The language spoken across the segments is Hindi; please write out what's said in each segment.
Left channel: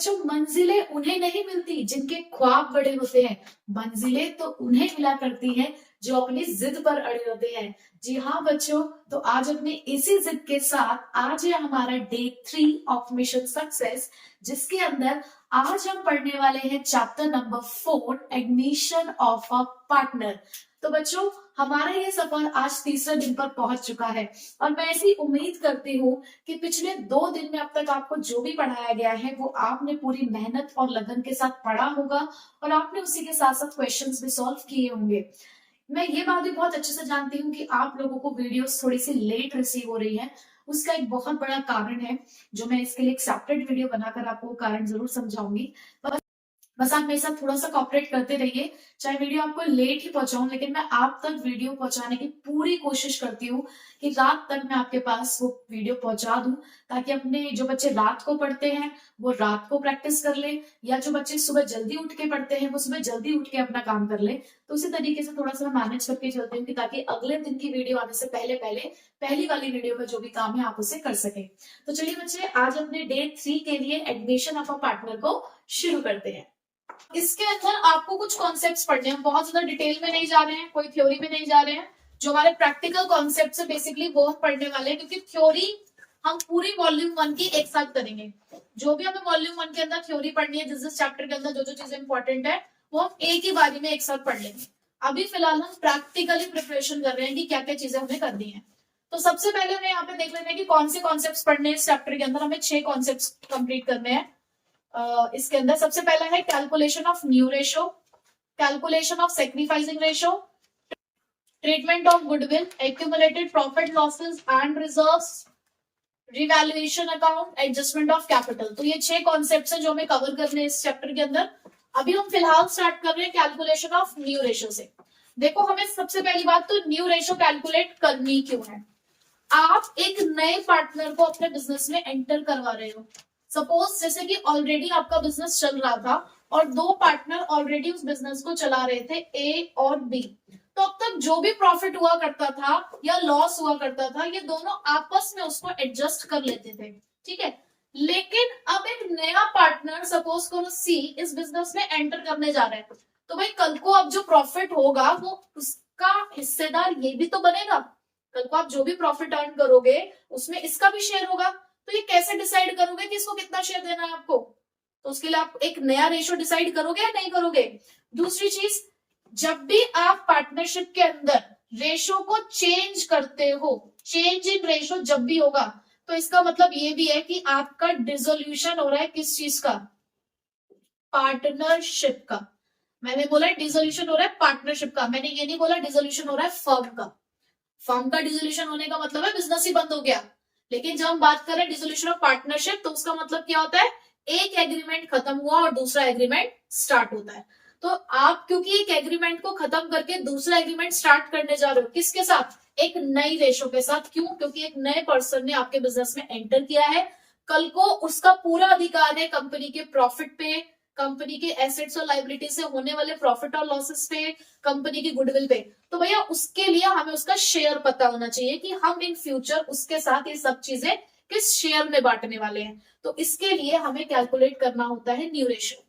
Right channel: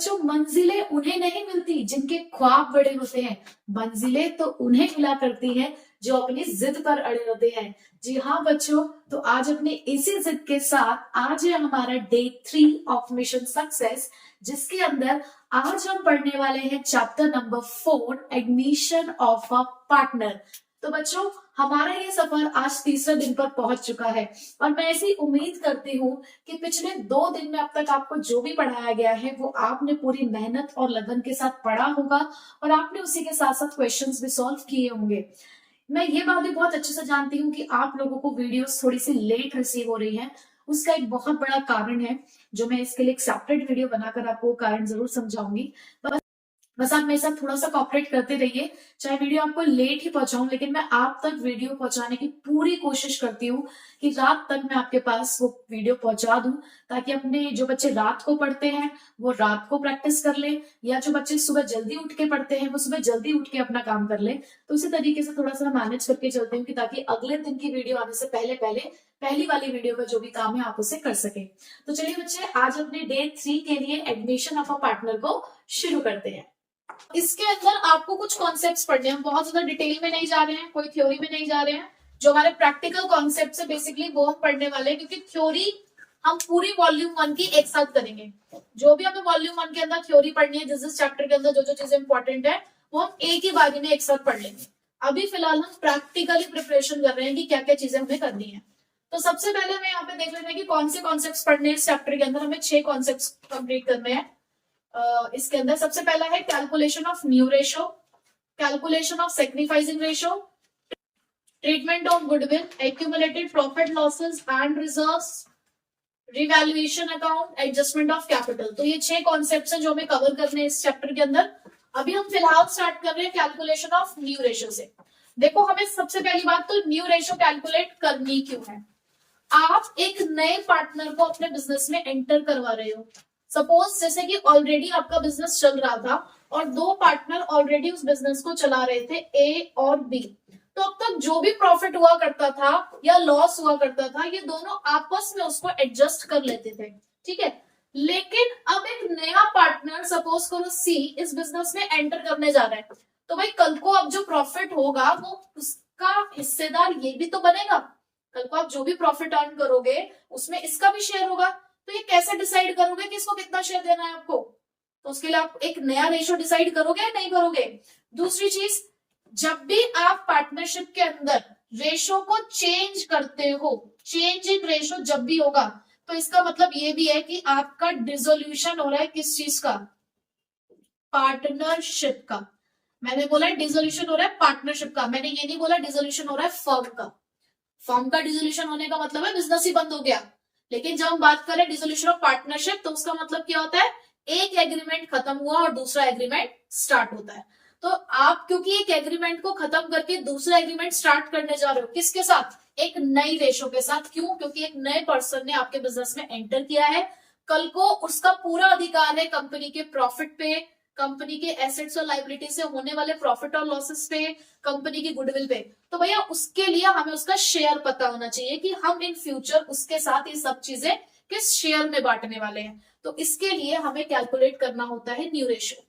बच्चों मंजिलें उन्हें नहीं मिलती जिनके ख्वाब बड़े होते हैं, मंजिलें तो उन्हें मिला करती हैं जो अपनी जिद पर अड़े होते हैं। जी हाँ बच्चों, तो आज अपने इसी जिद के साथ आज है हमारा डे 3 ऑफ मिशन सक्सेस, जिसके अंदर आज हम पढ़ने वाले हैं chapter number 4, admission of a partner. तो बच्चों, हमारा ये सफर आज तीसरे दिन पर पहुंच चुका है और मैं ऐसी उम्मीद करती हूँ कि पिछले 2 दिन में अब तक आपको जो भी पढ़ाया गया है वो आपने पूरी मेहनत और लगन के साथ पढ़ा होगा और आपने उसी के साथ साथ क्वेश्चंस भी सॉल्व किए होंगे। मैं ये बात भी बहुत अच्छे से जानती हूँ कि आप लोगों को वीडियोस थोड़ी सी लेट रिसीव हो रही है। उसका एक बहुत बड़ा कारण है, जो मैं इसके लिए एक सेपरेट वीडियो बनाकर आपको कारण जरूर समझाऊंगी। बस आप मेरे साथ थोड़ा सा कॉपरेट करते रहिए। चाहे वीडियो आपको लेट ही पहुंचाऊं, लेकिन मैं आप तक वीडियो पहुंचाने की पूरी कोशिश करती हूँ कि रात तक मैं आपके पास वो वीडियो पहुंचा दूं, ताकि अपने जो बच्चे रात को पढ़ते हैं वो रात को प्रैक्टिस कर ले, या जो बच्चे सुबह जल्दी उठ के पढ़ते हैं वो सुबह जल्दी उठ के अपना काम कर ले। तो उसी तरीके से थोड़ा सा मैनेज करके चलती हूँ कि ताकि अगले दिन की वीडियो आने से पहले पहले पहली वाली वीडियो में जो भी काम है आप उसे कर सके। तो चलिए बच्चे, आज अपने डे 3 के लिए एडमिशन ऑफ अ पार्टनर को शुरू करते हैं। इसके अंदर आपको कुछ कॉन्सेप्ट्स पढ़ने हैं, बहुत ज्यादा डिटेल में नहीं जा रहे हैं, कोई थ्योरी में नहीं जा रहे हैं। जो हमारे प्रैक्टिकल कॉन्सेप्ट है बेसिकली वो हम पढ़ने वाले हैं, क्योंकि थ्योरी हम पूरी वॉल्यूम 1 की एक साथ करेंगे। जो भी हमें वॉल्यूम 1 के अंदर थ्योरी पढ़नी है, जिस चैप्टर के अंदर जो जो चीजें इंपॉर्टेंट है वो हम एक ही बारी में एक साथ पढ़ लेंगे। अभी फिलहाल हम प्रैक्टिकली प्रिपरेशन कर रहे हैं कि क्या क्या चीजें हमें करनी है। तो सबसे पहले हमें यहाँ पे देख लेते हैं कि कौन से कॉन्सेप्ट पढ़ने हैं। इस चैप्टर के अंदर हमें 6 कॉन्सेप्ट कंप्लीट करने हैं। इसके अंदर सबसे पहला है calculation of new ratio, calculation of sacrificing ratio, treatment of goodwill, accumulated profit losses and reserves, revaluation account, adjustment of capital. तो ये 6 कॉन्सेप्ट्स हैं जो हमें कवर करने हैं इस चैप्टर के अंदर। अभी हम फिलहाल स्टार्ट कर रहे हैं कैलकुलेशन ऑफ न्यू रेशो से। देखो, हमें सबसे पहली बात तो न्यू रेशो कैलकुलेट करनी क्यों है। आप एक नए पार्टनर को अपने बिजनेस में एंटर करवा रहे हो। सपोज जैसे कि ऑलरेडी आपका बिजनेस चल रहा था और 2 पार्टनर ऑलरेडी उस बिजनेस को चला रहे थे, ए और बी। तो अब तक जो भी प्रॉफिट हुआ करता था या लॉस हुआ करता था, ये दोनों आपस में उसको एडजस्ट कर लेते थे, ठीक है। लेकिन अब एक नया पार्टनर, सपोज करो सी, इस बिजनेस में एंटर करने जा रहा है, तो भाई कल को अब जो प्रॉफिट होगा वो उसका हिस्सेदार ये भी तो बनेगा। कल को आप जो भी प्रॉफिट अर्न करोगे उसमें इसका भी शेयर होगा। तो ये कैसे डिसाइड करोगे कि इसको कितना शेयर देना है आपको? तो उसके लिए आप एक नया रेशो डिसाइड करोगे या नहीं करोगे। दूसरी चीज, जब भी आप पार्टनरशिप के अंदर रेशो को चेंज करते हो, चेंज इन रेशो जब भी होगा, तो इसका मतलब ये भी है कि आपका डिसोल्यूशन हो रहा है किस चीज का? पार्टनरशिप का। मैंने बोला डिसोल्यूशन हो रहा है पार्टनरशिप का, मैंने ये नहीं बोला डिसोल्यूशन हो रहा है फर्म का। फर्म का डिसोल्यूशन होने का मतलब है बिजनेस ही बंद हो गया। लेकिन जब हम बात करें डिसोल्यूशन ऑफ पार्टनरशिप, तो उसका मतलब क्या होता है? एक एग्रीमेंट खत्म हुआ और दूसरा एग्रीमेंट स्टार्ट होता है। तो आप क्योंकि एक एग्रीमेंट को खत्म करके दूसरा एग्रीमेंट स्टार्ट करने जा रहे हो, किसके साथ? एक नई रेशो के साथ। क्यों? क्योंकि एक नए पर्सन ने आपके बिजनेस में एंटर किया है। कल को उसका पूरा अधिकार है कंपनी के प्रॉफिट पे, कंपनी के एसेट्स और लाइबिलिटी से होने वाले प्रॉफिट और लॉसेस पे, कंपनी की गुडविल पे। तो भैया उसके लिए हमें उसका शेयर पता होना चाहिए कि हम इन फ्यूचर उसके साथ ये सब चीजें किस शेयर में बांटने वाले हैं। तो इसके लिए हमें कैलकुलेट करना होता है न्यू रेशो।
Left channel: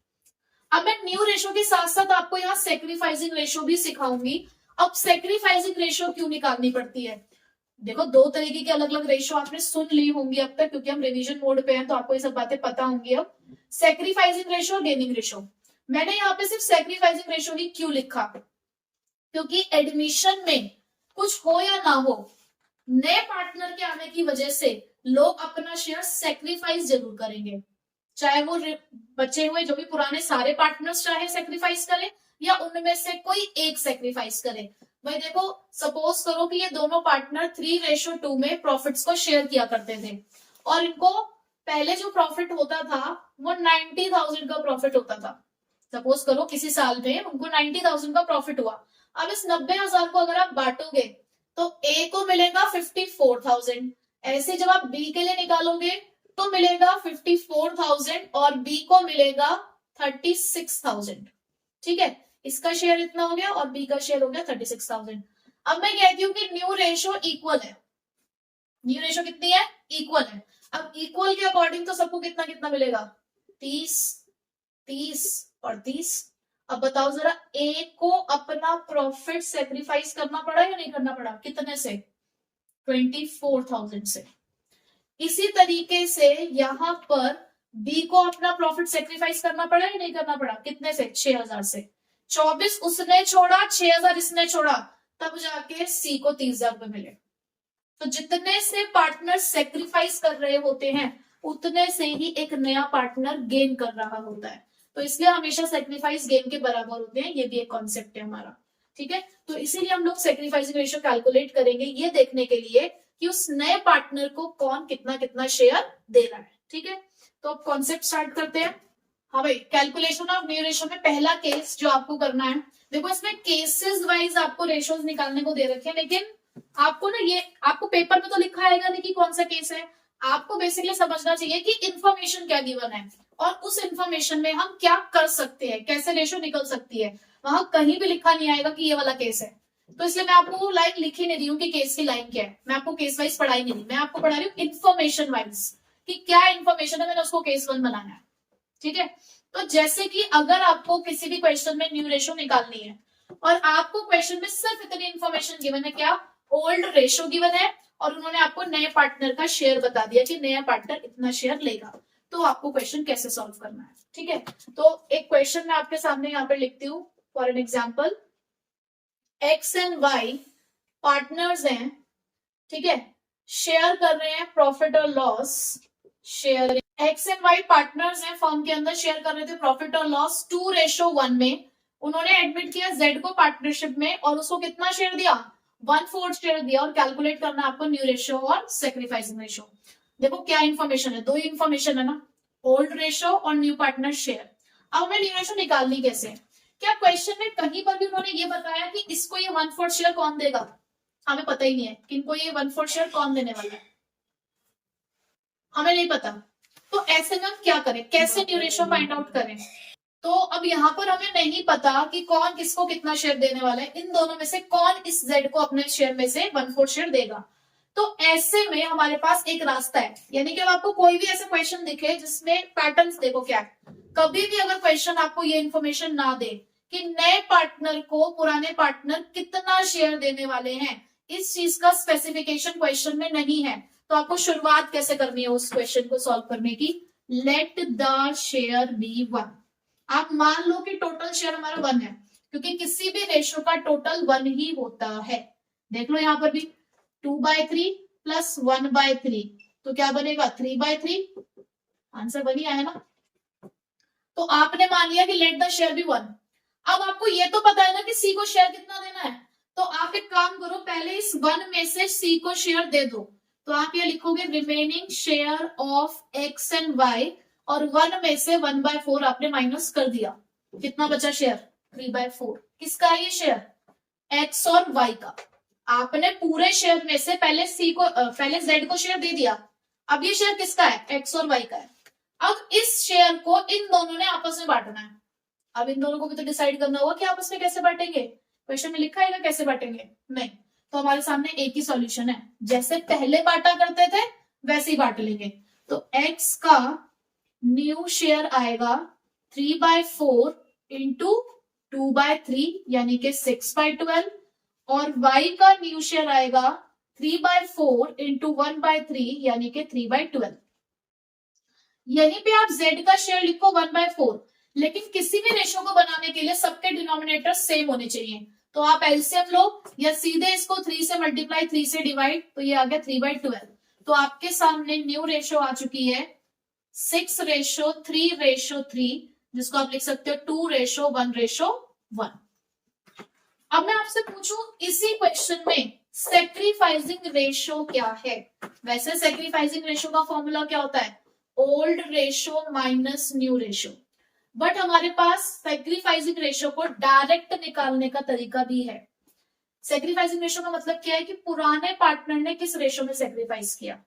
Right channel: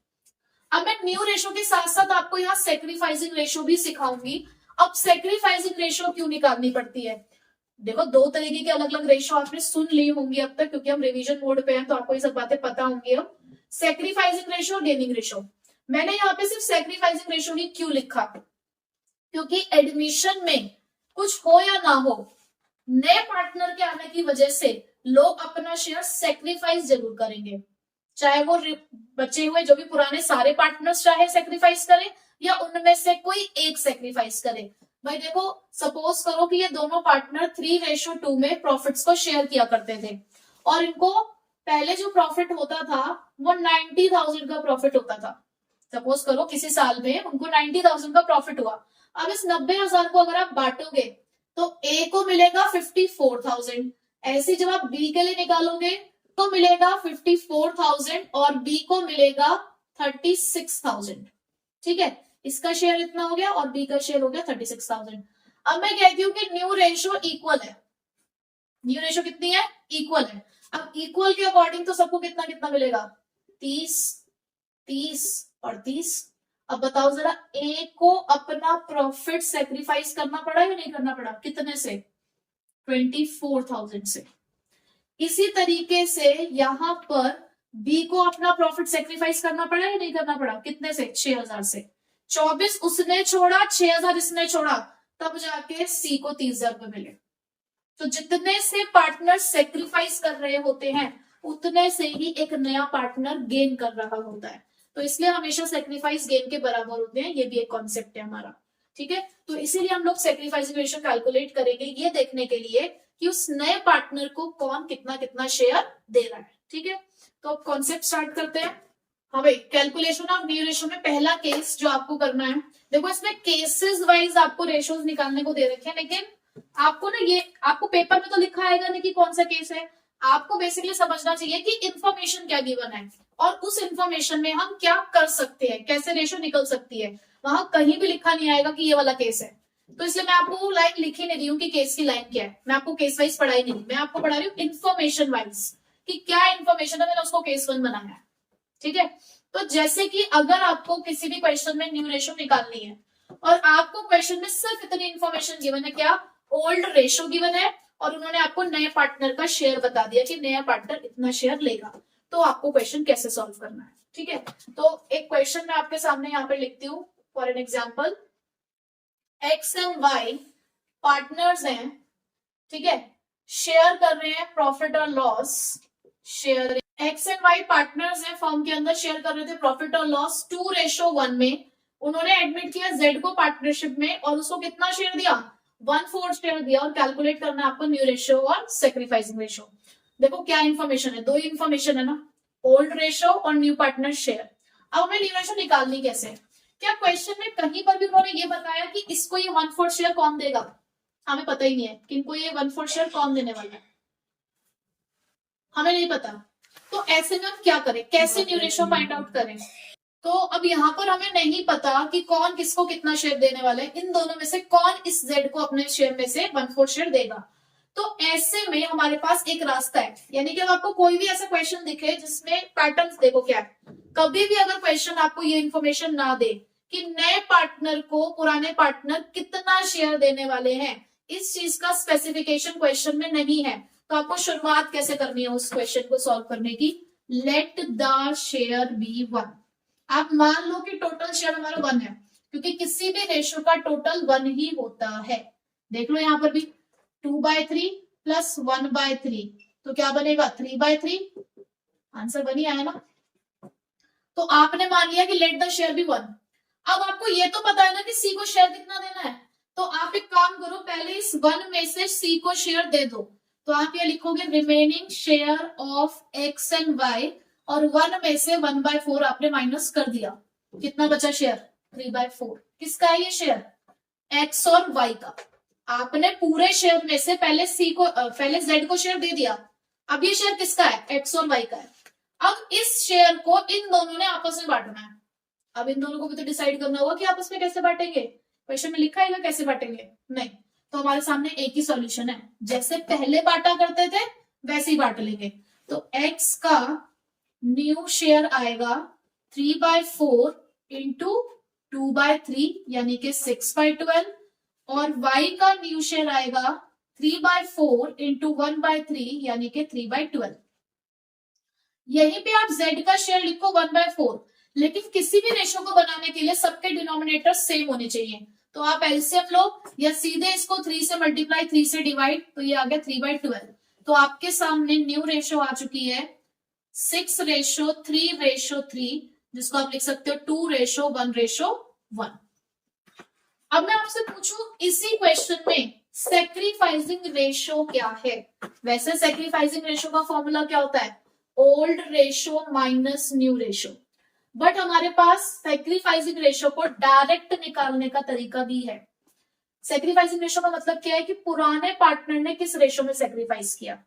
अब मैं न्यू रेशो के साथ साथ आपको यहाँ सैक्रिफाइसिंग रेशो भी सिखाऊंगी। अब सैक्रिफाइसिंग रेशो क्यों निकालनी पड़ती है? देखो, 2 तरीके के अलग अलग रेशो आपने सुन ली होंगी अब तक, क्योंकि हम रिवीजन मोड पे हैं तो आपको ये सब बातें पता होंगी। अब सैक्रिफाइसिंग रेशो और गेनिंग रेशो, मैंने यहाँ पे सिर्फ सैक्रिफाइसिंग रेशो ही क्यों लिखा? क्योंकि एडमिशन में कुछ हो या ना हो, नए पार्टनर के आने की वजह से लोग अपना शेयर सैक्रिफाइस जरूर करेंगे। चाहे वो बचे हुए जो भी पुराने सारे पार्टनर्स चाहे सैक्रिफाइस करें या उनमें से कोई एक सैक्रिफाइस करे। भाई देखो, सपोज करो कि ये दोनों पार्टनर 3:2 में प्रॉफिट्स को शेयर किया करते थे और इनको पहले जो प्रॉफिट होता था वो 90,000 का प्रॉफिट होता था। सपोज करो किसी साल में उनको 90,000 का प्रॉफिट हुआ। अब इस 90,000 को अगर आप बांटोगे तो ए को मिलेगा 54,000। ऐसे जब आप बी के लिए निकालोगे तो मिलेगा 54,000 और बी को मिलेगा 36,000। ठीक है, इसका शेयर इतना हो गया और बी का शेयर हो गया 36,000। अब मैं कहती हूँ कि न्यू रेशो इक्वल है। न्यू रेशो कितनी है? इक्वल है। अब इक्वल के अकॉर्डिंग तो सबको कितना कितना मिलेगा? 30, 30 और 30। अब बताओ जरा, ए को अपना प्रॉफिट सेक्रीफाइस करना पड़ा या नहीं करना पड़ा? कितने से? 24,000 से। इसी तरीके से यहां पर बी को अपना प्रॉफिट सेक्रीफाइस करना पड़ा या नहीं करना पड़ा? कितने से? 6,000 से। 24 उसने छोड़ा, 6,000 इसने छोड़ा, तब जाके सी को 30,000 रुपए मिले। तो जितने से पार्टनर सेक्रीफाइस कर रहे होते हैं उतने से ही एक नया पार्टनर गेन कर रहा होता है। तो इसलिए हमेशा सेक्रीफाइस गेन के बराबर होते हैं, ये भी एक कॉन्सेप्ट है हमारा। ठीक है, तो इसीलिए हम लोग सेक्रीफाइसिंग रेशियो कैलकुलेट करेंगे ये देखने के लिए कि उस नए पार्टनर को कौन कितना कितना शेयर दे रहा है। ठीक है, तो अब कॉन्सेप्ट स्टार्ट करते हैं। हाँ भाई, कैलकुलेशन ऑफ न्यू रेशियो में पहला केस जो आपको करना है, देखो इसमें केसेस वाइज आपको रेशियोज निकालने को दे रखे हैं, लेकिन आपको ना ये आपको पेपर में तो लिखा आएगा नहीं कि कौन सा केस है। आपको बेसिकली समझना चाहिए कि इंफॉर्मेशन क्या गिवन है और उस इंफॉर्मेशन में हम क्या कर सकते हैं, कैसे रेशियो निकल सकती है। वहां कहीं भी लिखा नहीं आएगा कि ये वाला केस है। तो इसलिए मैं आपको लाइन लिख ही नहीं रही हूँ कि केस की लाइन क्या है। मैं आपको केस वाइज पढ़ाई नहीं, मैं आपको पढ़ा रही हूँ इन्फॉर्मेशन वाइज कि क्या इन्फॉर्मेशन है, मैंने उसको केस 1 बनाया है। ठीक है, तो जैसे कि अगर आपको किसी भी क्वेश्चन में न्यू रेशियो निकालनी है और आपको क्वेश्चन में सिर्फ इतनी इन्फॉर्मेशन गिवन है, क्या? ओल्ड रेशियो गिवन है और उन्होंने आपको नए पार्टनर का शेयर बता दिया कि नया पार्टनर इतना शेयर लेगा, तो आपको क्वेश्चन कैसे सॉल्व करना है। ठीक है, तो एक क्वेश्चन मैं आपके सामने यहाँ पे लिखती हूँ for an example. X and Y partners हैं, ठीक है, शेयर कर रहे हैं प्रॉफिट और loss. Share X and Y partners हैं, फर्म के अंदर शेयर कर रहे थे प्रॉफिट और लॉस 2:1 में। उन्होंने एडमिट किया जेड को पार्टनरशिप में और उसको कितना शेयर दिया? 1/4 शेयर दिया। और कैलकुलेट करना आपको न्यू रेशियो और सेक्रीफाइसिंग रेशियो। देखो क्या इन्फॉर्मेशन है, दो ही इन्फॉर्मेशन है ना, ओल्ड रेशियो और न्यू पार्टनर शेयर। अब हमें न्यू रेशियो निकालनी कैसे? क्या क्वेश्चन में कहीं पर भी उन्होंने ये बताया कि इसको ये 1/4 शेयर कौन देगा? हमें पता ही नहीं है कि इनको ये 1/4 शेयर कौन देने वाला है, हमें नहीं पता। तो ऐसे में हम क्या करें, कैसे न्यू रेशियो फाइंड आउट करें? तो अब यहाँ पर हमें नहीं पता कि कौन किसको कितना शेयर देने वाला है। इन दोनों में से कौन इस जेड को अपने शेयर में से 1/4 शेयर देगा? तो ऐसे में हमारे पास एक रास्ता है, यानी कि आपको कोई भी ऐसा क्वेश्चन दिखे जिसमें पैटर्न्स देखो क्या है। कभी भी अगर क्वेश्चन आपको ये इन्फॉर्मेशन ना दे कि नए पार्टनर को पुराने पार्टनर कितना शेयर देने वाले हैं, इस चीज का स्पेसिफिकेशन क्वेश्चन में नहीं है, तो आपको शुरुआत कैसे करनी है उस क्वेश्चन को सॉल्व करने की? Let the share be 1। आप मान लो कि टोटल शेयर हमारा 1 है, क्योंकि किसी भी रेशियो का टोटल 1 ही होता है। देख लो यहां पर भी 2/3 प्लस 1/3, तो क्या बनेगा? 3/3। आंसर 1 ही आया ना। तो आपने मान लिया कि लेट द शेयर बी 1। अब आपको ये तो पता है ना कि सी को शेयर कितना देना है, तो आप एक काम करो, पहले इस 1 में से सी को शेयर दे दो। तो आप ये लिखोगे remaining share of X and Y, और 1 में से 1/4 आपने माइनस कर दिया। कितना बचा शेयर? 3/4। किसका है ये शेयर? एक्स और वाई का। आपने पूरे शेयर में से पहले पहले जेड को शेयर दे दिया। अब ये शेयर किसका है? एक्स और वाई का है। अब इस शेयर को इन दोनों ने आपस में बांटना है। अब इन दोनों को भी तो डिसाइड करना होगा कि आपस में कैसे बांटेंगे। क्वेश्चन में लिखा है कैसे बांटेंगे? नहीं। तो हमारे सामने एक ही सॉल्यूशन है, जैसे पहले बांटा करते थे वैसे ही बांट लेंगे। तो एक्स का न्यू शेयर आएगा 3/4 इंटू 2/3 यानी कि 6/12, और y का न्यू शेयर आएगा 3/4 इंटू 1/3 यानी कि 3/12। यहीं पे आप z का शेयर लिखो 1/4, लेकिन किसी भी रेशियो को बनाने के लिए सबके डिनोमिनेटर सेम होने चाहिए। तो आप एलसीएम लो या सीधे इसको 3 से मल्टीप्लाई 3 से डिवाइड, तो ये आ गया 3/12। तो आपके सामने न्यू रेशियो आ चुकी है 6:3:3, जिसको आप लिख सकते हो 2:1:1। अब मैं आपसे पूछूं इसी क्वेश्चन में सेक्रीफाइसिंग रेशियो क्या है? वैसे सेक्रीफाइसिंग रेशियो का फॉर्मूला क्या होता है? Old ratio minus new ratio. But हमारे पास सेक्रीफाइसिंग रेशियो को डायरेक्ट निकालने का तरीका भी है। सेक्रीफाइसिंग रेशियो का मतलब क्या है कि पुराने पार्टनर ने किस रेशियो में सेक्रीफाइस किया।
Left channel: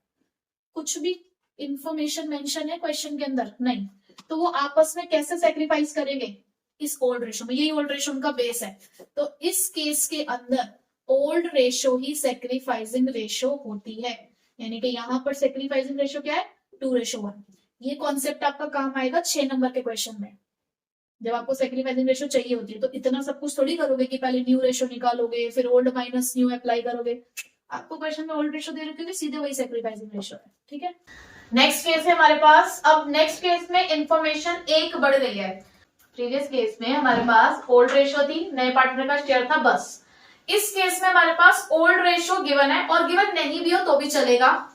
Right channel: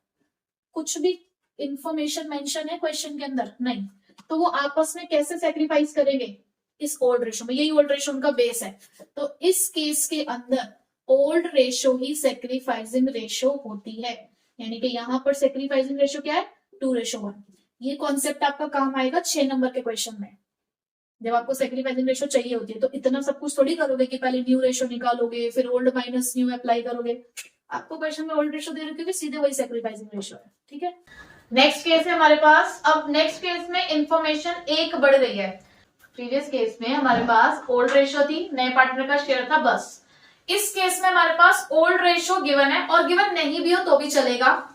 कुछ भी इंफॉर्मेशन मेंशन है क्वेश्चन के अंदर? नहीं। तो वो आपस में कैसे सेक्रीफाइस करेंगे? इस ओल्ड रेशियो में। यही ओल्ड रेशियो उनका बेस है। तो इस केस के अंदर ओल्ड रेशियो ही सेक्रीफाइसिंग रेशियो होती है। यानी कि यहां पर सेक्रीफाइसिंग रेशियो क्या है? 2:1। ये कॉन्सेप्ट आपका काम आएगा 6 नंबर के क्वेश्चन में, जब आपको सैक्रिफाइसिंग रेशो चाहिए होती है। तो इतना सब कुछ थोड़ी करोगे कि पहले न्यू रेशो निकालोगे फिर ओल्ड माइनस न्यू अप्लाई करोगे। आपको क्वेश्चन में ओल्ड रेशो दे रखे सीधे वही सैक्रिफाइसिंग रेशो है, ठीक है। नेक्स्ट केस है हमारे पास। अब नेक्स्ट केस में इंफॉर्मेशन एक बढ़ गई है। प्रीवियस केस में हमारे पास ओल्ड रेशो थी, नए पार्टनर का शेयर था, बस। इस केस में हमारे पास ओल्ड रेशो गिवन है, और गिवन नहीं भी हो तो भी चलेगा।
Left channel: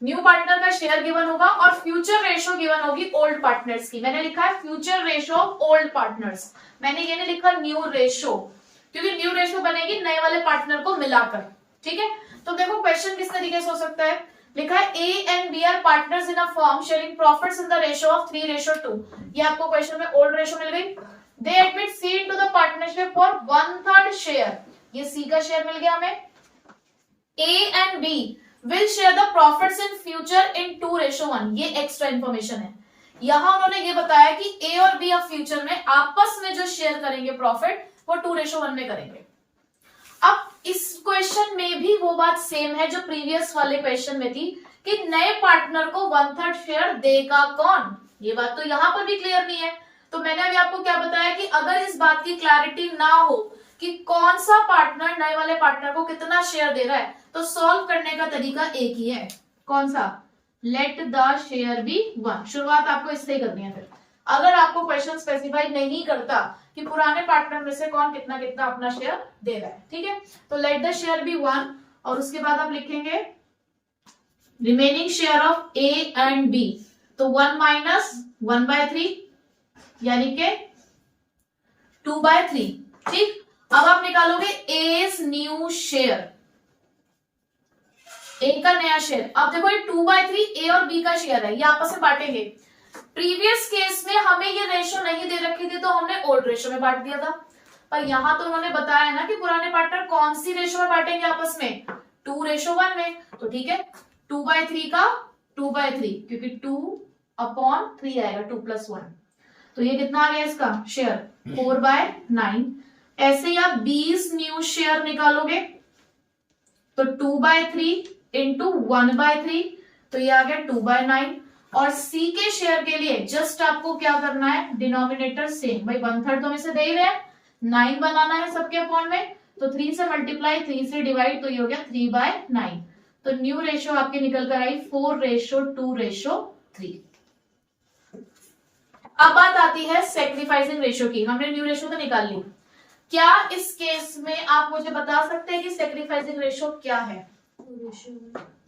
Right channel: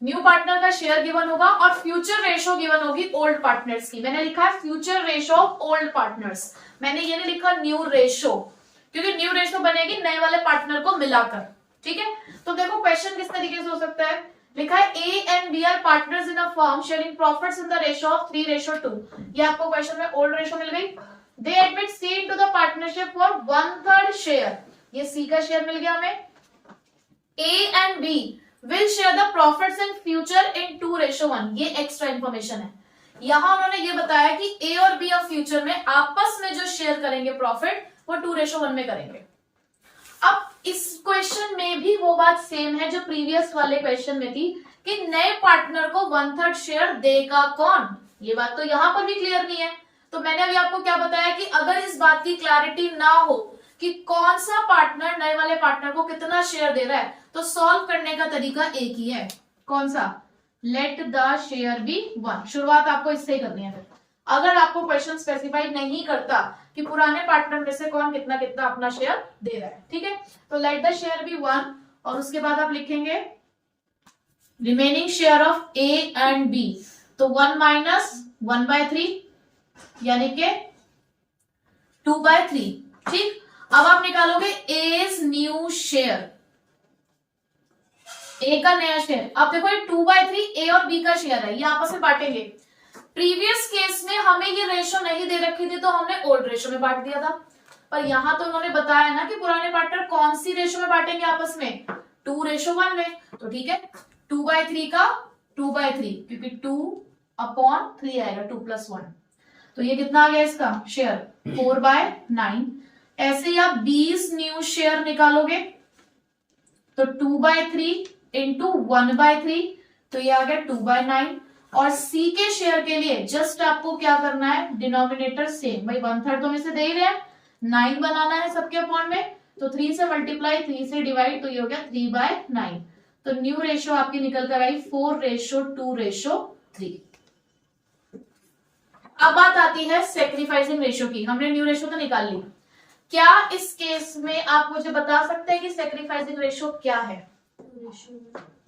न्यू पार्टनर का शेयर गिवन होगा और फ्यूचर रेशो गिवन होगी ओल्ड पार्टनर्स की। मैंने लिखा है future ratio of old partners, मैंने ये नहीं लिखा न्यू रेशो, क्योंकि न्यू रेशो बनेगी नए वाले पार्टनर को मिलाकर, ठीक है। तो देखो क्वेश्चन किस तरीके से हो सकता है। लिखा है A and B are partners in a firm sharing profits in the ratio of 3:2। ये आपको क्वेश्चन में ओल्ड रेशो मिल गई। They admit C into the partnership for 1/3 share, ये सी का शेयर मिल गया हमें। A and B will share the profits in future in 2:1, ये एक्स्ट्रा इंफॉर्मेशन है। यहां उन्होंने ये बताया कि ए और बी ऑफ फ्यूचर में आपस में जो शेयर करेंगे प्रॉफिट वो 2:1 में करेंगे। अब इस क्वेश्चन में भी वो बात सेम है जो प्रीवियस वाले क्वेश्चन में थी कि नए पार्टनर को 1/3 शेयर देगा कौन, ये बात तो यहां पर भी क्लियर नहीं है। तो मैंने अभी आपको क्या बताया कि अगर इस बात की क्लैरिटी ना हो कि कौन सा पार्टनर नए वाले पार्टनर को कितना शेयर दे रहा है, तो सॉल्व करने का तरीका एक ही है। कौन सा? Let the share be 1। शुरुआत आपको इससे ही करनी है। फिर अगर आपको क्वेश्चन स्पेसिफाई नहीं करता कि पुराने पार्टनर में से कौन कितना कितना अपना शेयर दे रहा है, ठीक है, तो लेट द शेयर बी 1 और उसके बाद आप लिखेंगे remaining share of A and B, तो 1 माइनस 1/3 यानी के 2/3, ठीक। अब आप निकालोगे एज न्यू शेयर, ए का नया शेयर। अब देखो ये 2/3 ए और बी का शेयर है, ये आपस में बांटेंगे। प्रीवियस केस में हमें ये रेशो नहीं दे रखी थी तो हमने ओल्ड रेशो में बांट दिया था, पर यहां तो उन्होंने बताया ना कि पुराने पार्टनर कौन सी रेशो में बांटेंगे आपस में, 2:1 में। तो ठीक है, 2/3 का 2/3, क्योंकि 2/3 आएगा, 2+1, तो ये कितना आ गया इसका शेयर 4/9। ऐसे ही आप 20 न्यू शेयर निकालोगे तो 2/3 इंटू 1/3, तो ये आ गया 2/9। और सी के शेयर के लिए जस्ट आपको क्या करना है, डिनोमिनेटर सेम, भाई 1/3 तो में से दे ही रहे हैं, 9 बनाना है सबके अपॉन में, तो 3 से मल्टीप्लाई 3 से डिवाइड, तो ये हो गया 3/9। तो न्यू रेशो आपकी निकल कर आई 4:2:3। अब बात आती है सेक्रीफाइसिंग रेशो की। हमने न्यू रेशो तो निकाल ली, क्या इस केस में आप मुझे बता सकते हैं कि सेक्रीफाइसिंग रेशो क्या है?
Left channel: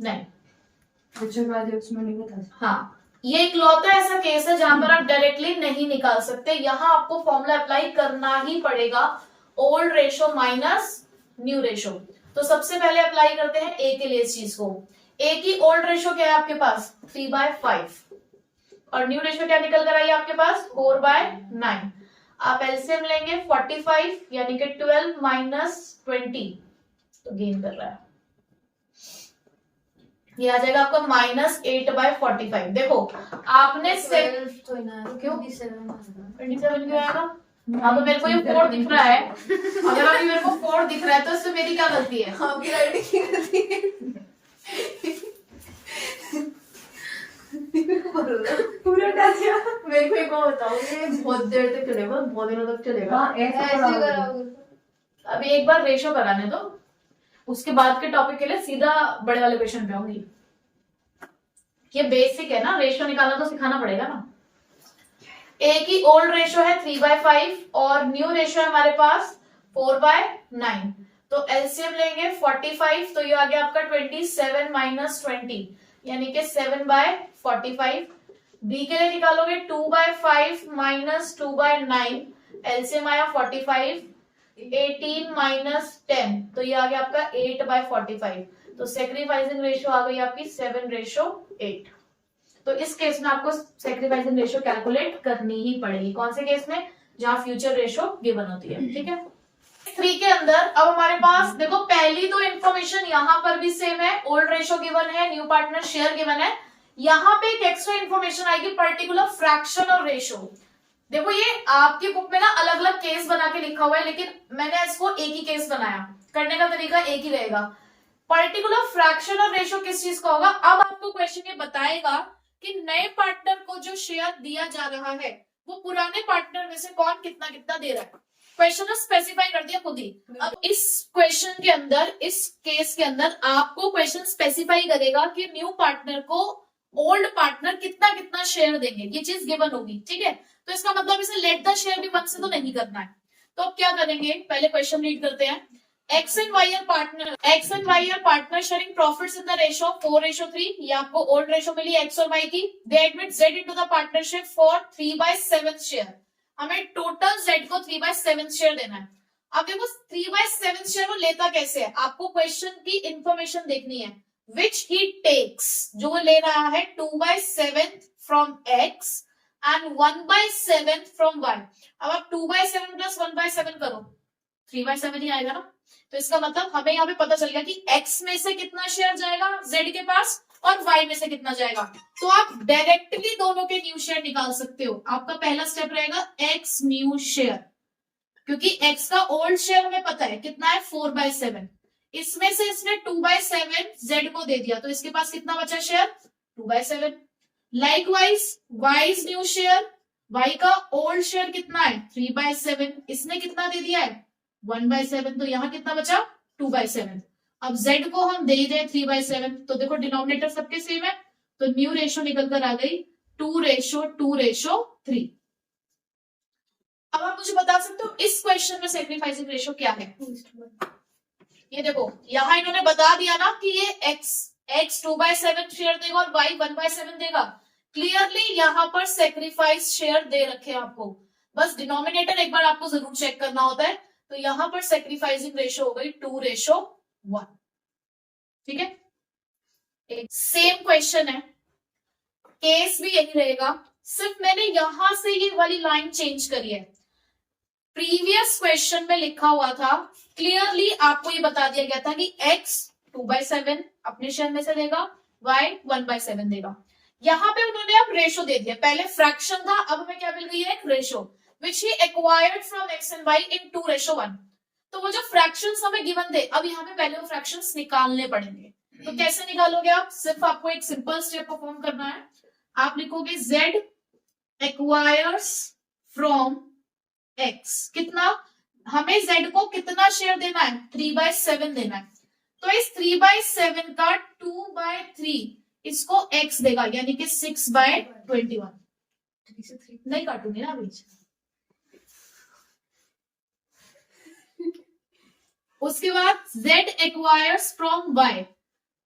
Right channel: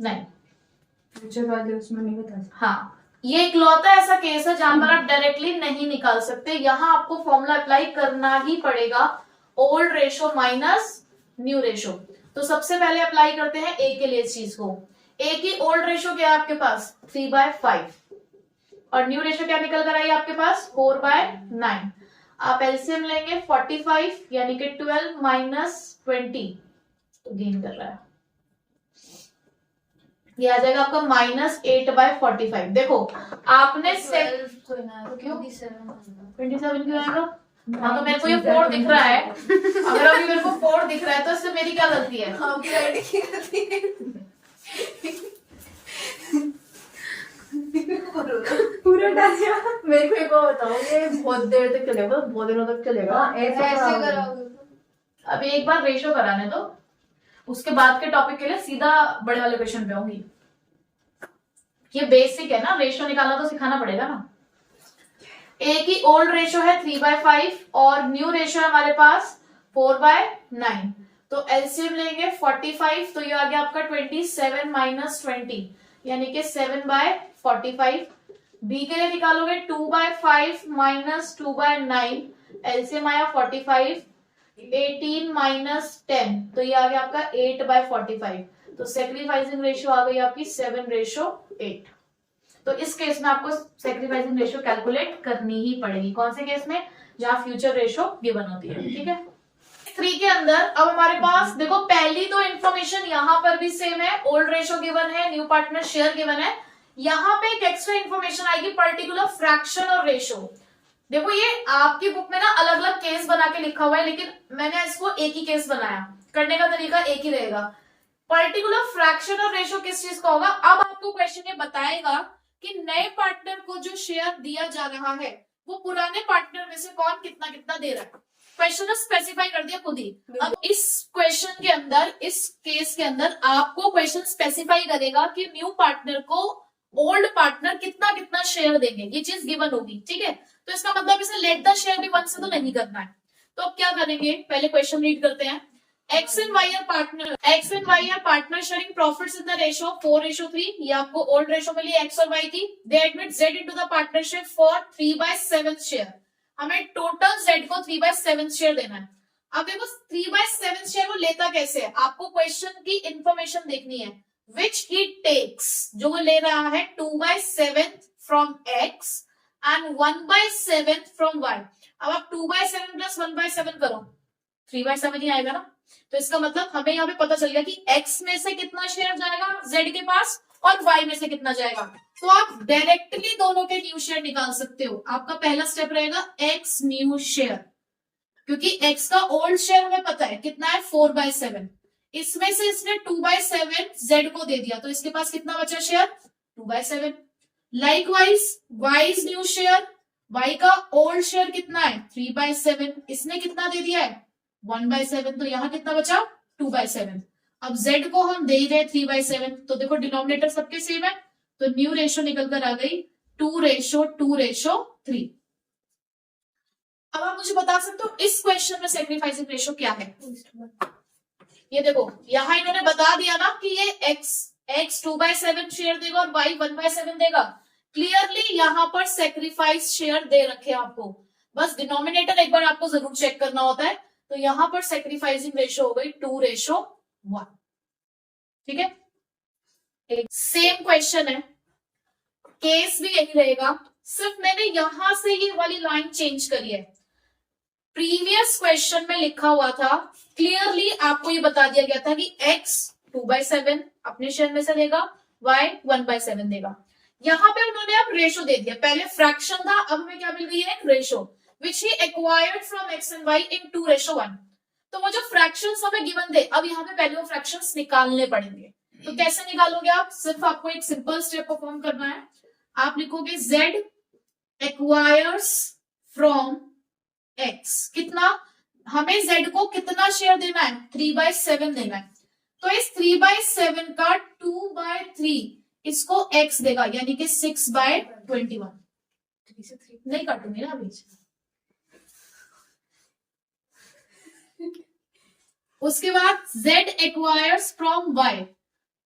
नहीं, उसमें नहीं बता। हाँ, ये इकलौता ऐसा केस है जहां पर आप डायरेक्टली नहीं निकाल सकते, यहां आपको फॉर्मूला अप्लाई करना ही पड़ेगा, old ratio minus new ratio. तो सबसे पहले अप्लाई करते हैं ए के लिए इस चीज को। ए की ओल्ड रेशो क्या है आपके पास 3/5 और न्यू रेशो क्या निकल कर आई आपके पास 4/9। आप एलसीएम लेंगे 45 यानी कि 12 माइनस 20, तो गेन कर रहा है, ये आ जाएगा आपका -8/45। देखो आपने क्यों 27 क्यों आएगा? हाँ, तो मेरे को ये 4 दिख रहा है, अगर अभी मेरे को 4 दिख रहा है तो इससे मेरी क्या गलती है? आपकी राइटिंग की गलती है। पूरा डालिया। मेरे को एक बार बताओ, ये बहुत देर तक चलेगा, बहुत दिनों तक चलेगा? ऐसे कराओगे। अभी एक बार रेशो कराने दो, उसके बाद के टॉपिक के लिए सीधा बड़े वाले क्वेश्चन पे आऊंगी। ये बेसिक है ना, रेशो निकालना तो सिखाना पड़ेगा ना। ए की ओल्ड रेशो है 3/5 और न्यू रेशो है हमारे पास 4/9, तो एलसीएम लेंगे 45, तो ये आ गया आपका 27 माइनस 20 यानी कि 7/45। बी के लिए निकालोगे 2/5 माइनस 2/9, एलसीएम आया 45, 18 माइनस 10, तो ये आ गया आपका 8/45। तो सेक्रीफाइसिंग रेशियो आ गई आपकी 7:8। तो इस केस में आपको सेक्रीफाइसिंग रेशियो कैलकुलेट करनी ही पड़ेगी। कौन से केस में? जहां फ्यूचर रेशियो गिवन होती है, ठीक है। 3 के अंदर अब हमारे पास देखो पहली तो इन्फॉर्मेशन यहां पर भी सेम है, ओल्ड रेशियो गिवन है, न्यू पार्टनर शेयर गिवन है। यहां पे एक एक्स्ट्रा इन्फॉर्मेशन आएगी, पर्टिकुलर फ्रैक्शन और रेशियो। देखो ये आपकी बुक में ना अलग अलग केस बना के लिखा हुआ है, लेकिन मैंने इसको एक ही केस बनाया, करने का तरीका एक ही रहेगा। पर्टिकुलर फ्रैक्शन और रेशियो किस चीज का होगा? अब आपको क्वेश्चन ये बताएगा कि नए पार्टनर को जो शेयर दिया जा रहा है वो पुराने पार्टनर में से कौन कितना कितना दे रहा है। क्वेश्चन स्पेसिफाई कर दिया खुद ही। अब इस क्वेश्चन के अंदर, इस केस के अंदर आपको क्वेश्चन स्पेसिफाई करेगा कि न्यू पार्टनर को ओल्ड पार्टनर कितना कितना शेयर देंगे, ये चीज गिवन होगी, ठीक है। तो इसका मतलब इसे लेट द शेयर भी 1 से तो नहीं करना है। तो अब क्या करेंगे, पहले क्वेश्चन रीड करते हैं। X and Y are partner sharing profits in the ratio 4:3। ये आपको ओल्ड रेशो मिली X और Y की। They admit Z into the partnership for 3/7 share. हमें टोटल Z को 3/7 शेयर देना है। अब देखो 3/7 शेयर वो लेता कैसे है, आपको क्वेश्चन की इंफॉर्मेशन देखनी है। Which he takes, जो वो ले रहा है 2/7 from X and 1/7 from Y। अब आप 2/7 plus 1/7 करो, 3/7 ही आएगा ना। तो इसका मतलब हमें यहाँ पे पता चल गया कि X में से कितना शेयर जाएगा Z के पास और Y में से कितना जाएगा। तो आप डायरेक्टली दोनों के न्यू शेयर निकाल सकते हो। आपका पहला स्टेप रहेगा X न्यू शेयर, क्योंकि X का ओल्ड शेयर हमें पता है कितना है 4/7। इसमें से इसने 2/7 Z को दे दिया, तो इसके पास कितना बचा share 2/7। Likewise Y's new share, Y का ओल्ड शेयर कितना है 3/7, इसने कितना दे दिया है 1/7, तो यहाँ कितना बचा 2/7। अब Z को हम दे ही रहे 3/7, तो देखो डिनोमिनेटर सबके सेम है, तो न्यू रेशो निकल कर आ गई 2:2:3। अब आप मुझे बता सकते हो इस क्वेश्चन में सैक्रिफाइसिंग रेशो क्या है। ये देखो यहाँ इन्होंने बता दिया ना कि ये X 2/7 शेयर देगा और Y 1/7 देगा। क्लियरली यहाँ पर सैक्रिफाइस शेयर दे रखे आपको, बस डिनोमिनेटर एक बार आपको जरूर चेक करना होता है। तो यहां पर सैक्रिफाइसिंग रेशो हो गई 2:1, ठीक है। सेम क्वेश्चन है, केस भी यही रहेगा, सिर्फ मैंने यहां से ये वाली लाइन चेंज करी है। प्रीवियस क्वेश्चन में लिखा हुआ था, क्लियरली आपको ये बता दिया गया था कि X 2/7 अपने शेयर में से देगा, Y 1/7 देगा। यहाँ पे उन्होंने अब रेशो दे दिया, पहले फ्रैक्शन था, अब हमें क्या मिल गई है एक ratio, which he acquired from X and Y in 2:1। तो वो जो फ्रैक्शंस हमें गिवन थे, अब यहाँ पे पहले वो फ्रैक्शंस निकालने पड़ेंगे। तो कैसे निकालोगे आप, सिर्फ आपको एक सिंपल स्टेप परफॉर्म करना है। आप लिखोगे Z acquires from X, कितना, हमें Z को कितना शेयर देना है 3/7 देना है। तो इस 3/7 का 2/3 इसको X देगा, यानी कि 6/21। नहीं काटूंगी ना अभी। उसके बाद Z एक्वायर्स फ्रॉम Y,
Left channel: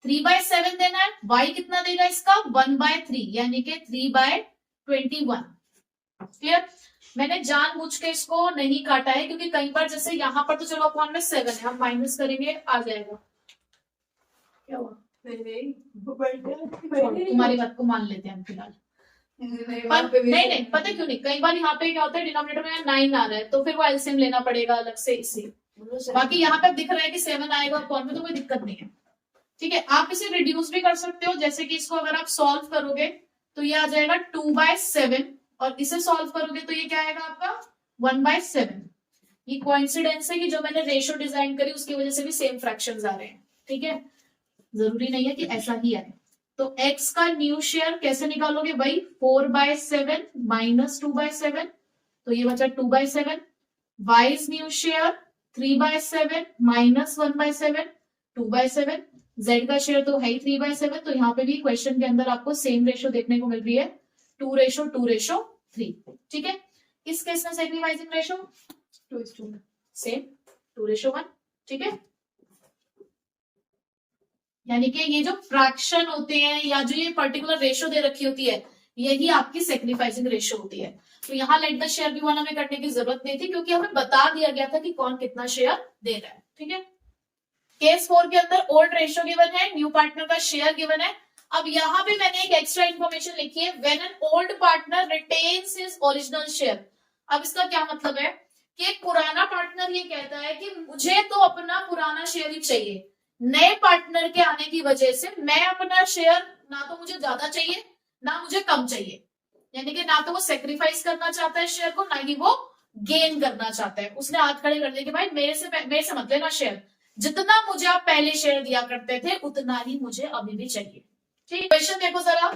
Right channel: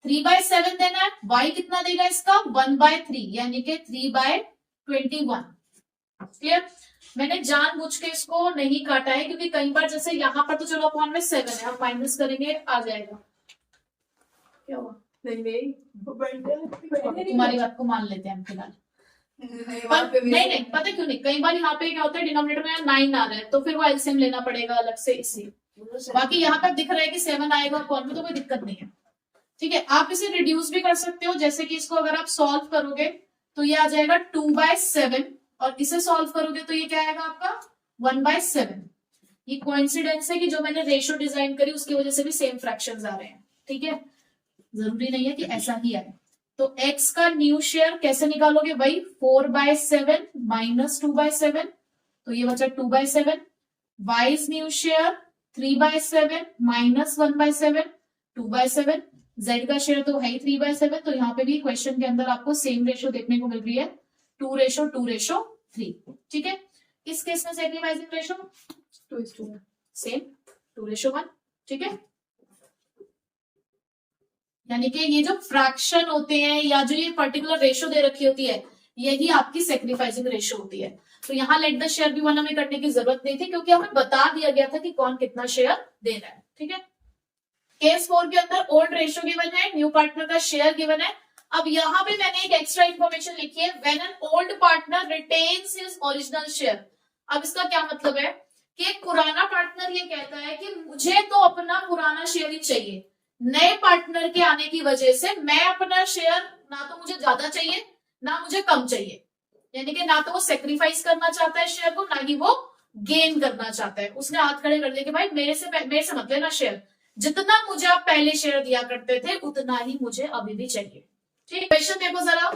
3/7 देना है, Y कितना देगा इसका 1/3, यानी कि 3/21। क्लियर। मैंने जानबूझ के इसको नहीं काटा है, क्योंकि कई बार जैसे यहाँ पर तो चलो अपॉन में 7 है, हम माइनस करेंगे आ जाएगा। क्या हुआ, नहीं तुम्हारी बात को मान लेते हैं हम फिलहाल। नहीं पता क्यों नहीं, कई बार यहाँ पे क्या होता है डिनोमिनेटर में 9 आ रहा है, तो फिर वो एलसीएम लेना पड़ेगा अलग से, इससे। बाकी यहाँ पे दिख रहा है कि 7 आएगा कौन में, तो कोई दिक्कत नहीं है, ठीक है। आप इसे रिड्यूस भी कर सकते हो, जैसे कि इसको अगर आप सॉल्व करोगे तो ये आ जाएगा 2/7, और इसे सॉल्व करोगे तो ये क्या आएगा आपका 1/7। ये कोइंसिडेंस है कि जो मैंने रेशियो डिजाइन करी उसकी वजह से भी सेम फ्रैक्शंस आ रहे हैं, ठीक है। जरूरी नहीं है कि ऐसा ही आए। तो X का न्यू शेयर कैसे निकालोगे भाई, 4/7 माइनस 2/7, तो ये बचा 2/7। Y's new share 3/7 minus 1/7, 2/7। Z का शेयर तो है 3/7, तो यहाँ पे भी क्वेश्चन के अंदर आपको सेम रेशियो देखने को मिल रही है 2:3, ठीक है। इस केस में सैक्रिफाइसिंग रेशियो 2:1 सेम 2:1, ठीक है। यानी कि ये जो फ्रैक्शन होते हैं या जो ये पर्टिकुलर रेशियो दे रखी होती है, यही आपकी सैक्रिफाइसिंग रेशियो होती है। तो यहाँ लेट द शेयर भी 1 हमें करने की जरूरत नहीं थी, क्योंकि हमें बता दिया गया था कि कौन कितना शेयर दे रहा है, ठीक है। केस 4 के अंदर ओल्ड रेशियो गिवन है, न्यू पार्टनर का शेयर गिवन है। अब यहाँ पे मैंने एक एक्स्ट्रा इन्फॉर्मेशन लिखी है, when an old partner retains his original share. अब इसका क्या मतलब है कि एक पुराना पार्टनर ये कहता है कि मुझे तो अपना पुराना शेयर ही चाहिए, नए पार्टनर के आने की वजह से मैं अपना शेयर ना तो मुझे ज्यादा चाहिए ना मुझे कम चाहिए, यानी कि ना तो वो सेक्रीफाइस करना चाहता है शेयर को, ना ही वो गेन करना चाहता है। उसने हाथ खड़े कर दिए कि भाई मेरे से मत लेना शेयर, जितना मुझे आप पहले शेयर दिया करते थे उतना ही मुझे अभी भी चाहिए, ठीक। क्वेश्चन देखो जरा,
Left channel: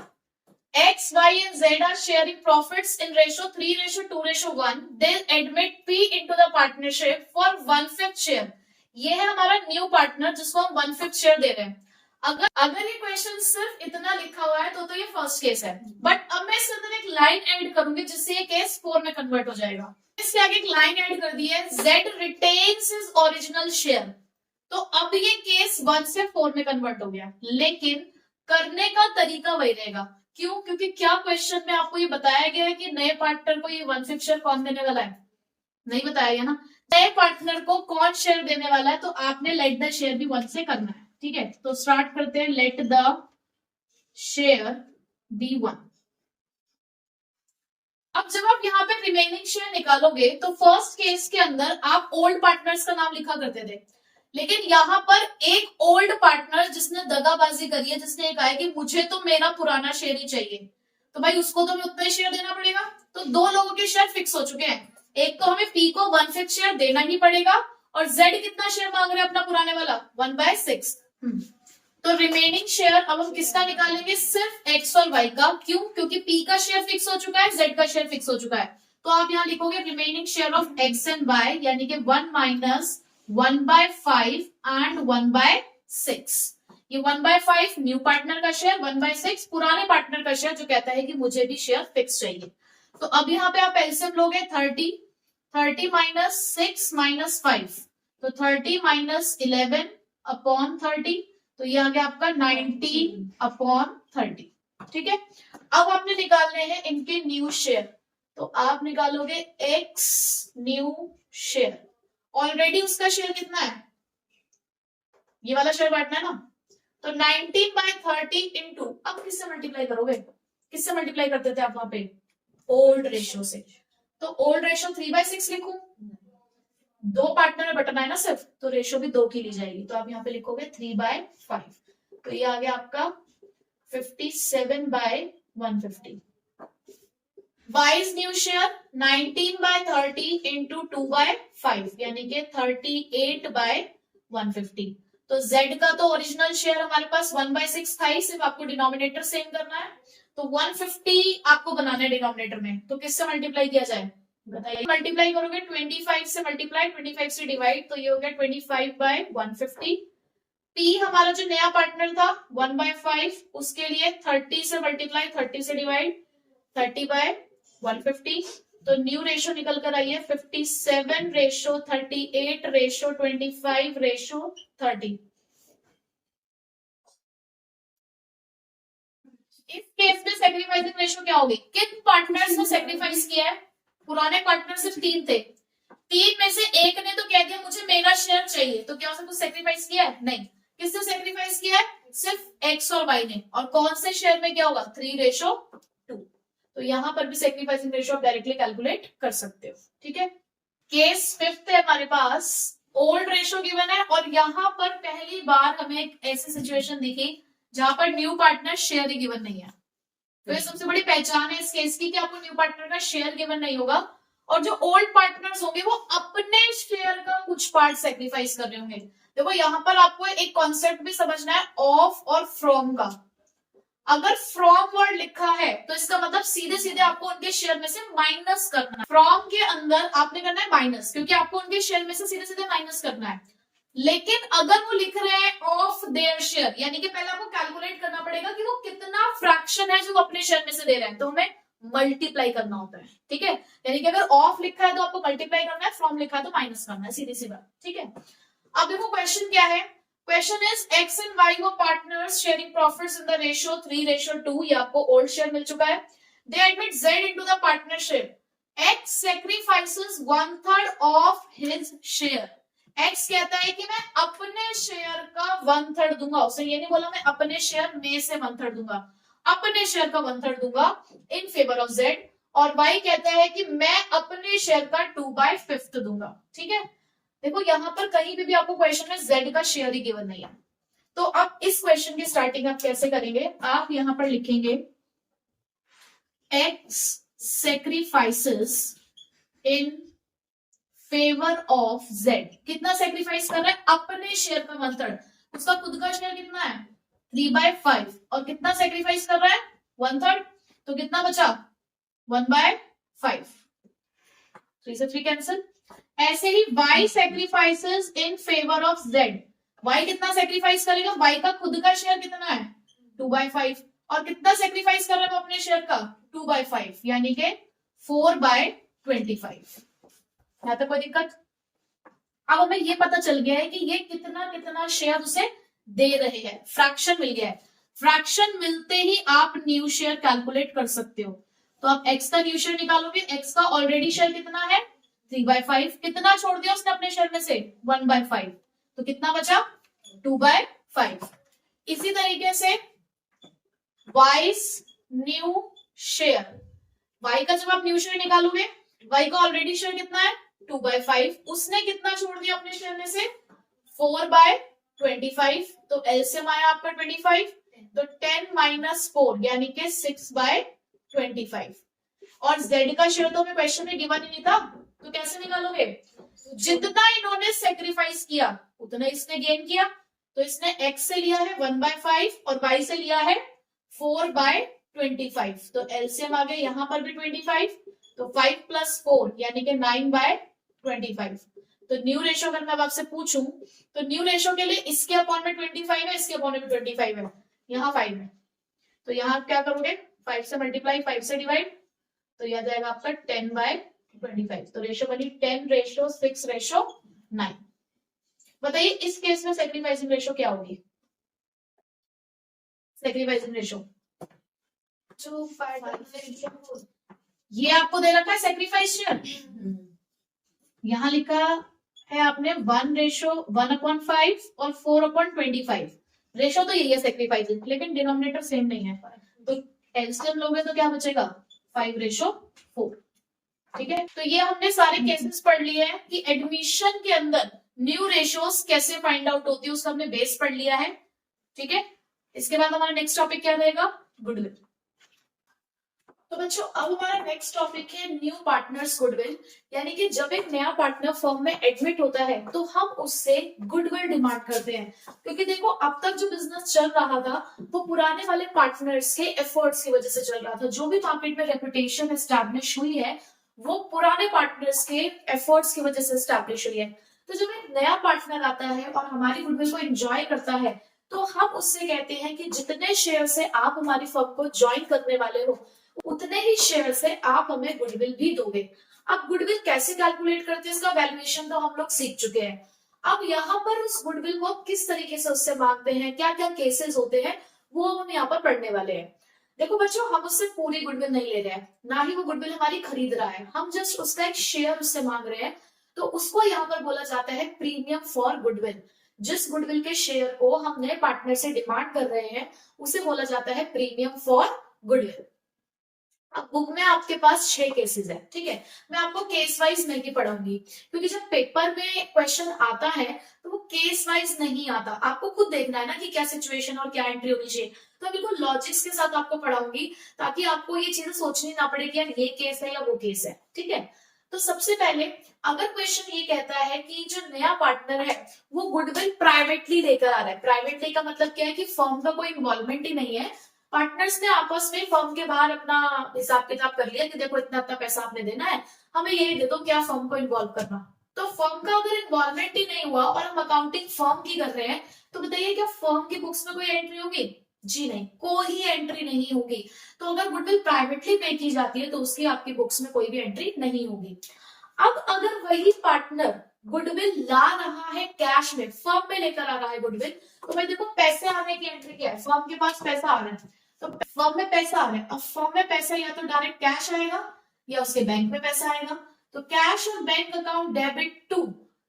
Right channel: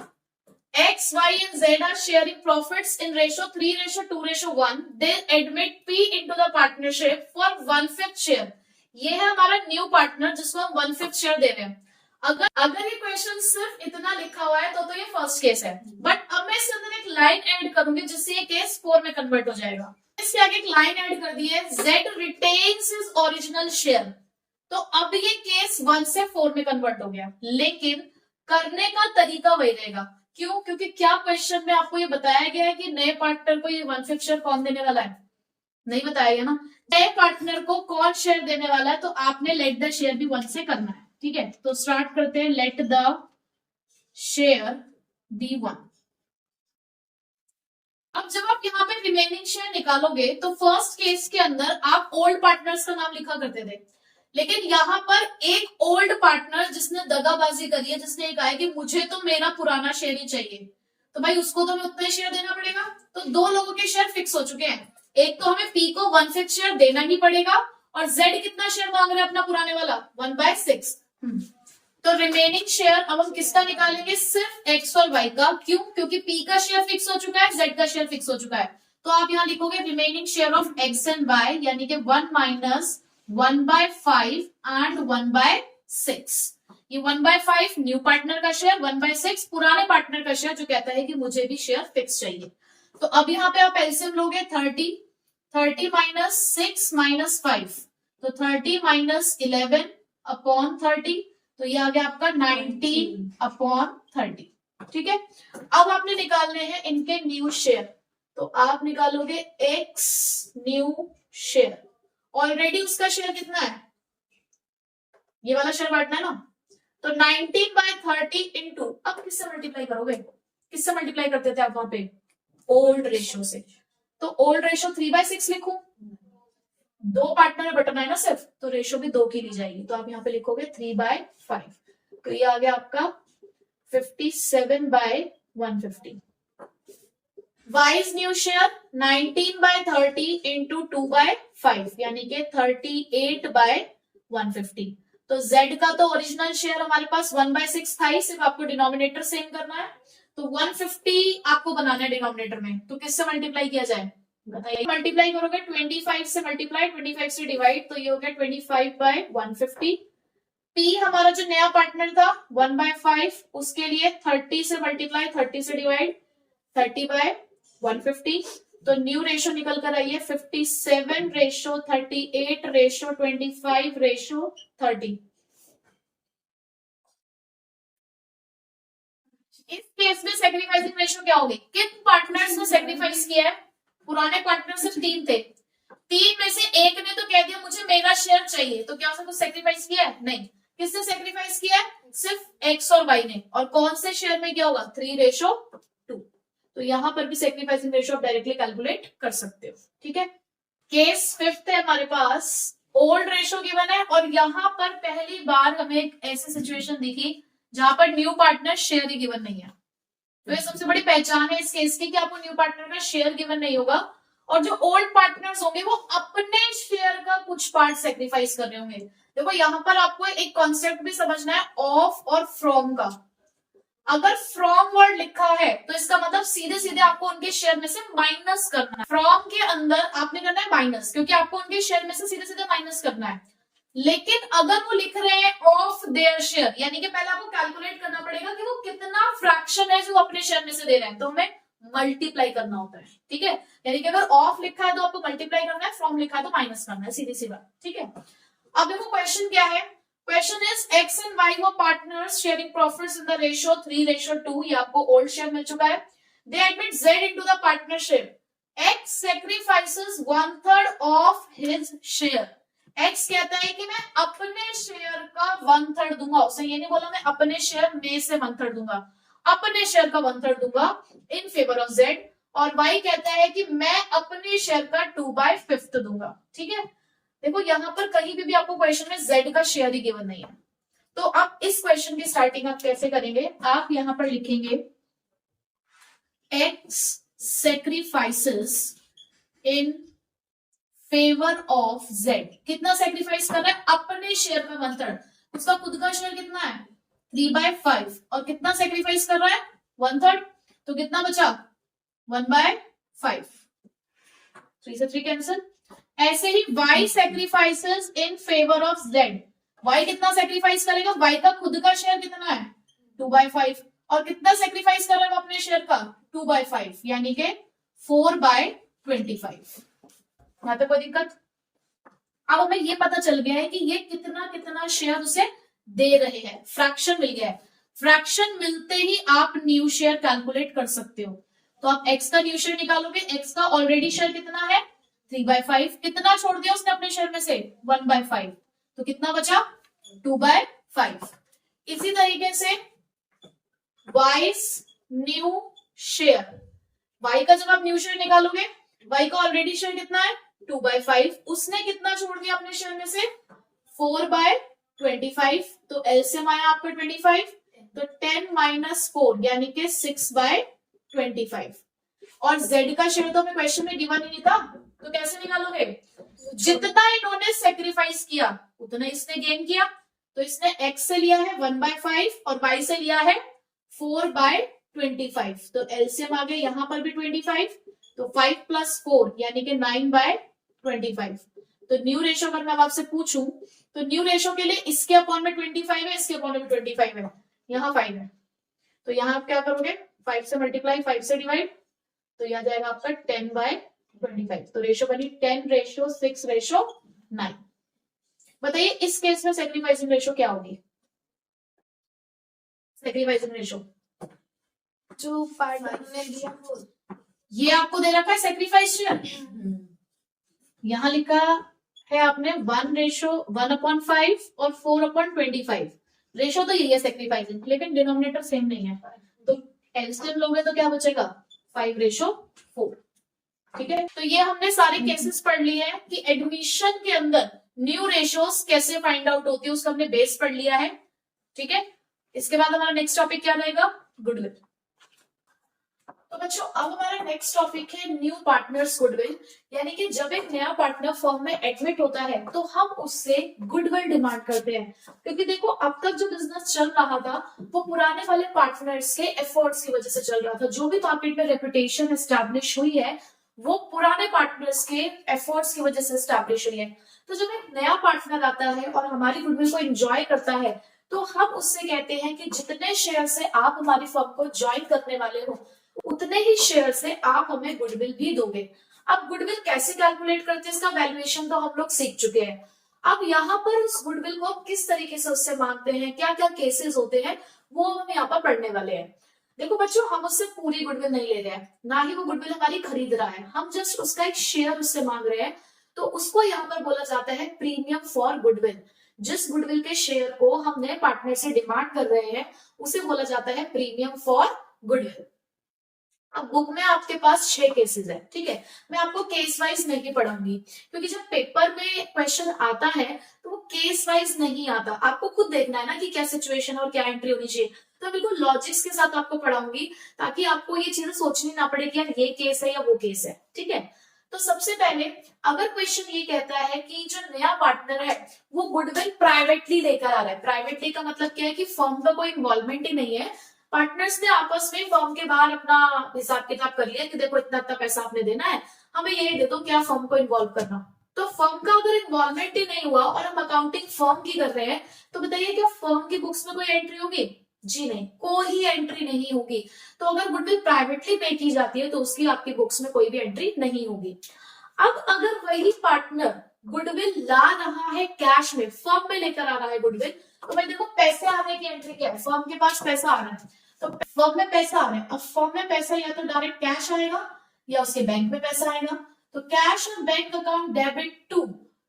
X, Y and Z are sharing profits in ratio 3:2:1. They admit P into the partnership for 1/5 share. ये है हमारा न्यू पार्टनर जिसको हम 1/5 शेयर दे रहे हैं. अगर ये क्वेश्चन सिर्फ इतना लिखा हुआ है तो ये फर्स्ट केस है. बट अब मैं इसके अंदर एक लाइन ऐड करूंगी जिससे ये केस 4 में कन्वर्ट हो जाएगा. इसके आगे एक लाइन ऐड कर दी है, Z retains his original share. तो अब ये केस 1 से 4 में कन्वर्ट हो गया. लेकिन करने का तरीका वही रहेगा. क्यों? क्योंकि क्या क्वेश्चन में आपको ये बताया गया है कि नए पार्टनर को ये 1/5 शेयर कौन देने वाला है? नहीं बताया गया ना. नए पार्टनर को कौन शेयर देने वाला है, तो आपने लेट द शेयर भी 1 से करना है. ठीक है, तो स्टार्ट करते हैं. Let the share be 1. अब जब आप यहाँ पे रिमेनिंग शेयर निकालोगे तो फर्स्ट केस के अंदर आप ओल्ड पार्टनर्स का नाम लिखा करते थे. लेकिन यहाँ पर एक ओल्ड पार्टनर जिसने दगाबाजी करी है, जिसने कहा है कि मुझे तो मेरा पुराना शेयर ही चाहिए, तो भाई उसको तो उतना शेयर देना पड़ेगा. तो 2 लोगों के शेयर फिक्स हो चुके हैं. एक तो हमें P को 1/5 शेयर देना ही पड़ेगा और Z कितना शेयर मांग रहे हैं अपना पुराने वाला 1/6. तो रिमेनिंग शेयर अब हम किसका निकालेंगे? सिर्फ X और Y का. क्यों? क्योंकि P का शेयर फिक्स हो चुका है, Z का शेयर फिक्स हो चुका है. तो आप यहाँ लिखोगे remaining share of X and Y, यानी कि 1 माइनस 1/5 एंड 1/6. ये 1/5 न्यू पार्टनर का शेयर, 1/6 पुराने पार्टनर का शेयर जो कहता है कि मुझे भी शेयर फिक्स चाहिए. तो अब यहाँ पे आप एलसीएम लोगे 30 माइनस 6 माइनस 5, तो 30 माइनस 11 अपॉन 30, तो ये आ गया आपका 19 अपॉन 30. ठीक है, अब आपने निकालने हैं इनके न्यू शेयर. तो आप निकालोगे X न्यू शेयर. ऑलरेडी उसका शेयर कितना है? ये वाला शेयर बांटना है ना. तो 19/30 इंटू, अब किससे मल्टीप्लाई करोगे? किससे मल्टीप्लाई करते थे आप वहां पे? ओल्ड रेशियो से. तो ओल्ड रेशियो 3/6 लिखूं, 2 पार्टनर में बटना है ना सिर्फ, तो रेशियो भी 2 की ली जाएगी. तो आप यहाँ पे लिखोगे 3/5. तो ये आ गया आपका 57/150. Y's न्यू शेयर 19/30 इंटू 2/5, यानी कि 38/150. तो Z का तो ओरिजिनल शेयर हमारे पास 1/6 था ही, सिर्फ आपको डिनोमिनेटर सेम करना है. तो 150 आपको बनाना है डिनोमिनेटर में. तो किससे मल्टीप्लाई किया जाए बताइए? मल्टीप्लाई करोगे 25 से मल्टीप्लाई, 25 से डिवाइड, तो ये हो गया 25/150. P हमारा जो नया पार्टनर था 1/5, उसके लिए 30 से मल्टीप्लाई, 30 से डिवाइड, 30/150. तो न्यू रेशो निकल कर आई है 57:38:25:30. इस केस में सेक्रीफाइसिंग रेशो क्या होगी? किन पार्टनर्स ने सेक्रीफाइस किया है? पुराने पार्टनर सिर्फ 3 थे. 3 में से एक ने तो कह दिया मुझे मेरा शेयर चाहिए, तो क्या उसने कुछ सेक्रीफाइस किया है? नहीं. किसने सेक्रीफाइस किया है? सिर्फ X और Y ने. और कौन से शेयर में क्या होगा? 3:2. तो यहां पर भी सेक्रीफाइसिंग रेशो आप डायरेक्टली कैलकुलेट कर सकते हो. ठीक है, केस 5th है हमारे पास. ओल्ड रेशो गिवन है और यहां पर पहली बार हमें एक ऐसी सिचुएशन दिखी जहां पर न्यू पार्टनर शेयर ही गिवन नहीं है. तो ये सबसे बड़ी पहचान है इस केस की कि आपको न्यू पार्टनर का शेयर गिवन नहीं होगा और जो ओल्ड पार्टनर्स होंगे वो अपने शेयर का कुछ पार्ट सेक्रीफाइस कर रहे होंगे. देखो यहाँ पर आपको एक कॉन्सेप्ट भी समझना है ऑफ और फ्रॉम का. अगर फ्रॉम वर्ड लिखा है तो इसका मतलब सीधे सीधे आपको उनके शेयर में से माइनस करना है. फ्रॉम के अंदर आपने करना है माइनस, क्योंकि आपको उनके शेयर में से सीधे सीधे माइनस करना है. लेकिन अगर वो लिख रहे हैं ऑफ देयर शेयर, यानी कि पहले आपको कैलकुलेट करना पड़ेगा कि वो कितना फ्रैक्शन है जो अपने शेयर में से दे रहे हैं, तो हमें मल्टीप्लाई करना होता है. ठीक है, यानी कि अगर ऑफ लिखा है तो आपको मल्टीप्लाई करना है, फ्रॉम लिखा है तो माइनस करना है, सीधी सी बात. ठीक है, अब देखो क्वेश्चन क्या है. Question is X and Y वो partners sharing profits in the ratio 3:2. ये आपको ओल्ड शेयर मिल चुका है. दे admit Z into the partnership. X sacrifices 1/3 of his share. X कहता है कि मैं अपने शेयर का 1/3 दूंगा. उसे ये नहीं बोला मैं अपने शेयर में से 1/3 दूंगा, अपने शेयर का 1/3 दूंगा इन फेवर ऑफ Z. और Y कहता है कि मैं अपने शेयर का 2/5 दूंगा. ठीक है, देखो यहां पर कहीं भी आपको क्वेश्चन में Z का शेयर ही गिवन नहीं है. तो आप इस क्वेश्चन की स्टार्टिंग आप कैसे करेंगे? आप यहां पर लिखेंगे X sacrifices in favour of Z. कितना सेक्रीफाइस कर रहा है? अपने शेयर का 1/3. उसका खुद का शेयर कितना है? 3/5. और कितना सेक्रीफाइस कर रहा है? 1/3. तो कितना बचा 1/5, 3 से 3 कैंसिल। ऐसे ही y sacrifices in favour of z, y कितना सेक्रीफाइस करेगा, y का खुद का शेयर कितना है 2/5, और कितना सेक्रीफाइस कर रहे हैं अपने शेयर का 2/5, यानी कि 4/25। यहाँ तक कोई दिक्कत? अब हमें ये पता चल गया है कि ये कितना कितना शेयर उसे दे रहे हैं, फ्रैक्शन मिल गया है। फ्रैक्शन मिलते ही आप न्यू शेयर कैलकुलेट कर सकते हो। तो आप x का न्यू शेयर निकालोगे, x का ऑलरेडी शेयर कितना है 3/5, कितना छोड़ दिया उसने अपने शेयर में से 1/5, तो कितना बचा 2/5। इसी तरीके से वाइस न्यू शेयर, y का जब आप न्यू शेयर निकालोगे, y का ऑलरेडी शेयर कितना है 2/5, उसने कितना छोड़ दिया अपने शेयर में से 4/25, तो एलसीएम आया आपका 25, तो 10 - 4 यानी कि 6/25। और z का शेयर तो हमें क्वेश्चन में गिवन ही नहीं था, तो कैसे निकालोगे, जितना इन्होंने सेक्रीफाइस किया उतना इसने गेन किया, तो इसने x से लिया है 1/5 और y से लिया है 4/25, तो एलसीएम आ गया यहाँ पर भी 25, तो 5 + 4 यानी कि 9/25। तो न्यू रेशो अगर मैं आपसे पूछूं तो न्यू रेशो के लिए इसके अपॉन में 25 है, इसके अपॉन में 25 है, यहाँ 5 है, तो यहाँ आप क्या करोगे 5 से मल्टीप्लाई 5 से डिवाइड, तो यह जाएगा आपका 10/25। तो रेशो बनी 10:6:9। बताइए इस केस में सेक्रीफाइसिंग रेशो क्या होगी? सेक्रीफाइसिंग रेशो जो पार्टनर ने दिया वो ये आपको दे रखा है सेक्रीफाइस शेयर, यहाँ लिखा है आपने 1:1/5 और 4/25। रेशो तो यही है सेक्रीफाइसिंग, लेकिन डिनोमिनेटर सेम नहीं है, तो एलसीएम लोगे तो क्या बचेगा 5:4। ठीक है, तो ये हमने सारे केसेस पढ़ लिए हैं कि एडमिशन के अंदर न्यू रेशोस कैसे फाइंड आउट होती है, उसका हमने बेस पढ़ लिया है। ठीक है, इसके बाद हमारा नेक्स्ट टॉपिक क्या रहेगा, गुडविल। तो बच्चों अब हमारा नेक्स्ट टॉपिक है न्यू पार्टनर्स गुडविल, यानी कि जब एक नया पार्टनर फर्म में एडमिट होता है तो हम उससे गुडविल डिमांड करते हैं, क्योंकि देखो अब तक जो बिजनेस चल रहा था वो पुराने वाले पार्टनर्स के एफर्ट्स की वजह से चल रहा था। जो भी मार्केट में रेपुटेशन एस्टैब्लिश हुई है वो पुराने पार्टनर्स के एफर्ट्स की वजह से एस्टैब्लिश हुई है। तो जब एक नया पार्टनर आता है और हमारी गुडविल को एंजॉय करता है तो हम उससे कहते हैं कि जितने शेयर से आप हमारी फर्म को ज्वाइन करने वाले हो उतने ही शेयर से आप हमें गुडविल भी दोगे। अब गुडविल कैसे कैलकुलेट करते हैं, इसका वैल्यूएशन तो हम लोग सीख चुके हैं। अब यहाँ पर उस गुडविल को किस तरीके से उससे मांगते हैं, क्या क्या केसेस होते हैं, वो हम यहाँ पर पढ़ने वाले हैं। देखो बच्चों हम उससे पूरी गुडविल नहीं ले रहे हैं, ना ही वो गुडविल हमारी खरीद रहा है, हम जस्ट उसका एक शेयर उससे मांग रहे हैं। तो उसको यहाँ पर बोला जाता है प्रीमियम फॉर गुडविल। जिस गुडविल के शेयर को हम नए पार्टनर से डिमांड कर रहे हैं उसे बोला जाता है प्रीमियम फॉर गुडविल। अब बुक में आपके पास 6 केसेस है, ठीक है, मैं आपको केस वाइज नहीं पढ़ाऊंगी, क्योंकि जब पेपर में क्वेश्चन आता है तो वो केस वाइज नहीं आता, आपको खुद देखना है ना कि क्या सिचुएशन और क्या एंट्री होनी चाहिए। तो बिल्कुल लॉजिक्स के साथ आपको पढ़ाऊंगी ताकि आपको ये चीजें सोचनी ना पड़े कि यार ये केस है या वो केस है। ठीक है, तो सबसे पहले अगर क्वेश्चन ये कहता है कि जो नया पार्टनर है वो गुडविल प्राइवेटली लेकर आ रहा है, प्राइवेटली का मतलब क्या है कि फर्म का कोई इन्वॉल्वमेंट ही नहीं है, पार्टनर्स ने आपस में फर्म के बाहर अपना हिसाब किताब कर लिया कि देखो इतना इतना पैसा आपने देना है, हमें ये दे दो, क्या फर्म को इन्वॉल्व करना। तो फर्म का अगर इन्वॉल्वमेंट ही नहीं हुआ और हम अकाउंटिंग फर्म की कर रहे हैं तो बताइए क्या फर्म की बुक्स में कोई एंट्री होगी? जी नहीं, कोई एंट्री नहीं होगी। तो अगर गुडविल प्राइवेटली पे की जाती है तो उसकी आपकी बुक्स में कोई भी एंट्री नहीं होगी। अब अगर वही पार्टनर गुडविल ला रहा है कैश में, फर्म में लेकर आ रहा है गुडविल, तो भाई देखो पैसे आने की एंट्री क्या है, फर्म के पास पैसा आ रहा है, तो फर्म में पैसा आ रहा है। अब फर्म में पैसा या तो डायरेक्ट कैश आएगा या उसके बैंक में पैसा आएगा, तो कैश और बैंक अकाउंट डेबिट टू,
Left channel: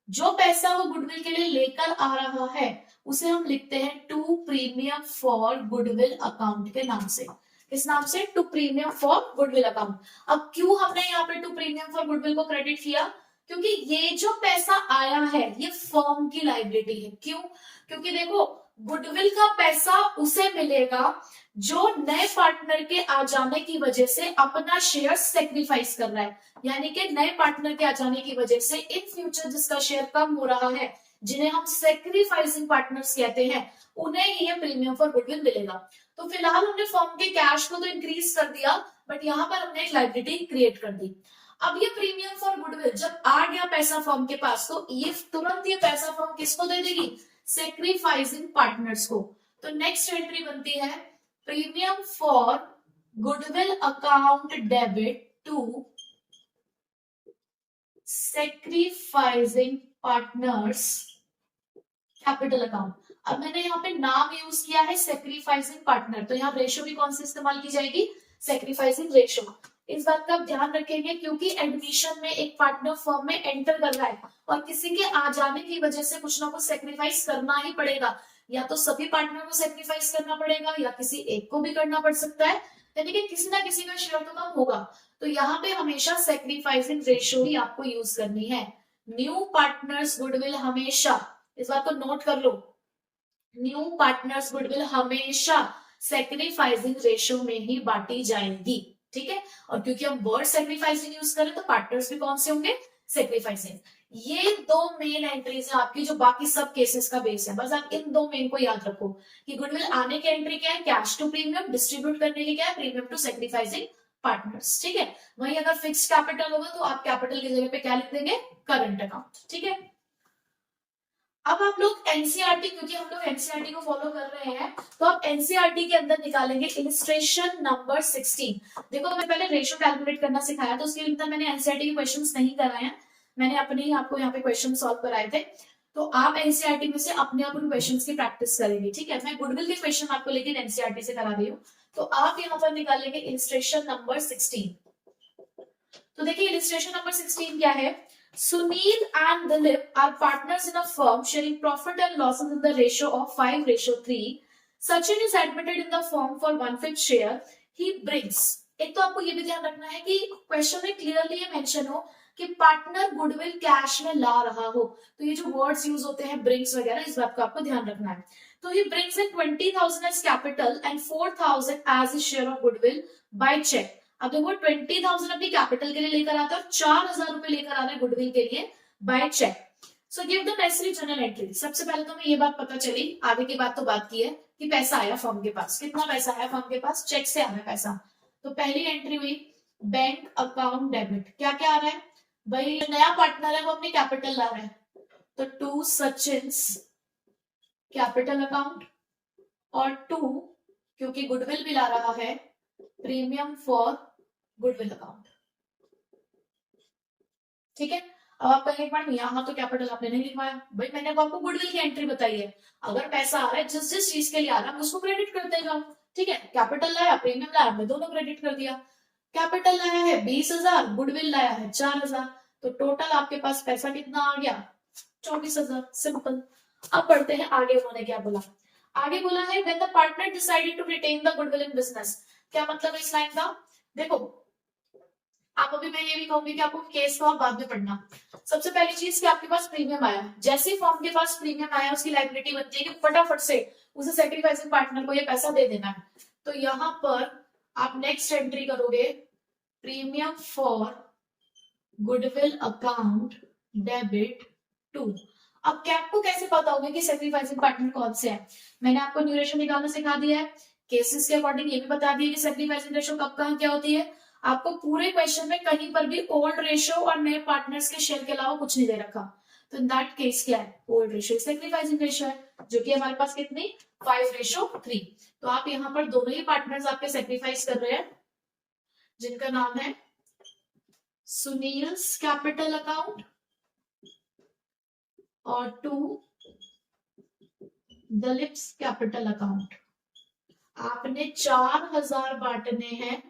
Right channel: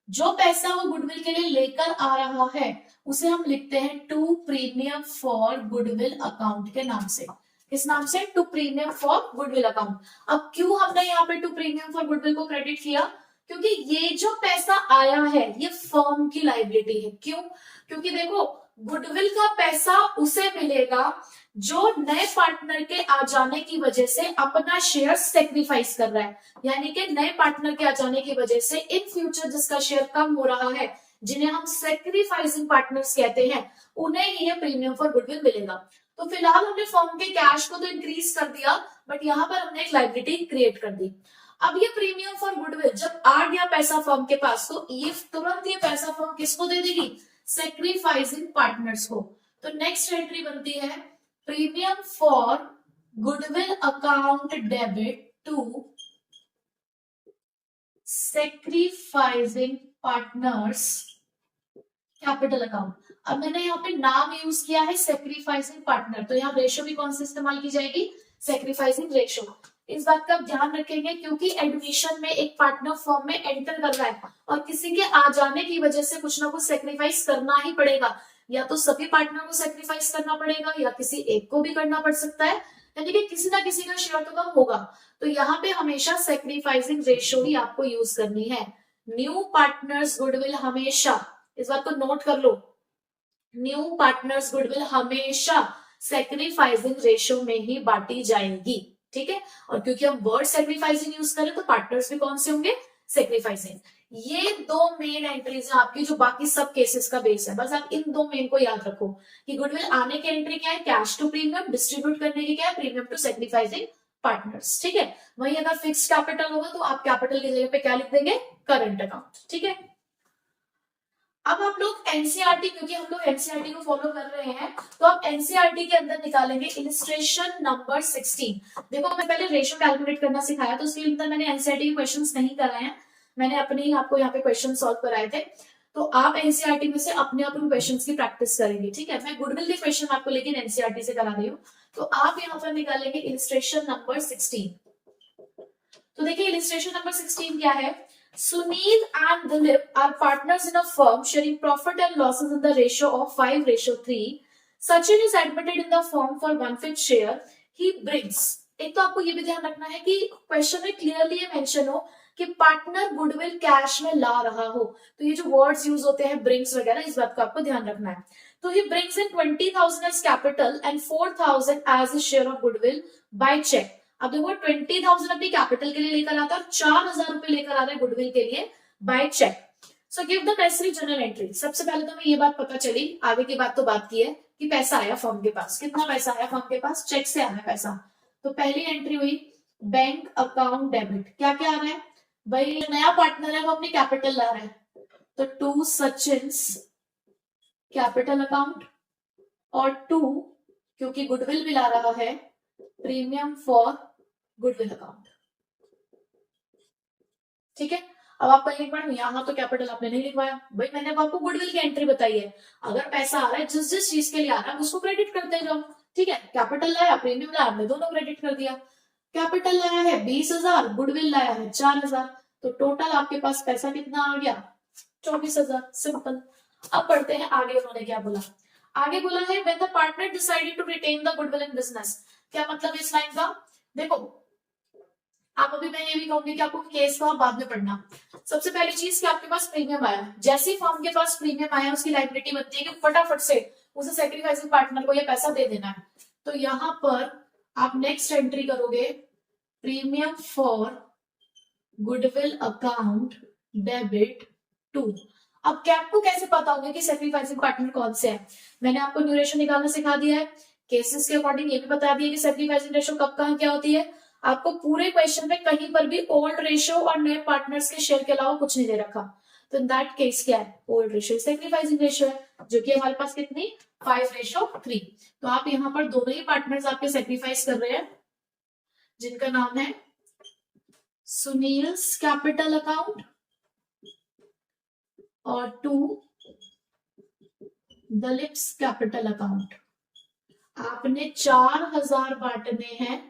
जो पैसा वो गुडविल के लिए लेकर आ रहा है उसे हम लिखते हैं to premium for goodwill account के नाम से। किस नाम से? To premium for goodwill account. अब क्यों हमने यहाँ पे टू प्रीमियम फॉर गुडविल को क्रेडिट किया? क्योंकि ये जो पैसा आया है ये फर्म की लायबिलिटी है। क्यों? क्योंकि देखो गुडविल का पैसा उसे मिलेगा जो नए पार्टनर के आ जाने की वजह से अपना शेयर सेक्रीफाइस कर रहा है, यानी कि नए पार्टनर के आ जाने की वजह से इन फ्यूचर जिसका शेयर कम हो रहा है, जिन्हें हम सेक्रीफाइसिंग पार्टनर्स कहते हैं, उन्हें ये प्रीमियम फॉर गुडविल मिलेगा। तो फिलहाल हमने फर्म के कैश को तो इंक्रीज कर दिया, बट यहाँ पर हमने एक लायबिलिटी क्रिएट कर दी। अब ये प्रीमियम फॉर गुडविल जब आ गया पैसा फर्म के पास, तो ये तुरंत ये पैसा फर्म किसको दे देगी? सेक्रीफाइसिंग पार्टनर्स को। तो नेक्स्ट एंट्री बनती है premium for goodwill account debit to sacrificing partners capital account. अब मैंने यहाँ पे नाम यूज किया है सेक्रीफाइसिंग पार्टनर, तो यहाँ रेशो भी कौन सी इस्तेमाल की जाएगी? Sacrificing ratio. इस बात का आप ध्यान रखेंगे क्योंकि एडमिशन में एक पार्टनर फर्म में एंटर कर रहा है और किसी के आ जाने की वजह से कुछ ना कुछ सेक्रीफाइस करना ही पड़ेगा, या तो सभी पार्टनर को सेक्रीफाइस करना पड़ेगा या किसी एक को भी करना पड़ सकता है, यानी कि किसी ना किसी का शेयर तो कम होगा। तो यहाँ पे हमेशा सेक्रीफाइसिंग रेशो ही आपको यूज करनी है। न्यू पार्टनर्स गुडविल हमेशा, इस बात को नोट कर लो, न्यू पार्टनर्स गुडविल हमेशा सेक्रीफाइसिंग रेशो में ही बांटी जाएगी, ठीक है। और क्योंकि हम वर्ड सेक्रीफाइसिंग यूज करें तो पार्टनर्स भी कौन से होंगे? सेक्रीफाइसिंग। ये दो मेन एंट्रीज है आपकी, जो बाकी सब केसेस का बेस है। बस आप इन दो मेन को याद रखो कि गुडविल आने की एंट्री क्या है? कैश टू प्रीमियम, डिस्ट्रीब्यूट करने की क्या है? प्रीमियम टू सेक्रीफाइसिंग पार्टनर्स, ठीक है। वही अगर फिक्स कैपिटल होगा तो आप कैपिटल की जगह पे क्या लिख देंगे? करंट अकाउंट, ठीक है। अब आप लोग एनसीईआरटी, क्योंकि हम लोग एनसीईआरटी को फॉलो कर रहे हैं, तो आप एनसीईआरटी के अंदर निकालेंगे इलिस्ट्रेशन नंबर 16। देखो मैं पहले रेशो कैलकुलेट करना सिखाया, तो उसके अंदर मैंने एनसीईआरटी के क्वेश्चंस नहीं कराए हैं, मैंने अपने ही आपको यहाँ पे क्वेश्चन सॉल्व कराए थे। तो आप एनसीईआरटी में से अपने अपन क्वेश्चंस की प्रैक्टिस करेंगे, ठीक है। मैं गुडविल के क्वेश्चन आपको लेकिन एनसीईआरटी से करा रही हूँ। तो आप यहाँ पर निकालेंगे इलिस्ट्रेशन नंबर 16। तो देखिए इलिस्ट्रेशन नंबर 16 क्या है? Sunil and Dilip are partners in a firm sharing profit and losses in the ratio of 5:3. Sachin is admitted in the firm for 1/5 share. He brings. एक तो आपको ये भी ध्यान रखना है कि क्वेश्चन में क्लियरली ये मेंशन हो कि पार्टनर गुडविल कैश में ला रहा हो, तो ये जो वर्ड्स यूज होते हैं ब्रिंग्स वगैरह, इस बात को आपको ध्यान रखना है। तो he brings in 20,000 as capital and 4,000 as his share of goodwill by check. अब देखो 20,000 अपनी कैपिटल के लिए लेकर आता है और 4,000 रुपए लेकर आ रहा है गुडविल के लिए by cheque. So give the necessary journal entry. सबसे पहले तो हमें ये बात पता चली, आगे की बात तो बात की है कि पैसा आया फर्म के पास। कितना पैसा आया फर्म के पास? चेक से आना पैसा। तो पहली एंट्री हुई बैंक अकाउंट डेबिट। क्या क्या आ रहा है भाई? नया पार्टनर है वो अपनी कैपिटल ला रहा है, तो टू सचिन्स कैपिटल अकाउंट, और टू क्योंकि गुडविल भी ला रहा है प्रीमियम फॉर गुडविल अकाउंट, ठीक है। अब आप कहेंगे मैडम यहाँ तो कैपिटल आपने नहीं लिखवाया। भाई मैंने आपको गुडविल की एंट्री बताई है, अगर पैसा आ रहा है जिस जिस चीज के लिए आ रहा है उसको क्रेडिट करते जाओ, ठीक है। कैपिटल लाया, प्रीमियम लाया, हमने दोनों क्रेडिट कर दिया। कैपिटल लाया है 20,000, गुडविल लाया है 4,000, तो टोटल आपके पास पैसा कितना आ गया? 24,000। सिंपल। अब पढ़ते हैं आगे उन्होंने क्या बोला। आगे बोला है when the partner decided to retain the goodwill in business। क्या मतलब इस लाइन का? देखो आप अभी मैं ये भी कहूंगी कि आपको केस को बाद में पढ़ना। सबसे पहली चीज कि आपके पास प्रीमियम आया, जैसे ही फर्म के पास प्रीमियम आया उसकी लायबिलिटी बनती है कि फटाफट से उसे सेक्रीफाइसिंग पार्टनर को ये पैसा दे देना है। तो यहाँ पर आप नेक्स्ट एंट्री करोगे premium for goodwill account debit to. अब आपको कैसे पता होगा कि सेक्रीफाइसिंग पार्टनर कौन से है? मैंने आपको न्यू रेशो निकालना सिखा दिया है, केसेस के अकॉर्डिंग ये भी बता दिया कि सेक्रीफाइसिंग रेशो कब कहां क्या होती है। आपको पूरे क्वेश्चन में कहीं पर भी ओल्ड रेशो और नए पार्टनर्स के शेयर के अलावा कुछ नहीं दे रखा, तो इन दैट केस क्या है? ओल्ड रेशो सेक्रीफाइसिंग रेशो है, जो कि हमारे पास कितनी? 5:3। तो आप यहाँ पर दोनों ही पार्टनर्स आपके सेक्रीफाइस कर रहे हैं, जिनका नाम है सुनील्स कैपिटल अकाउंट और टू दलिप्स कैपिटल अकाउंट। आपने 4,000 बांटने हैं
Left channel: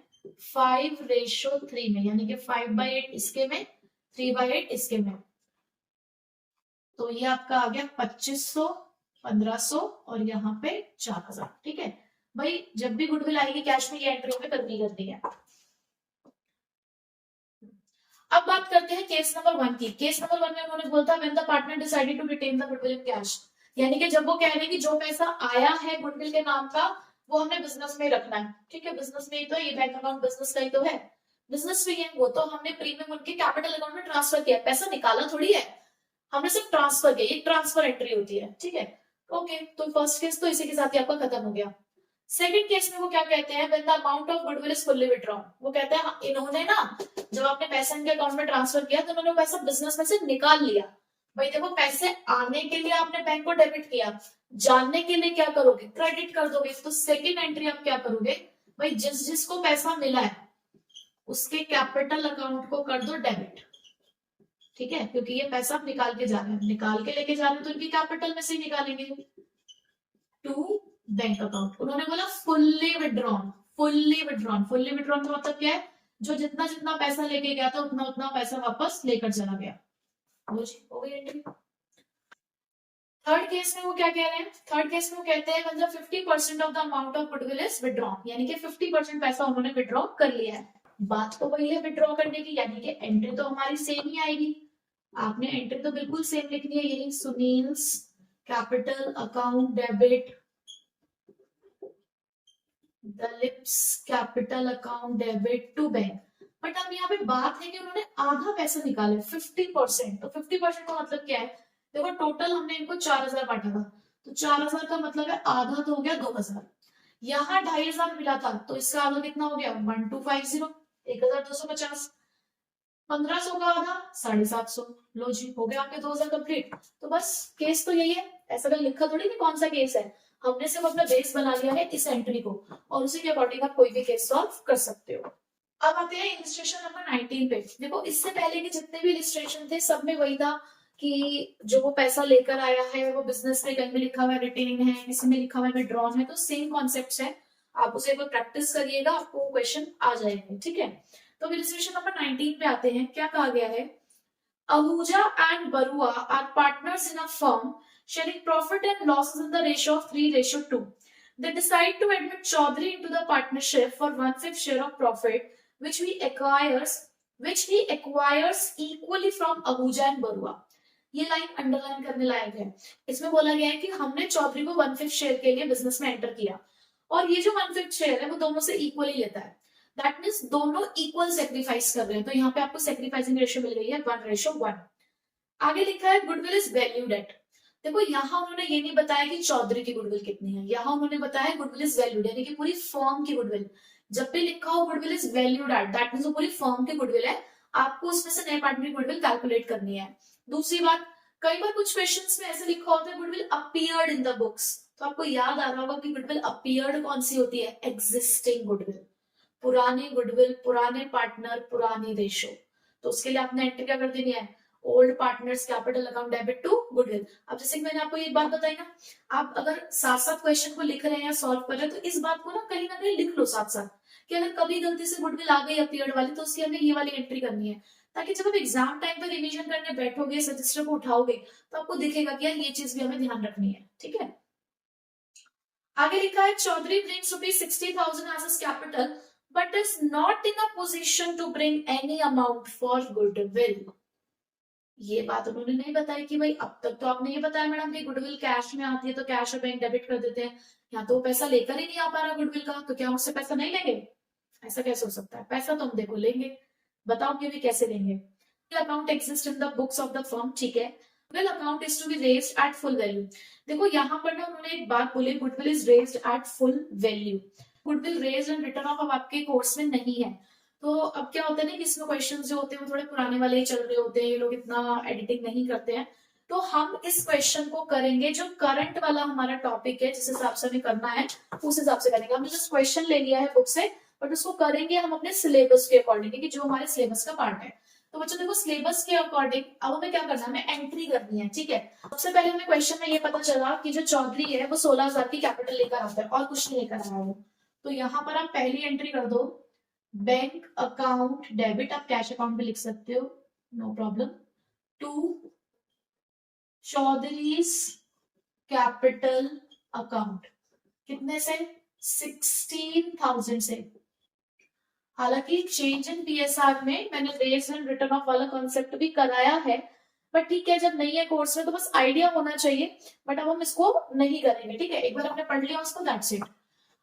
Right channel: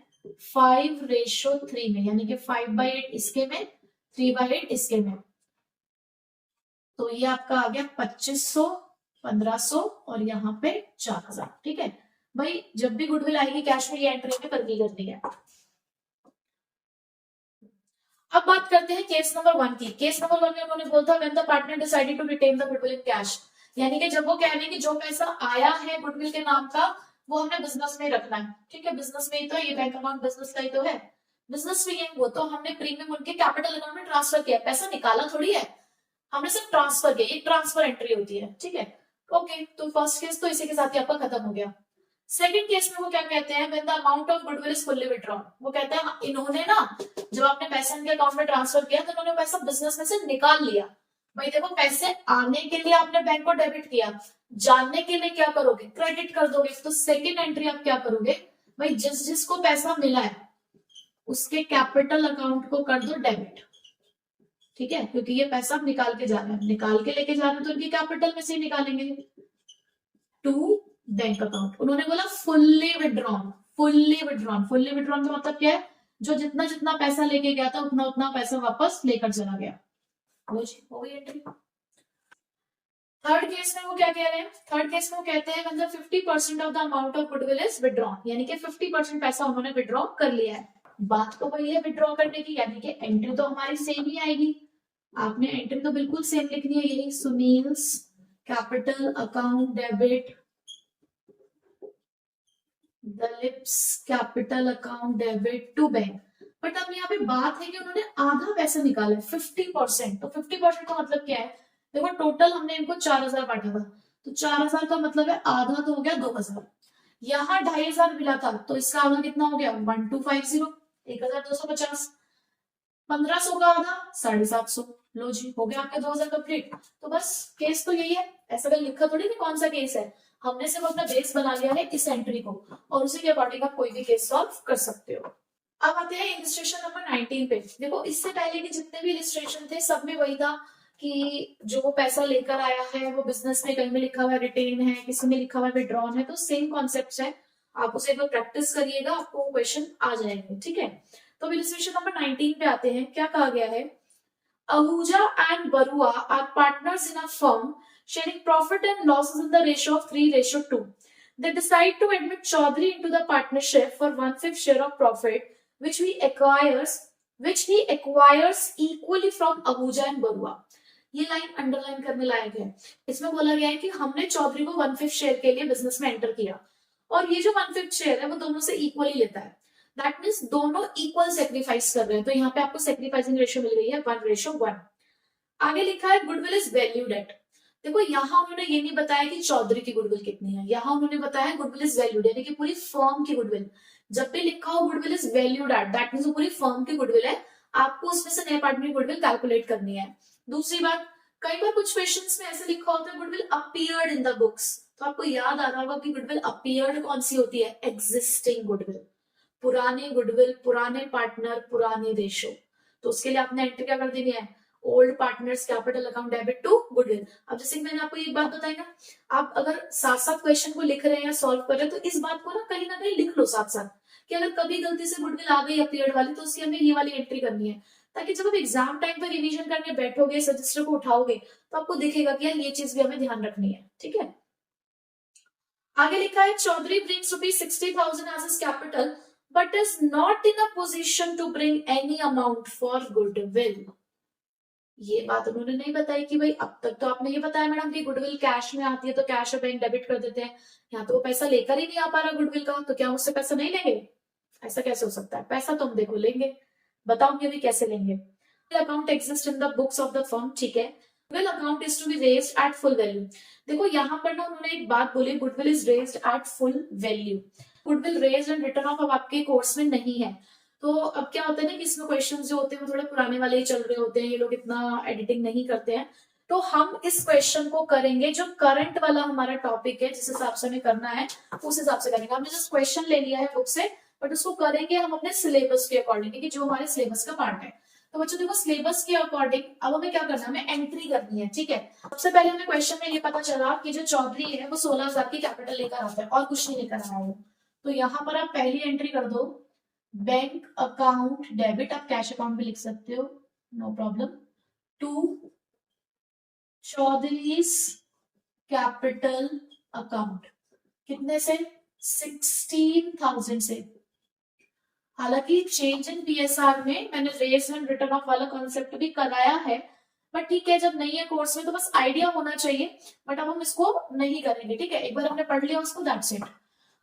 5:3 में, यानी कि 5/8 इसके में, 3/8 इसके में। तो ये आपका आ गया 2,500, 1,500 और यहाँ पे 4,000, ठीक है। भाई जब भी गुडविल आएगी कैश में ये एंट्री में करनी है। अब बात करते हैं केस नंबर 1 की। केस नंबर 1 में उन्होंने बोला था when the partner decided to retain the goodwill in cash, यानी कि जब वो कह रहे हैं कि जो पैसा आया है गुडविल के नाम का वो हमने बिजनेस में रखना है, ठीक है। बिजनेस में ही तो ये बैंक अकाउंट बिजनेस का ही तो है, बिजनेस में है वो, तो हमने प्रीमियम उनके कैपिटल अकाउंट में ट्रांसफर किया, पैसा निकाला थोड़ी है, हमने सिर्फ ट्रांसफर किया, एक ट्रांसफर एंट्री होती है, ठीक है। ओके, तो फर्स्ट केस तो इसी के साथ ही आपका खत्म हो गया। सेकंड केस में वो क्या कहते हैं, when the amount of goodwill is fully withdrawn, वो कहते हैं इन्होंने ना जब आपने पैसा इनके अकाउंट में ट्रांसफर किया तो इन्होंने पैसा बिजनेस में से निकाल लिया। भाई देखो पैसे आने के लिए आपने बैंक को डेबिट किया, जानने के लिए क्या करोगे, क्रेडिट कर दोगे। तो सेकंड एंट्री आप क्या करोगे, भाई जिस जिसको पैसा मिला है उसके कैपिटल अकाउंट को कर दो डेबिट, ठीक है, क्योंकि ये पैसा आप निकाल के जा रहे हैं, निकाल के लेके जा रहे हैं तो इनकी कैपिटल में से ही निकालेंगे टू बैंक अकाउंट। उन्होंने बोला fully withdrawn, fully withdrawn, fully withdrawn का मतलब क्या है, जो जितना जितना पैसा लेके गया था उतना उतना पैसा वापस लेकर चला गया। हो गई एंट्री। थर्ड केस में वो क्या कह रहे हैं, थर्ड केस में वो कहते हैं मतलब 50% of the amount of goodwill is withdrawn, यानी कि 50% पैसा उन्होंने विड्रॉ कर लिया है। बात तो वही है विड्रॉ करने की, यानी कि एंट्री तो हमारी सेम ही आएगी, आपने एंट्री तो बिल्कुल सेम लिखनी है, यही Sunil's capital account debit Dalip's capital account debit to bank. But अब यहाँ पे बात है कि उन्होंने आधा पैसा निकाला 50%, तो 50% का मतलब क्या है, देखो टोटल हमने इनको 4000 बांटा था, तो 4000 का मतलब है आधा तो हो गया 2000, यहाँ 2500 मिला था तो इसका आधा कितना हो गया 1250, 1250, 1500 का आधा 750। लो जी हो गया आपके 2000 कंप्लीट। तो बस केस तो यही है, ऐसा कहीं लिखा थोड़ी कि कौन सा केस है, हमने सिर्फ अपना बेस बना लिया है इस एंट्री को और उसी के अकॉर्डिंग आप कोई भी केस सॉल्व कर सकते हो। अब आते हैं इलिस्ट्रेशन नंबर 19 पे। देखो इससे पहले के जितने भी इलिस्ट्रेशन थे सब में वही था कि जो वो पैसा लेकर आया है वो बिजनेस में कहीं में लिखा हुआ है रिटेन है, किसी में लिखा हुआ है विड्रॉन है, तो सेम कॉन्सेप्ट है, आप उसे एक बार प्रैक्टिस करिएगा आपको क्वेश्चन आ जाएंगे, ठीक है। तो इलिस्ट्रेशन नंबर 19 पे आते हैं, क्या कहा गया है, Ahuja and Barua are partners in a firm sharing profit and losses in the ratio of 3:2. They decide to admit Chaudhary into the partnership for 1/5 share of profit, which he acquires equally from Ahuja and Barua. ये लाइन अंडरलाइन करने लायक है। इसमें बोला गया है कि हमने चौधरी को 1/5 शेयर के लिए बिजनेस में एंटर किया और ये जो 1/5 शेयर है वो दोनों से इक्वली लेता है, दैट मीन्स दोनों इक्वल सेक्रीफाइस कर रहे हैं, तो यहाँ पे आपको सेक्रीफाइसिंग रेशियो मिल गई है 1:1। आगे लिखा है गुडविल इज वैल्यूड एट। देखो यहाँ उन्होंने ये नहीं बताया कि चौधरी की गुडविल कितनी है, यहाँ उन्होंने बताया गुडविल इज वैल्यूड, यानी कि पूरी फर्म की गुडविल। जब भी लिखा हो goodwill is valued at, that means वो पूरी फर्म की गुडविल है, आपको उसमें से नए पार्टनर की गुडविल कैलकुलेट करनी है। दूसरी बात, कई बार कुछ क्वेश्चंस में ऐसे लिखा होता है goodwill appeared in the books, तो आपको याद आ रहा होगा कि गुडविल अपीयर्ड कौन सी होती है, एग्जिस्टिंग गुडविल, पुरानी गुडविल, पुराने पार्टनर, पुरानी रेशो। तो उसके लिए आपने एंट्री क्या कर देनी है, old partners capital account debit to goodwill. अब जैसे मैंने आपको एक बात बताई ना, आप अगर साथ साथ क्वेश्चन को लिख रहे हैं या सॉल्व कर रहे हैं तो इस बात को ना कहीं लिख लो साथ साथ, कि अगर कभी गलती से गुडविल आ गई अपीयर्ड वाली तो उसकी हमें ये वाली एंट्री करनी है, ताकि जब आप एग्जाम टाइम पे रिवीजन करने बैठोगे, सजेस्टर को उठाओगे तो आपको दिखेगा कि यार ये चीज भी हमें ध्यान रखनी है, ठीक है। आगे लिखा है Chaudhary brings ₹60,000 as his capital but is not in a position to bring any amount for goodwill. ये बात उन्होंने नहीं बताई कि भाई अब तक तो आपने ये बताया मैडम कि गुडविल कैश में आती है तो कैश और बैंक डेबिट कर देते हैं, यहाँ तो वो पैसा लेकर ही नहीं आ पा रहा गुडविल का, तो क्या उससे पैसा नहीं लेंगे, ऐसा कैसे हो सकता है, पैसा तो हम देखो लेंगे, बताऊंगी अभी कैसे लेंगे। Account exist in the books of the firm, ठीक है, goodwill account is to be raised at full value. देखो यहाँ पर ना उन्होंने एक बात बोली, goodwill is raised at full value, goodwill raised and return of अब आपके कोर्स में नहीं है। तो अब क्या होता है ना कि इसमें क्वेश्चंस जो होते हैं वो थोड़े पुराने वाले ही चल रहे होते हैं, ये लोग इतना एडिटिंग नहीं करते हैं, तो हम इस क्वेश्चन को करेंगे जो करंट वाला हमारा टॉपिक है, जिस हिसाब से हमें करना है उस हिसाब से करेंगे। हमने जस्ट क्वेश्चन ले लिया है बुक से, बट उसको करेंगे हम अपने सिलेबस के अकॉर्डिंग, कि जो हमारे सिलेबस का पार्ट है। तो बच्चों देखो सिलेबस के अकॉर्डिंग अब हमें क्या करना है, हमें एंट्री करनी है, ठीक है। सबसे पहले हमें क्वेश्चन में ये पता चला कि जो चौधरी है वो 16,000 की कैपिटल लेकर आता है और कुछ नहीं लेकर आया है, तो यहाँ पर आप पहली एंट्री कर दो बैंक अकाउंट डेबिट, आप कैश अकाउंट भी लिख सकते हो, no problem, to Chaudhary's capital account, कितने से, 16,000 से। हालांकि चेंज इन पीएसआर में मैंने रेज एंड रिटर्न ऑफ वाला कॉन्सेप्ट भी कराया है, बट ठीक है जब नहीं है कोर्स में तो बस आइडिया होना चाहिए, बट अब हम इसको नहीं करेंगे, ठीक है, एक बार हमने पढ़ लिया उसको, दैट्स इट।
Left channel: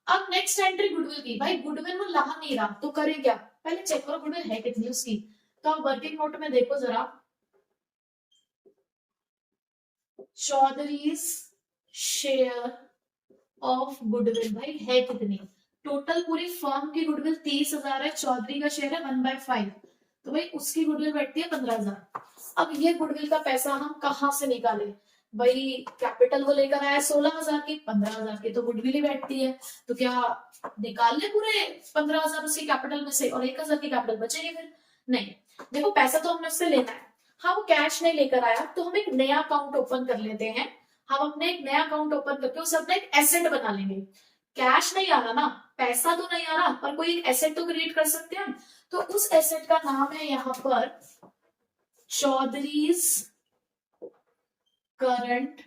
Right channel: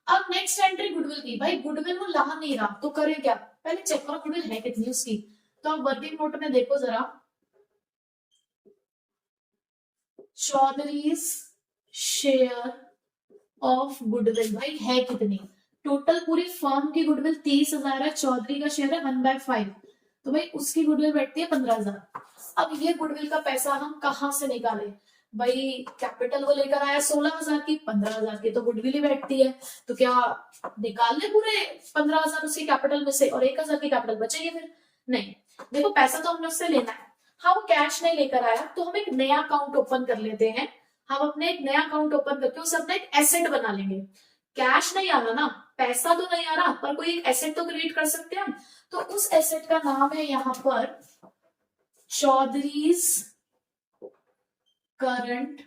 अब नेक्स्ट एंट्री गुडविल की, भाई गुडविल वो ला नहीं रहा तो करें क्या, पहले चेक करो गुडविल है कितनी उसकी। तो आप वर्किंग नोट में देखो जरा, चौधरीज शेयर ऑफ गुडविल भाई है कितनी, टोटल पूरी फर्म की गुडविल 30,000 है, चौधरी का शेयर है 1/5, तो भाई उसकी गुडविल बैठती है 15,000। अब ये गुडविल का पैसा हम कहाँ से निकाले, भाई कैपिटल वो लेकर आया 16,000 की, 15,000 की तो गुडविल ही बैठती है, तो क्या निकाल ले पूरे 15,000 उसकी कैपिटल में से और 1,000 की कैपिटल बचेगी फिर, नहीं। देखो पैसा तो हमने उससे लेना है, हाँ वो कैश नहीं लेकर आया तो हम एक नया अकाउंट ओपन कर लेते हैं, हम अपने एक नया अकाउंट ओपन करके उसे अपना एक एसेट बना लेंगे। कैश नहीं आ रहा ना, पैसा तो नहीं आ रहा, पर कोई एक एसेट तो क्रिएट कर सकते हैं हम, तो उस एसेट का नाम है यहाँ पर चौधरीज करंट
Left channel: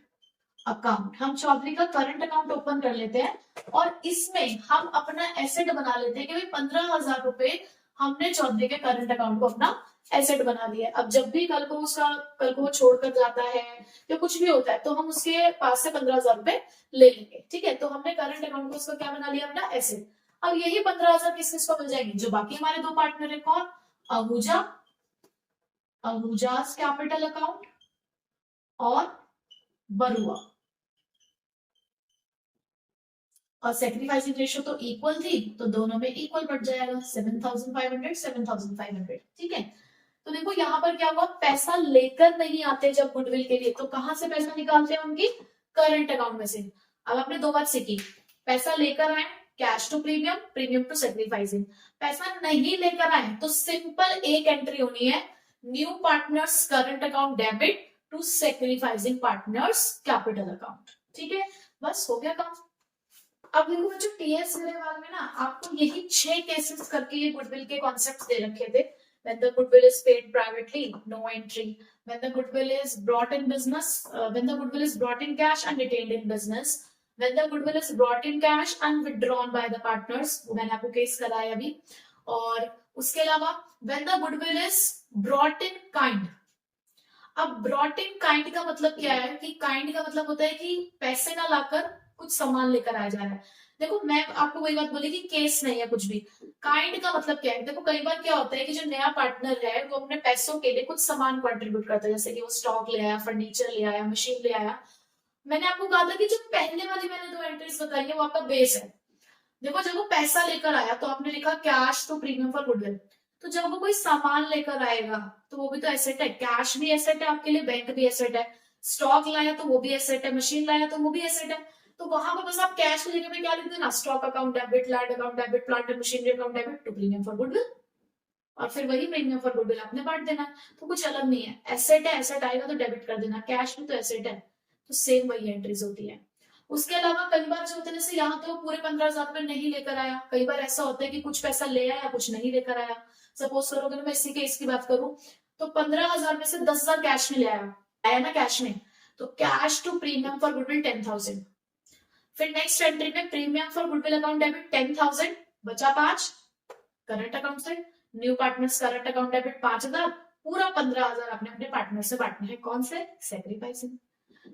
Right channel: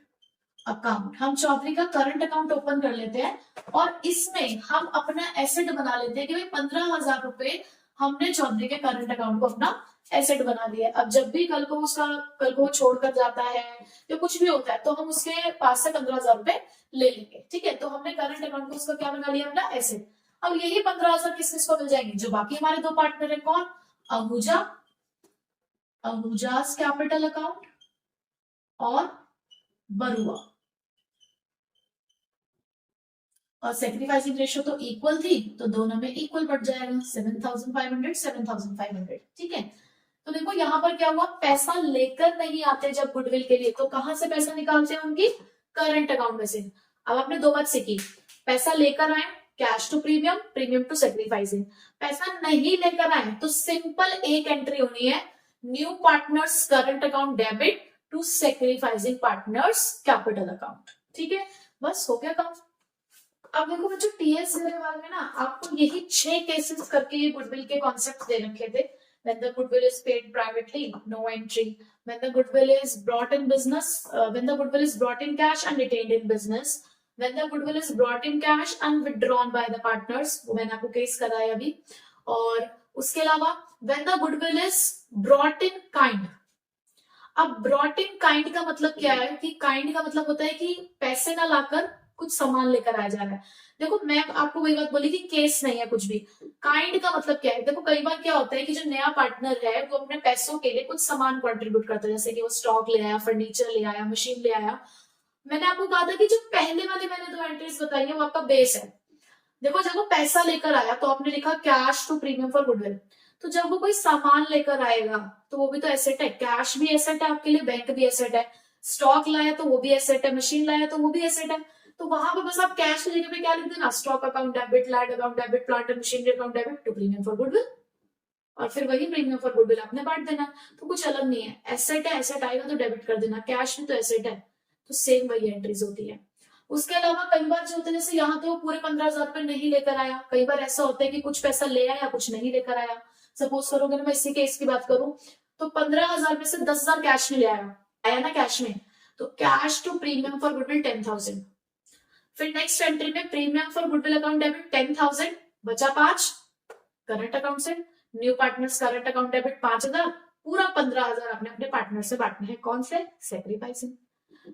अकाउंट। हम चौधरी का करंट अकाउंट ओपन कर लेते हैं और इसमें हम अपना एसेट बना लेते हैं कि भाई 15,000 रुपए हमने चौधरी के करंट अकाउंट को अपना एसेट बना लिया। अब जब भी कल को वो छोड़कर जाता है या कुछ भी होता है तो हम उसके पास से 15,000 रुपए ले लेंगे, ठीक है। तो हमने करंट अकाउंट को उसका क्या बना लिया, अपना एसेट। अब यही 15,000 किस किस को मिल जाएंगे, जो बाकी हमारे दो पार्टनर है, कौन, आहूजा, आहूजास कैपिटल अकाउंट और बरुआ। और सेक्रीफाइसिंग रेशियो तो इक्वल थी तो दोनों में इक्वल बढ़ जाएगा, 7,500 7,500, ठीक है। तो देखो यहाँ पर क्या हुआ, पैसा लेकर नहीं आते जब गुडविल के लिए, तो कहां से पैसा निकालते हैं, उनकी करंट अकाउंट में से। अब आपने दो बात सीखी, पैसा लेकर आए cash to premium, premium to sacrificing, पैसा नहीं लेकर आए तो सिंपल एक एंट्री होनी है, new partners current account debit to sacrificing partners capital account, ठीक है, बस हो गया काम। अब देखो बच्चों टीएस वाले में ना आपको यही 6 केसेस करके ये गुडविल के कॉन्सेप्ट दे रखे थे। When the goodwill is paid privately, no entry. When the goodwill is brought in business, when the goodwill is brought in cash and retained in business, when the goodwill is brought in cash and withdrawn by the partners, वो मैंने आपको केस कराया अभी। और उसके अलावा when the goodwill is brought in kind, अब ब्रॉट इन काइंड का मतलब क्या है कि काइंड का मतलब होता है कि पैसे ना लाकर कुछ सामान लेकर आया जा रहा है। देखो मैं आपको वही बात बोली कि केस नहीं है कुछ भी, काइंड का मतलब क्या है, देखो कई बार क्या होता है कि जो नया पार्टनर है वो अपने पैसों के लिए कुछ सामान कंट्रीब्यूट करता है, जैसे कि वो स्टॉक ले आया, फर्नीचर ले आया, मशीन ले आया। मैंने आपको कहा था कि जो पहले वाली मैंने 2 एंट्रीज बताई है वो आपका बेस है। देखो जब वो पैसा लेकर आया तो आपने लिखा cash to premium for goodwill, तो जब वो कोई सामान लेकर आएगा तो वो भी तो एसेट है, कैश भी एसेट है आपके लिए, बैंक भी एसेट है, स्टॉक लाया तो वो भी एसेट है, मशीन लाया तो वो भी एसेट है। तो वहां पर बस आप कैश की जगह पे क्या लिख देना, stock account debit, land account debit, plant and machinery account debit to premium for goodwill, और फिर वही प्रीमियम फॉर गुडविल आपने बांट देना। तो कुछ अलग नहीं है, एसेट है, एसेट आएगा तो डेबिट कर देना, कैश में तो एसेट है, तो सेम वही एंट्रीज होती है। उसके अलावा कई बार जो होता है जैसे यहाँ तो वो पूरे 15,000 रुपए नहीं लेकर आया, कई बार ऐसा होता है कि कुछ पैसा ले आया कुछ नहीं लेकर आया। सपोज करो अगर मैं इसी केस की बात करूं तो 15,000 में से 10,000 कैश में ले आया ना कैश में, तो cash to premium for goodwill 10,000। फिर नेक्स्ट एंट्री में premium for goodwill account debit 10,000, बचा 5 करंट अकाउंट से, new partners current account debit 5,000, पूरा 15,000 आपने अपने पार्टनर से बांटना है, कौन से, सेक्रीफाइसिंग।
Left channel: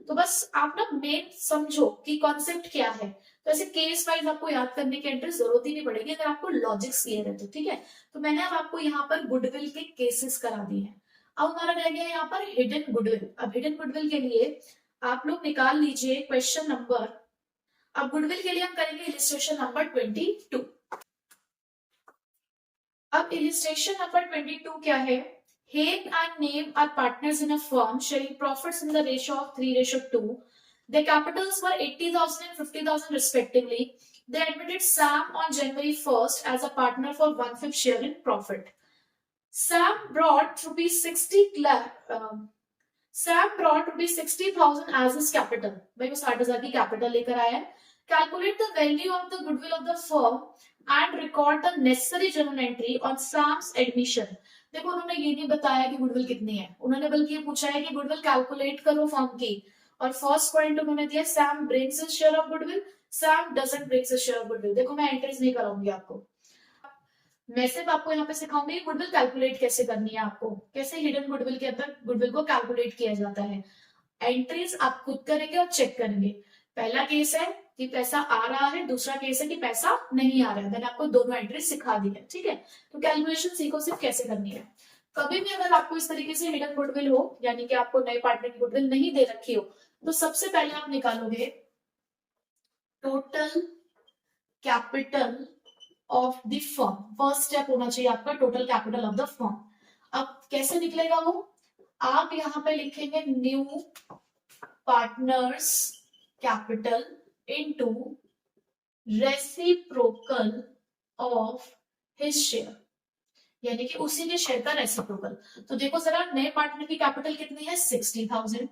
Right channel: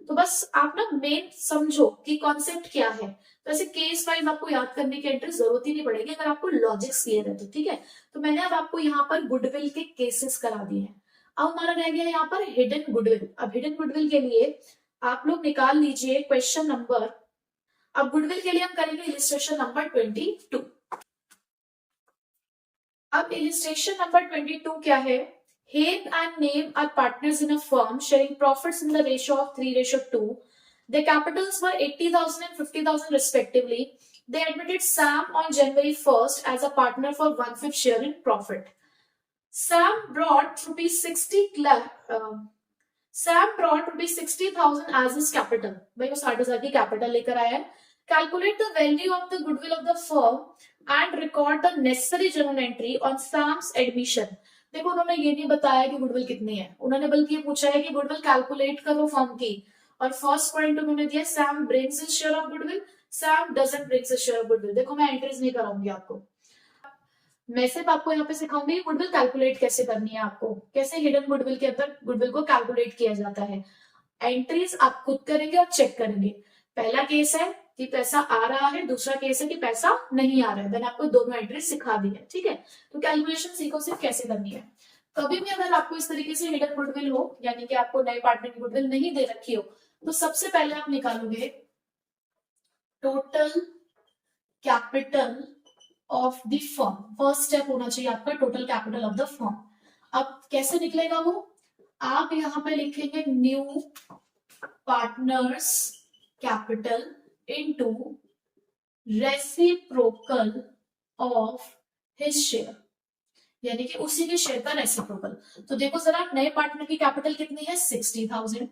तो बस आप ना मेन समझो कि कॉन्सेप्ट क्या है, तो ऐसे केस वाइज आपको याद करने की एंट्री जरूरत ही नहीं पड़ेगी अगर आपको लॉजिक क्लियर है तो, ठीक है। तो मैंने अब आपको यहाँ पर गुडविल के केसेस करा दिए हैं। अब हमारा रह गया यहाँ पर हिडन गुडविल। अब हिडन गुडविल के लिए आप लोग निकाल लीजिए क्वेश्चन नंबर, अब गुडविल के लिए हम करेंगे इलिस्ट्रेशन नंबर 22। अब इलिस्ट्रेशन नंबर 22 क्या है, Hain and Name are partners in a firm sharing profits in the ratio of 3:2. Their capitals were 80,000 and 50,000 respectively. They admitted Sam on January 1st as a partner for 1/5 share in profit. Sam brought rupees 60,000 as his capital. भाई वो 60,000 की कैपिटल लेकर आया है। Calculate the value of the goodwill of the firm and record the necessary journal entry on Sam's admission. देखो उन्होंने ये नहीं बताया कि गुडविल कितनी है, उन्होंने बल्कि ये पूछा है कि गुडविल कैलकुलेट करो फर्म की, और फर्स्ट पॉइंट उन्होंने दिया Sam brings his share of goodwill, Sam doesn't brings his share of goodwill. देखो मैं एंट्रीज नहीं कराऊंगी आपको, मैं सिर्फ आपको यहाँ पे सिखाऊंगी गुडविल कैलकुलेट कैसे करनी है, आपको कैसे हिडन गुडविल के अंदर गुडविल को कैलकुलेट किया जाता है। एंट्रीज आप खुद करेंगे और चेक करेंगे। पहला केस है कि पैसा आ रहा है, दूसरा केस है कि पैसा नहीं आ रहा है, मैंने आपको दोनों एंट्रीज सिखा दी है, ठीक है। तो कैलकुलेशन सीखो सिर्फ कैसे करनी है। कभी भी अगर आपको इस तरीके से हिडन गुडविल हो, यानी कि आपको नए पार्टनर की गुडविल नहीं दे रखी हो, तो सबसे पहले आप निकालोगे total capital of the firm. First step होना चाहिए आपका total capital of the firm. अब कैसे निकलेगा वो, आप यहाँ पे लिखेंगे new partners capital into reciprocal of his share, यानी कि उसी के शेयर का रेसिप्रोकल। तो देखो जरा, नए पार्टनर की कैपिटल कितनी है 60,000,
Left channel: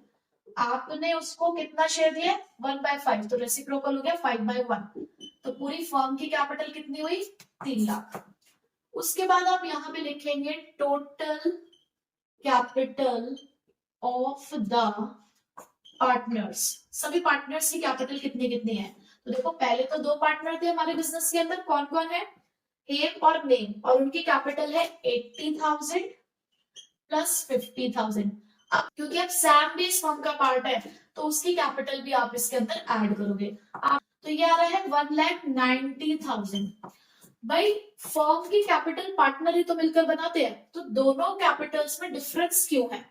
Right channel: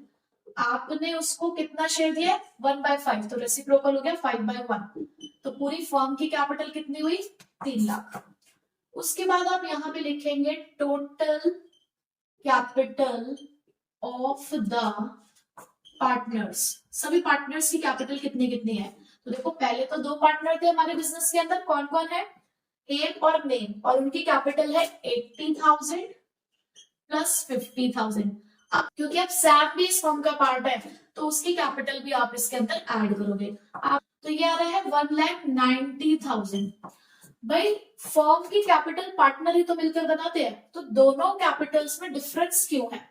आपने उसको कितना शेयर दिया 1/5, तो रेसिप्रोकल हो गया 5/1, तो पूरी फर्म की कैपिटल कितनी हुई 3 लाख। उसके बाद आप यहाँ पे लिखेंगे total capital of the partners, सभी पार्टनर्स की कैपिटल कितनी कितनी है। तो देखो पहले तो 2 पार्टनर थे हमारे बिजनेस के अंदर, कौन कौन है, हेम और नेम, और उनकी कैपिटल है 80,000 प्लस 50,000। अब क्योंकि अब सैम भी इस फर्म का पार्ट है तो उसकी कैपिटल भी आप इसके अंदर ऐड करोगे। आप तो ये आ रहा है 1,90,000। भाई फर्म की कैपिटल पार्टनर ही तो मिलकर बनाते हैं, तो दोनों कैपिटल्स में डिफरेंस क्यों है,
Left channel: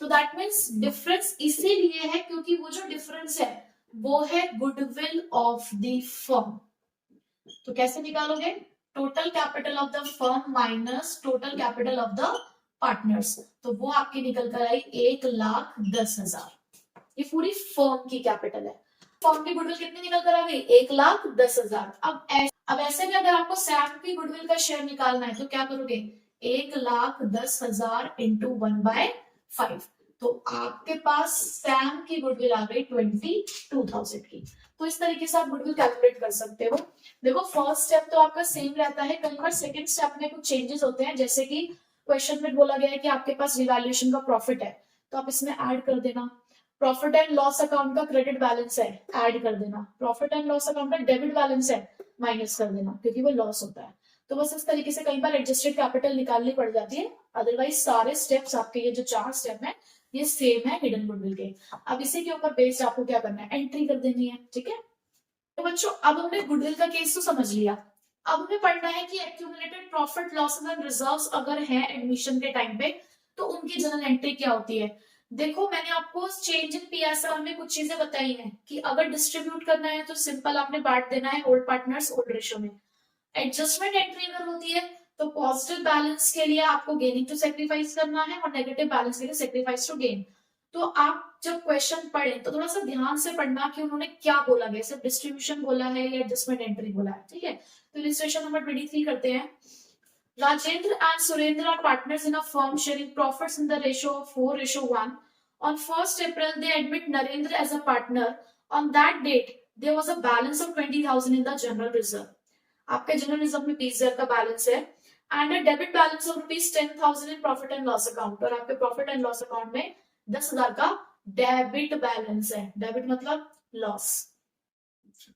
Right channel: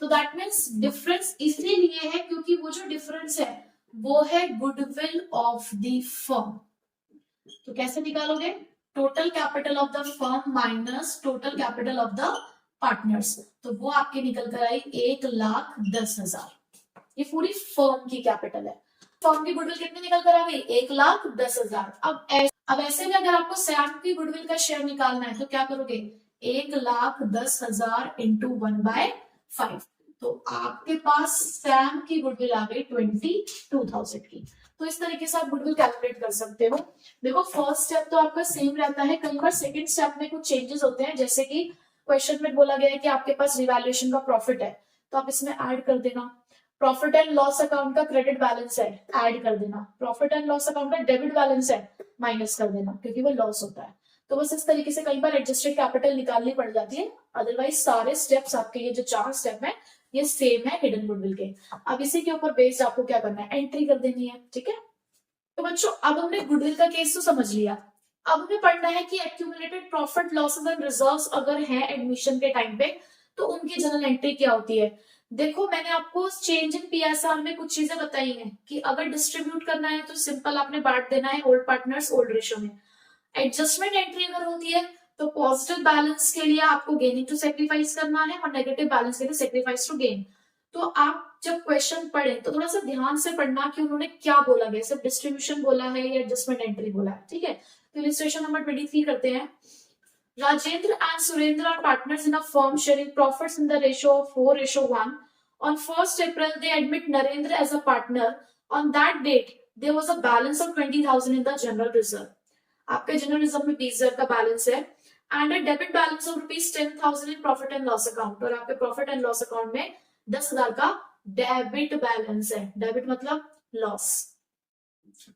तो दैट मीन्स डिफरेंस इसीलिए है क्योंकि वो जो डिफरेंस है वो है गुडविल ऑफ द फर्म। तो कैसे निकालोगे, total capital of the firm minus total capital of the partners, तो वो आपकी निकल कर आई 1,10,000। ये पूरी फर्म की कैपिटल है। फर्म की गुडविल कितनी निकल कर आ गई 1,10,000। अब ऐसे में अगर आपको सैम की गुडविल का शेयर निकालना है तो क्या करोगे, 1,10,000 इंटू 1/5, तो आपके पास सैम की गुडविल आ गई 22,000 की। तो इस तरीके से आप गुडविल कैलकुलेट कर सकते हो। देखो फर्स्ट स्टेप तो आपका सेम रहता है, कई बार सेकंड स्टेप में कुछ चेंजेस होते हैं, जैसे कि क्वेश्चन में बोला गया है कि आपके पास रिवैल्यूएशन का प्रॉफिट है तो आप इसमें ऐड कर देना, प्रॉफिट एंड लॉस अकाउंट का क्रेडिट बैलेंस है ऐड कर देना, प्रॉफिट एंड लॉस अकाउंट का डेबिट बैलेंस है माइनस कर देना क्योंकि वो लॉस होता है। तो बस इस तरीके से कई बार एडजस्टेड कैपिटल निकालनी पड़ जाती है, अदरवाइज सारे स्टेप्स आपके ये जो 4 स्टेप है ये सेम है हिडन गुडविल के। अब इसी के ऊपर बेस्ड आपको क्या करना है, एंट्री कर देनी है, ठीक है। तो बच्चों अब हमने गुडविल का केस तो समझ लिया, अब हमें पढ़ना है कि accumulated profit losses and reserves अगर है एडमिशन के टाइम पे तो उनकी जनरल एंट्री क्या होती है। देखो मैंने आपको चेंज इन पीएसआर में कुछ चीजें बताई हैं कि अगर डिस्ट्रीब्यूट करना है तो सिंपल आपने बांट देना है ओल्ड पार्टनर्स ओल्ड रेशियो में। एडजस्टमेंट एंट्री अगर होती है तो पॉजिटिव बैलेंस के लिए आपको गेनिंग टू सेक्रीफाइस करना है और नेगेटिव बैलेंस के लिए सेक्रीफाइस टू गेन। तो आप जब क्वेश्चन पढ़े तो थोड़ा सा ध्यान से पढ़ना कि उन्होंने क्या बोला गया, सिर्फ डिस्ट्रीब्यूशन बोला है या एडजस्टमेंट एंट्री बोला है, ठीक है। तो इलस्ट्रेशन नंबर 23 करते हैं। Rajendra and Surendra are partners in a firm sharing profits in the ratio of 4:1. On 1st April, they admit Narendra as a partner. On that date, there was a balance of 20,000 in the general reserve. आपके जनरल रिजर्व में 20,000 का बैलेंस है and a debit balance of ₹10,000 in profit and loss account, और आपके प्रॉफिट एंड लॉस अकाउंट में 10,000 का डेबिट बैलेंस है, डेबिट मतलब लॉस।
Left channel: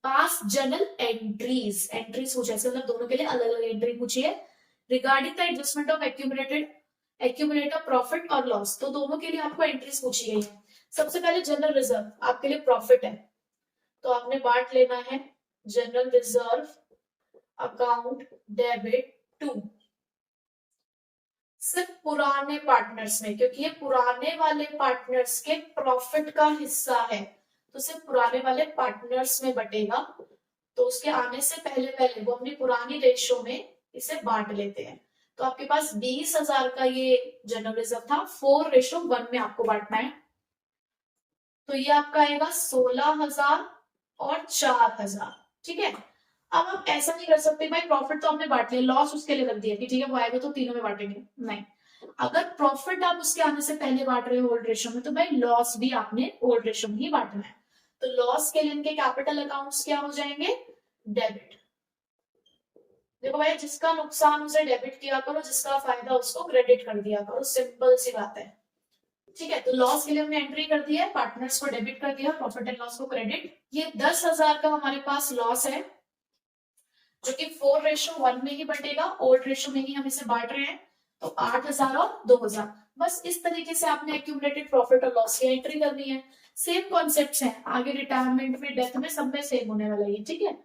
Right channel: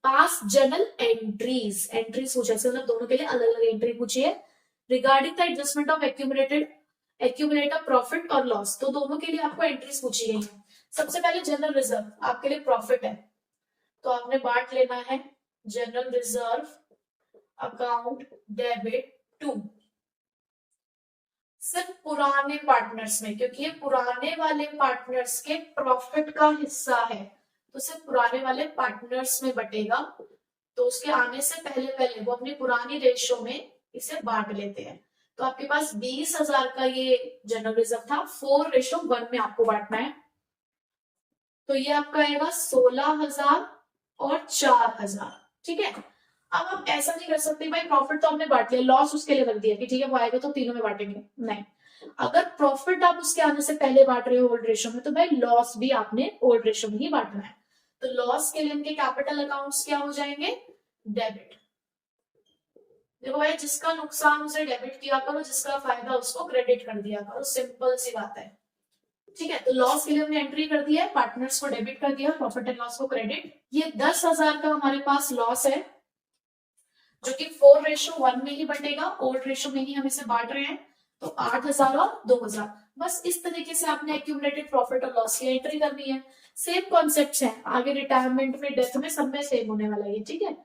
पास जनरल एंट्रीज, एंट्रीज पूछा है मतलब दोनों के लिए अलग अलग एंट्री पूछी है regarding the adjustment of accumulator profit और लॉस, तो दोनों के लिए आपको एंट्रीज पूछी गई है। सबसे पहले जनरल रिजर्व आपके लिए प्रॉफिट है तो आपने बांट लेना है general reserve account debit to सिर्फ पुराने पार्टनर्स में, क्योंकि ये पुराने वाले पार्टनर्स के प्रॉफिट का हिस्सा है तो सिर्फ पुराने वाले पार्टनर्स में बटेगा। तो उसके आने से पहले पहले वो अपनी पुरानी रेशियो में इसे बांट लेते हैं। तो आपके पास 20,000 का ये जनरल रिजर्व था, 4:1 में आपको बांटना है, तो ये आपका आएगा 16,000 और 4,000, ठीक है। अब आप ऐसा नहीं कर सकते भाई प्रॉफिट तो हमने बांट लिया, लॉस उसके लिए रख दिया कि ठीक है वो आएगा तो तीनों में बांटेंगे, नहीं। अगर प्रॉफिट आप उसके आने से पहले बांट रहे हो ओल्ड रेशियो में तो भाई लॉस भी आपने ओल्ड रेशियो में ही बांटना है। तो लॉस के लिए इनके कैपिटल अकाउंट्स क्या हो जाएंगे, डेबिट। देखो भाई जिसका नुकसान उसे डेबिट किया करो, जिसका फायदा उसको क्रेडिट कर दिया करो, सिंपल सी बात है, ठीक है। तो लॉस के लिए हमने एंट्री कर दिया है, पार्टनर्स को डेबिट कर दिया, प्रॉफिट एंड लॉस को क्रेडिट। ये 10,000 का हमारे पास लॉस है जो कि 4:1 में ही बटेगा, ओल्ड रेशियो में ही हम इसे बांट रहे हैं, तो 8,000 और 2,000। बस इस तरीके से आपने एक्यूमुलेटेड प्रॉफिट और लॉस की एंट्री करनी है। सेम कॉन्सेप्ट्स हैं, आगे रिटायरमेंट में डेथ में सब में सेम होने वाला है, ठीक है।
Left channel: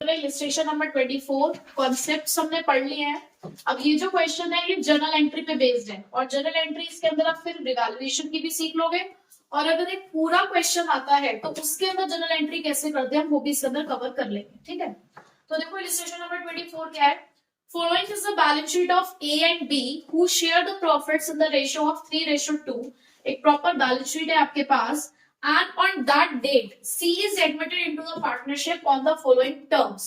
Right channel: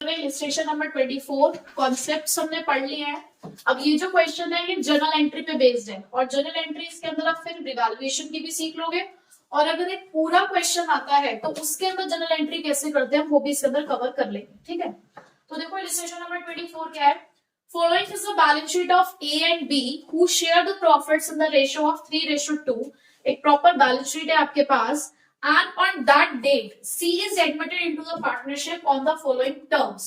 इलस्ट्रेशन नंबर 24 कॉन्सेप्ट्स हमने पढ़ लिए हैं। अब ये जो क्वेश्चन है ये जर्नल एंट्री पे बेस्ड है और जर्नल एंट्रीज के अंदर आप फिर रिवैल्यूएशन की भी सीख लोगे और अगर एक पूरा क्वेश्चन आता है तो उसके अंदर जनरल एंट्री कैसे करते हैं हम वो भी इसके अंदर कवर कर लेंगे, ठीक है। तो देखो इलस्ट्रेशन नंबर 24 क्या है, following is the balance sheet of A and B who share the profits in the ratio of 3:2। एक प्रॉपर बैलेंस शीट है आपके पास, and on that date C is admitted into the partnership on the following terms.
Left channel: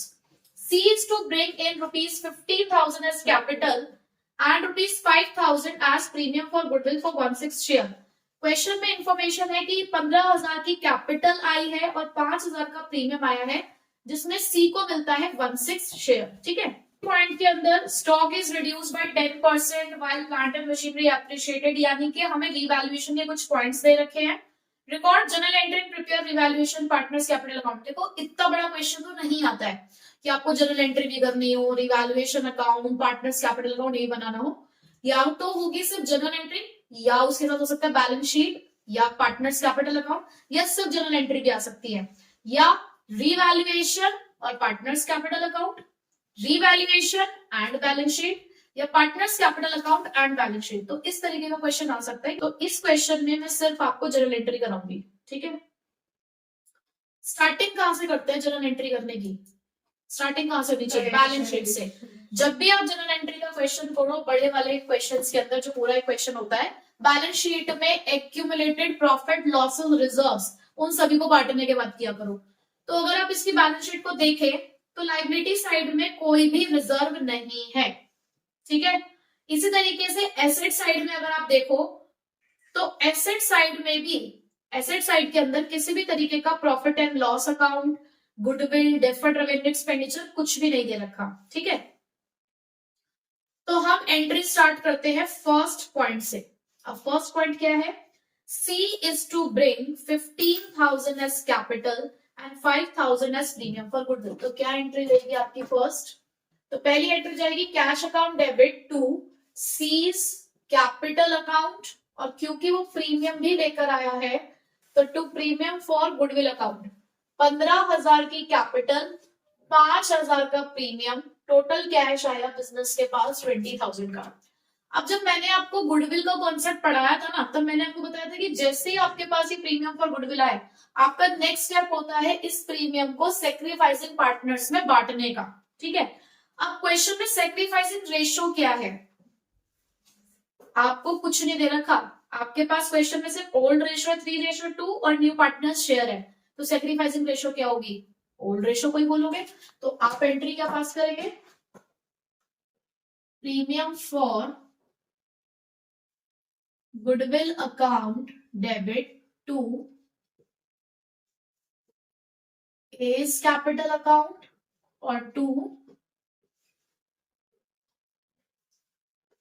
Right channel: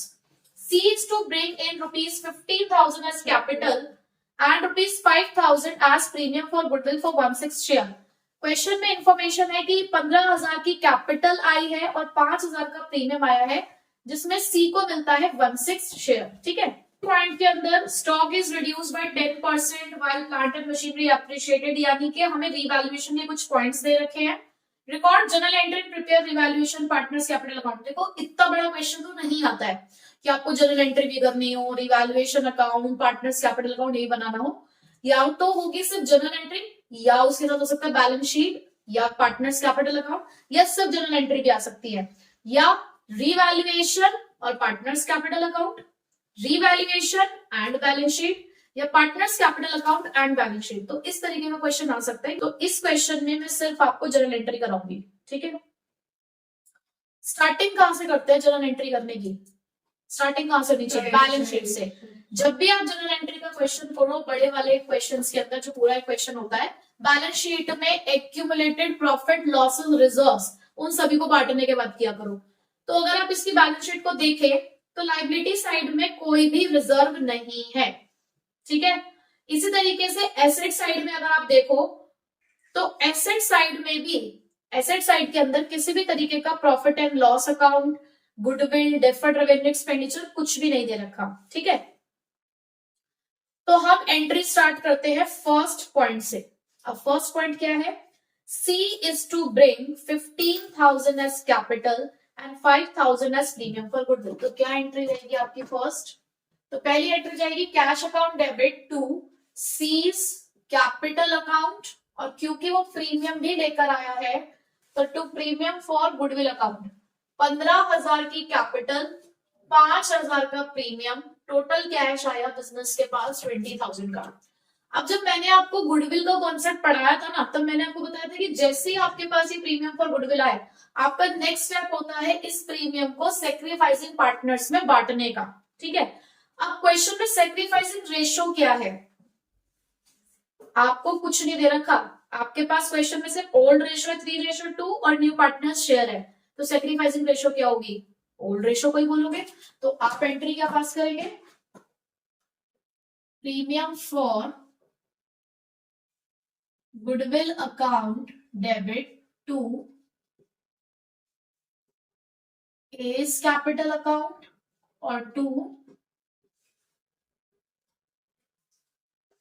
C is to bring in rupees 15,000 as capital and rupees 5,000 as premium for goodwill for 1/6 share। Question में इंफॉर्मेशन है कि 15,000 की कैपिटल आई है और 5,000 का प्रीमियम आया है जिसमें सी को मिलता है 1/6 शेयर, ठीक है। पॉइंट के अंदर stock is reduce by 10% while plant and machinery appreciated, यानी कि हमें रिवैल्यूएशन के कुछ पॉइंट्स दे रखे हैं। Record general entry prepare revaluation partners capital account. देखो इतना बड़ा क्वेश्चन तो नहीं आता है कि आपको जनरल एंट्री भी करनी हो, revaluation account, partners capital account ये बनाना हो, या तो होगी सिर्फ जनरल एंट्री या उसके साथ हो सकता है बैलेंस शीट या पार्टनर्स कैपिटल अकाउंट, या सिर्फ जनरल एंट्री भी आ सकती है, या रिवैल्यूएशन और partners capital account, revaluation and balance sheet, या partners capital account and balance sheet. तो इस तरीके का क्वेश्चन आ सकता है। तो इस क्वेश्चन में मैं सिर्फ आपको जनरल एंट्री कराऊंगी, ठीक है। स्टार्टिंग कहां से करते हैं जनरल एंट्री करने की, स्टार्टिंग कहां से होनी चाहिए, बैलेंस शीट से। जब भी आप जनरल एंट्री का क्वेश्चन पढ़ो, बड़े वाले क्वेश्चंस के अंदर जो पूरा एक क्वेश्चन होता है, बैलेंस शीट में एक्यूमुलेटेड प्रॉफिट लॉसेस रिजर्व्स उन सभी को बांटने के बाद किया करो। तो अगर आप इसकी बैलेंस शीट को देखें तो लायबिलिटी साइड में कोई भी रिजर्व नहीं है, ठीक है। इसी तरीके से एसेट साइड में अगर आप देखो तो एसेट साइड में भी, एसेट साइड के अंदर किसी भी तरीके का profit and loss account, goodwill, deferred revenue expenditure कुछ भी नहीं दे रखा, ठीक है। तो हम एंट्री स्टार्ट करते हैं फर्स्ट पॉइंट से। अब फर्स्ट पॉइंट क्या है, C is to bring 15,000 as capital and 5,000 as premium for goodwill। तो क्या एंट्री रहेगी आपकी फर्स्ट, तो पहली एंट्री जाएगी cash account debit to C's capital account, और क्योंकि वो प्रीमियम भी लेकर आया है तो to premium for goodwill account. 15,000 की कैपिटल, 5,000 का प्रीमियम, टोटल कैश आया बिजनेस के पास 20,000 का। अब जब मैंने आपको गुडविल का कॉन्सेप्ट पढ़ाया था ना, तब मैंने आपको बताया था कि जैसे ही आपके पास ये प्रीमियम फॉर गुडविल आए, आपका नेक्स्ट स्टेप होता है इस प्रीमियम को सेक्रीफाइसिंग पार्टनर्स में बांटने का, ठीक है। अब क्वेश्चन में सेक्रीफाइसिंग रेशियो क्या है, आपको कुछ नहीं दे रखा, आपके पास क्वेश्चन में सिर्फ ओल्ड रेशियो है 3:2 और न्यू पार्टनर्स शेयर है, तो सेक्रीफाइसिंग रेशियो क्या होगी, ओल्ड रेशियो को ही बोलोगे। तो आप एंट्री क्या पास करेंगे, premium for goodwill account debit to A's capital account और टू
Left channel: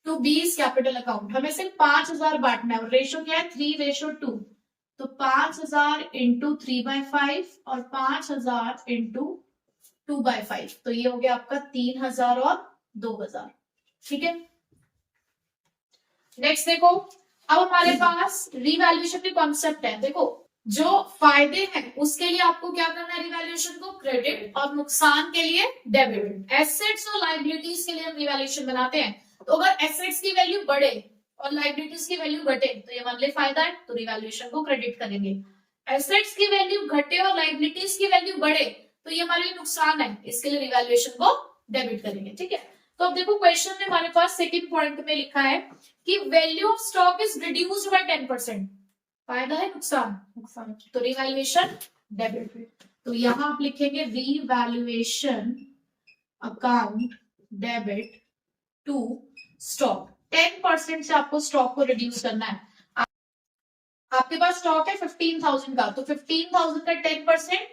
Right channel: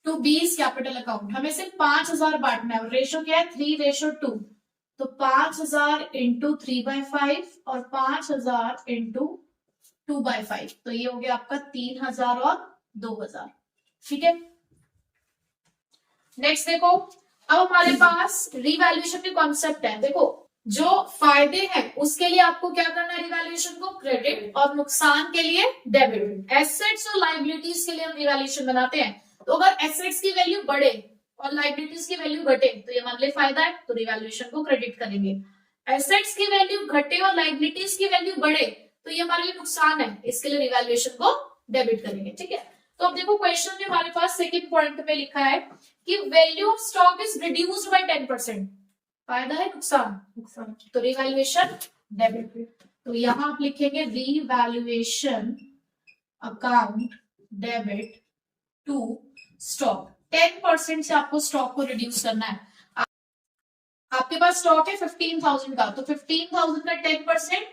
बीस कैपिटल अकाउंट। हमें सिर्फ 5,000 बांटना है और रेशो क्या है 3:2, तो 5,000 इंटू 3/5 और 5,000 इंटू 2/5, तो ये हो गया आपका 3,000 और 2,000, ठीक है। नेक्स्ट देखो, अब हमारे पास रिवैल्यूएशन के कॉन्सेप्ट है। देखो जो फायदे हैं उसके लिए आपको क्या करना है, रिवैल्यूएशन को क्रेडिट, और नुकसान के लिए डेबिट। एसेट्स और लायबिलिटीज के लिए हम रिवैल्यूएशन बनाते हैं, तो अगर एसेट्स की वैल्यू बढ़े और लायबिलिटीज की वैल्यू घटे तो ये हमारे लिए फायदा है, तो रिवैल्यूएशन को क्रेडिट करेंगे। एसेट्स की वैल्यू घटे और लायबिलिटीज की वैल्यू बढ़े तो ये हमारे लिए नुकसान है, इसके लिए रिवैल्यूएशन को डेबिट करेंगे, ठीक है। तो अब देखो क्वेश्चन में हमारे पास सेकंड पॉइंट में लिखा है कि value of stock is reduced by 10%, फायदा है नुकसान, तो रिवैल्यूएशन डेबिट। तो यहां आप लिखेंगे revaluation account debit to stock. 10% से आपको स्टॉक को रिड्यूस करना है। आपके पास स्टॉक है 15,000 का, तो 15,000 का 10%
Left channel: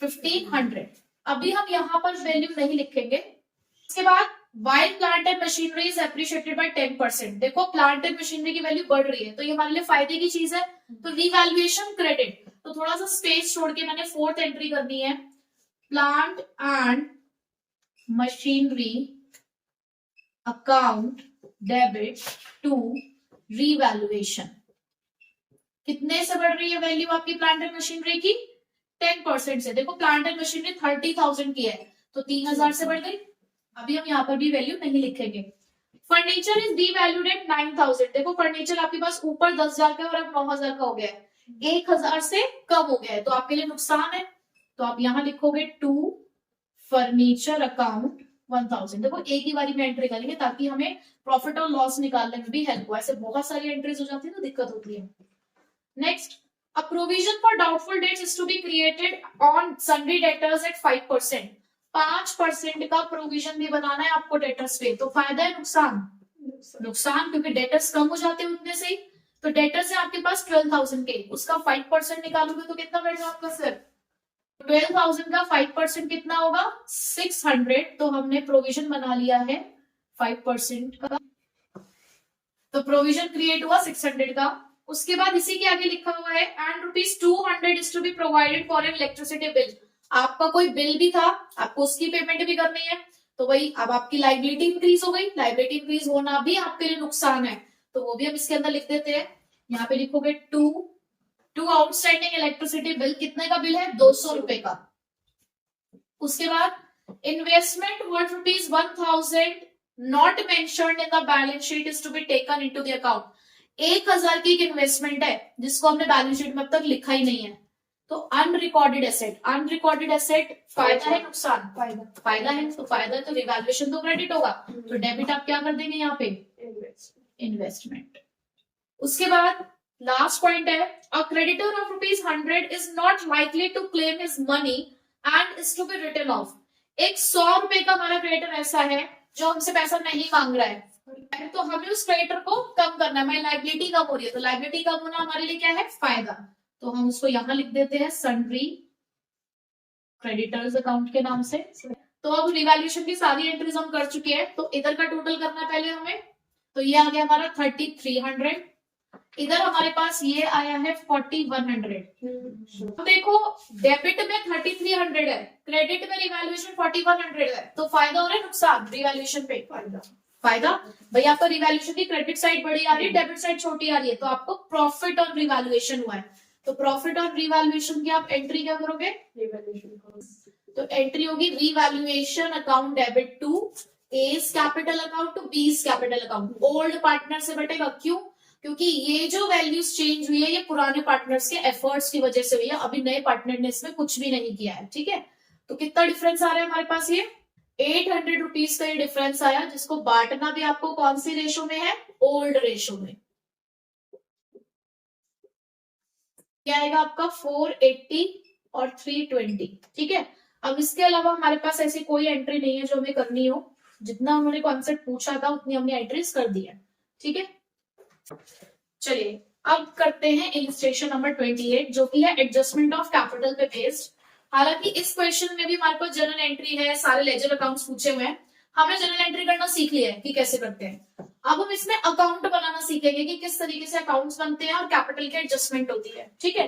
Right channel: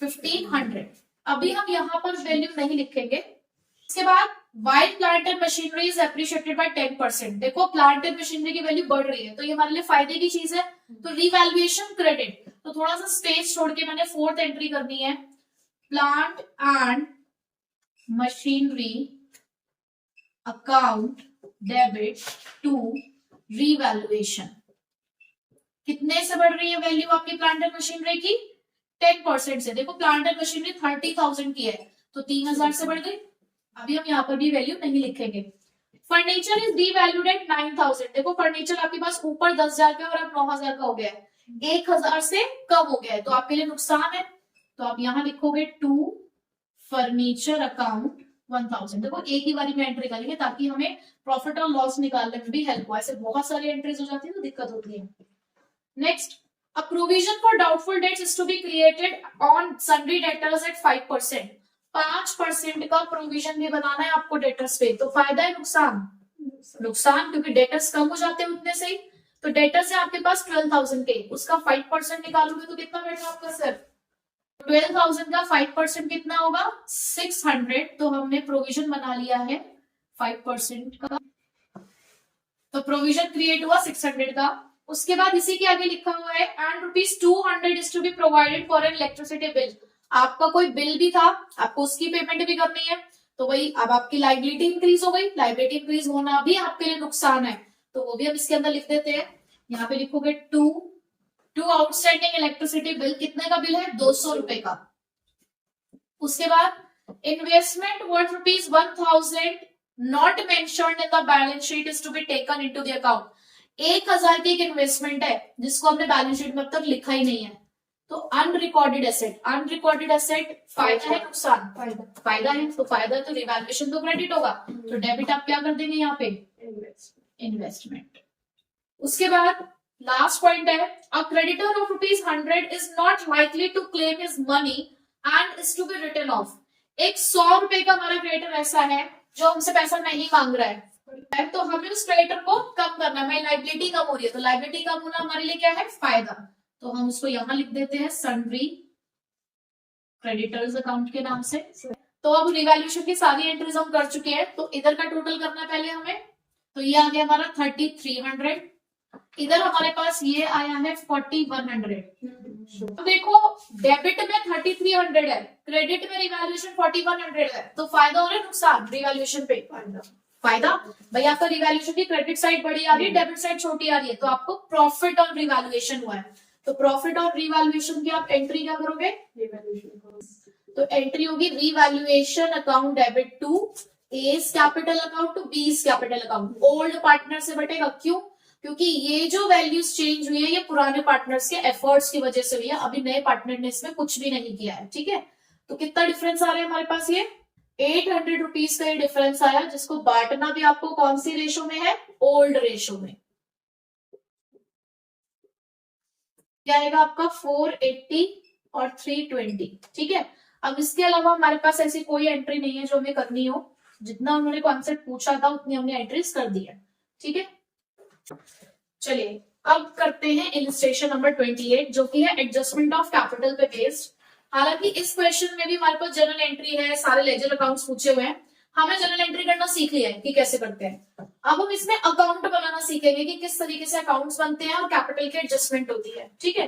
1,500। अभी हम यहाँ पर वैल्यू नहीं लिखेंगे। इसके बाद while plant and machinery is appreciated by 10%। देखो प्लांट एंड मशीनरी की वैल्यू बढ़ रही है तो ये हमारे लिए फायदे की चीज है, तो रिवैल्यूएशन क्रेडिट। तो थोड़ा सा स्पेस छोड़ के मैंने फोर्थ एंट्री करनी है, plant and machinery account debit to revaluation. कितने से बढ़ रही है वैल्यू आपकी प्लांट एंड मशीनरी की, 10% से। देखो प्लांट एंड मशीनरी 30,000 की है तो 3,000 से बढ़ गई। अभी हम यहाँ पर भी वैल्यू नहीं लिखेंगे। Furniture is devalued at 9,000। देखो फर्नीचर आपके पास ऊपर 10,000 का और अब 9,000 का हो गया है। 1000 से कम हो गया है तो आपके लिए नुकसान है। तो आप यहाँ लिखोगे टू फर्नीचर अकाउंट 1000। देखो एक ही बारी में एंट्री करेंगे ताकि हमें प्रॉफिट और लॉस निकालने में भी हेल्प हो। ऐसे बहुत सारी एंट्रीज हो जाती है तो दिक्कत होती है। Next, a provision for doubtful debts is to be created on sundry debtors at 5%। 5% का प्रोविजन भी बनाना है आपको डेटर्स पे। तो फायदा है नुकसान? नुकसान, क्योंकि डेटर्स कम हो जाते हैं उतने से ही। तो डेटर्स है आपके पास 12,000 के, उसका 5% निकालोगे तो कितना बैठा आपका सर? 12,000 का 5% कितना होगा? 600। तो हमने प्रोविजन बना लिया है 5% का, तो प्रोविजन क्रिएट हुआ 600 का। उसके बाद इसी के आगे लिखा हुआ है and ₹200 is to be provided for an electricity bill. आपका कोई बिल भी था, आपको उसकी पेमेंट भी करनी है, तो वही अब आपकी लाइबिलिटी इंक्रीज हो गई। लाइबिलिटी इंक्रीज होना भी आपके लिए नुकसान है, तो वो भी हम इसके अंदर लिख देते हैं। यहाँ पे लिखोगे टू आउटस्टैंडिंग इलेक्ट्रिसिटी बिल। कितने का बिल है? 200 रुपए का। उसके बाद investment worth ₹1,000 not mentioned in the balance sheet is to be taken into the account. 1000 की एक इन्वेस्टमेंट है जिसको हमने बैलेंस शीट में अब तक लिखा ही नहीं है, तो अनरिकॉर्डेड एसेट। अनरिकॉर्डेड एसेट फायदा है नुकसान? फायदा है। तो फायदा है तो रिवैल्यूएशन तो क्रेडिट होगा, तो डेबिट आप क्या कर देंगे यहाँ पे? इन्वेस्टमेंट। उसके बाद लास्ट पॉइंट है a creditor of ₹100 is not likely to claim his money and is to be written off. एक 100 रुपए का हमारा क्रेडिटर ऐसा है जो हमसे पैसा नहीं मांग रहा है, तो हमें उस क्रेडिटर को कम करना है। हमारी लाइबिलिटी कम हो रही है, तो लाइबिलिटी कम होना हमारे लिए क्या है? फायदा। तो हम उसको यहां लिख देते हैं सन्ड्री क्रेडिटर्स अकाउंट के नाम से। तो अब रिवैल्यूएशन की सारी एंट्रीज हम कर चुके हैं, तो इधर का टोटल करना है पहले हमें। तो ये आ गया हमारा 3300। इधर हमारे पास ये आया है 4100। तो देखो डेबिट में 3300 है, क्रेडिट में रिवैल्यूएशन 4100 है, तो फायदा हो रहा है नुकसान? रिवैल्यूएशन पे फायदा। भाई आपका रिवैल्यूएशन की क्रेडिट साइड बड़ी आ रही है, डेबिट साइड छोटी आ रही है, तो आपको प्रॉफिट और रिवैल्यूएशन हुआ है। तो प्रॉफिट और रिवैल्यूएशन की आप एंट्री क्या करोगे? तो एंट्री होगी revaluation account debit to A's capital account to B's capital account. Old partner से बटेगा, क्यों? क्योंकि ये जो वैल्यूज चेंज हुई है ये पुराने पार्टनर्स के एफर्ट्स की वजह से हुई है, अभी नए पार्टनर ने इसमें कुछ भी नहीं किया है। ठीक है, तो कितना डिफरेंस आ रहा है हमारे पास? ये 800 रुपीज का ये डिफरेंस आया, जिसको बांटना भी आपको कौन सी रेशो में है? ओल्ड रेशो में। क्या आएगा आपका? 480 और 320। ठीक है, अब इसके अलावा हमारे पास ऐसी कोई एंट्री नहीं है जो हमें करनी हो। जितना उन्होंने कॉन्सेप्ट पूछा था उतनी हमने एंट्रीज कर दी है। ठीक है, चलिए अब करते हैं इलिस्ट्रेशन नंबर 28 जो कि है एडजस्टमेंट ऑफ कैपिटल पे बेस्ड। हालांकि इस क्वेश्चन में भी हमारे पास जनरल एंट्री है, सारे लेजर अकाउंट्स पूछे हुए हैं, हमने जनरल एंट्री करना सीख लिया है कि कैसे करते हैं। अब हम इसमें अकाउंट बनाना सीखेंगे कि किस तरीके से अकाउंट्स बनते हैं और कैपिटल की एडजस्टमेंट होती है। ठीक है,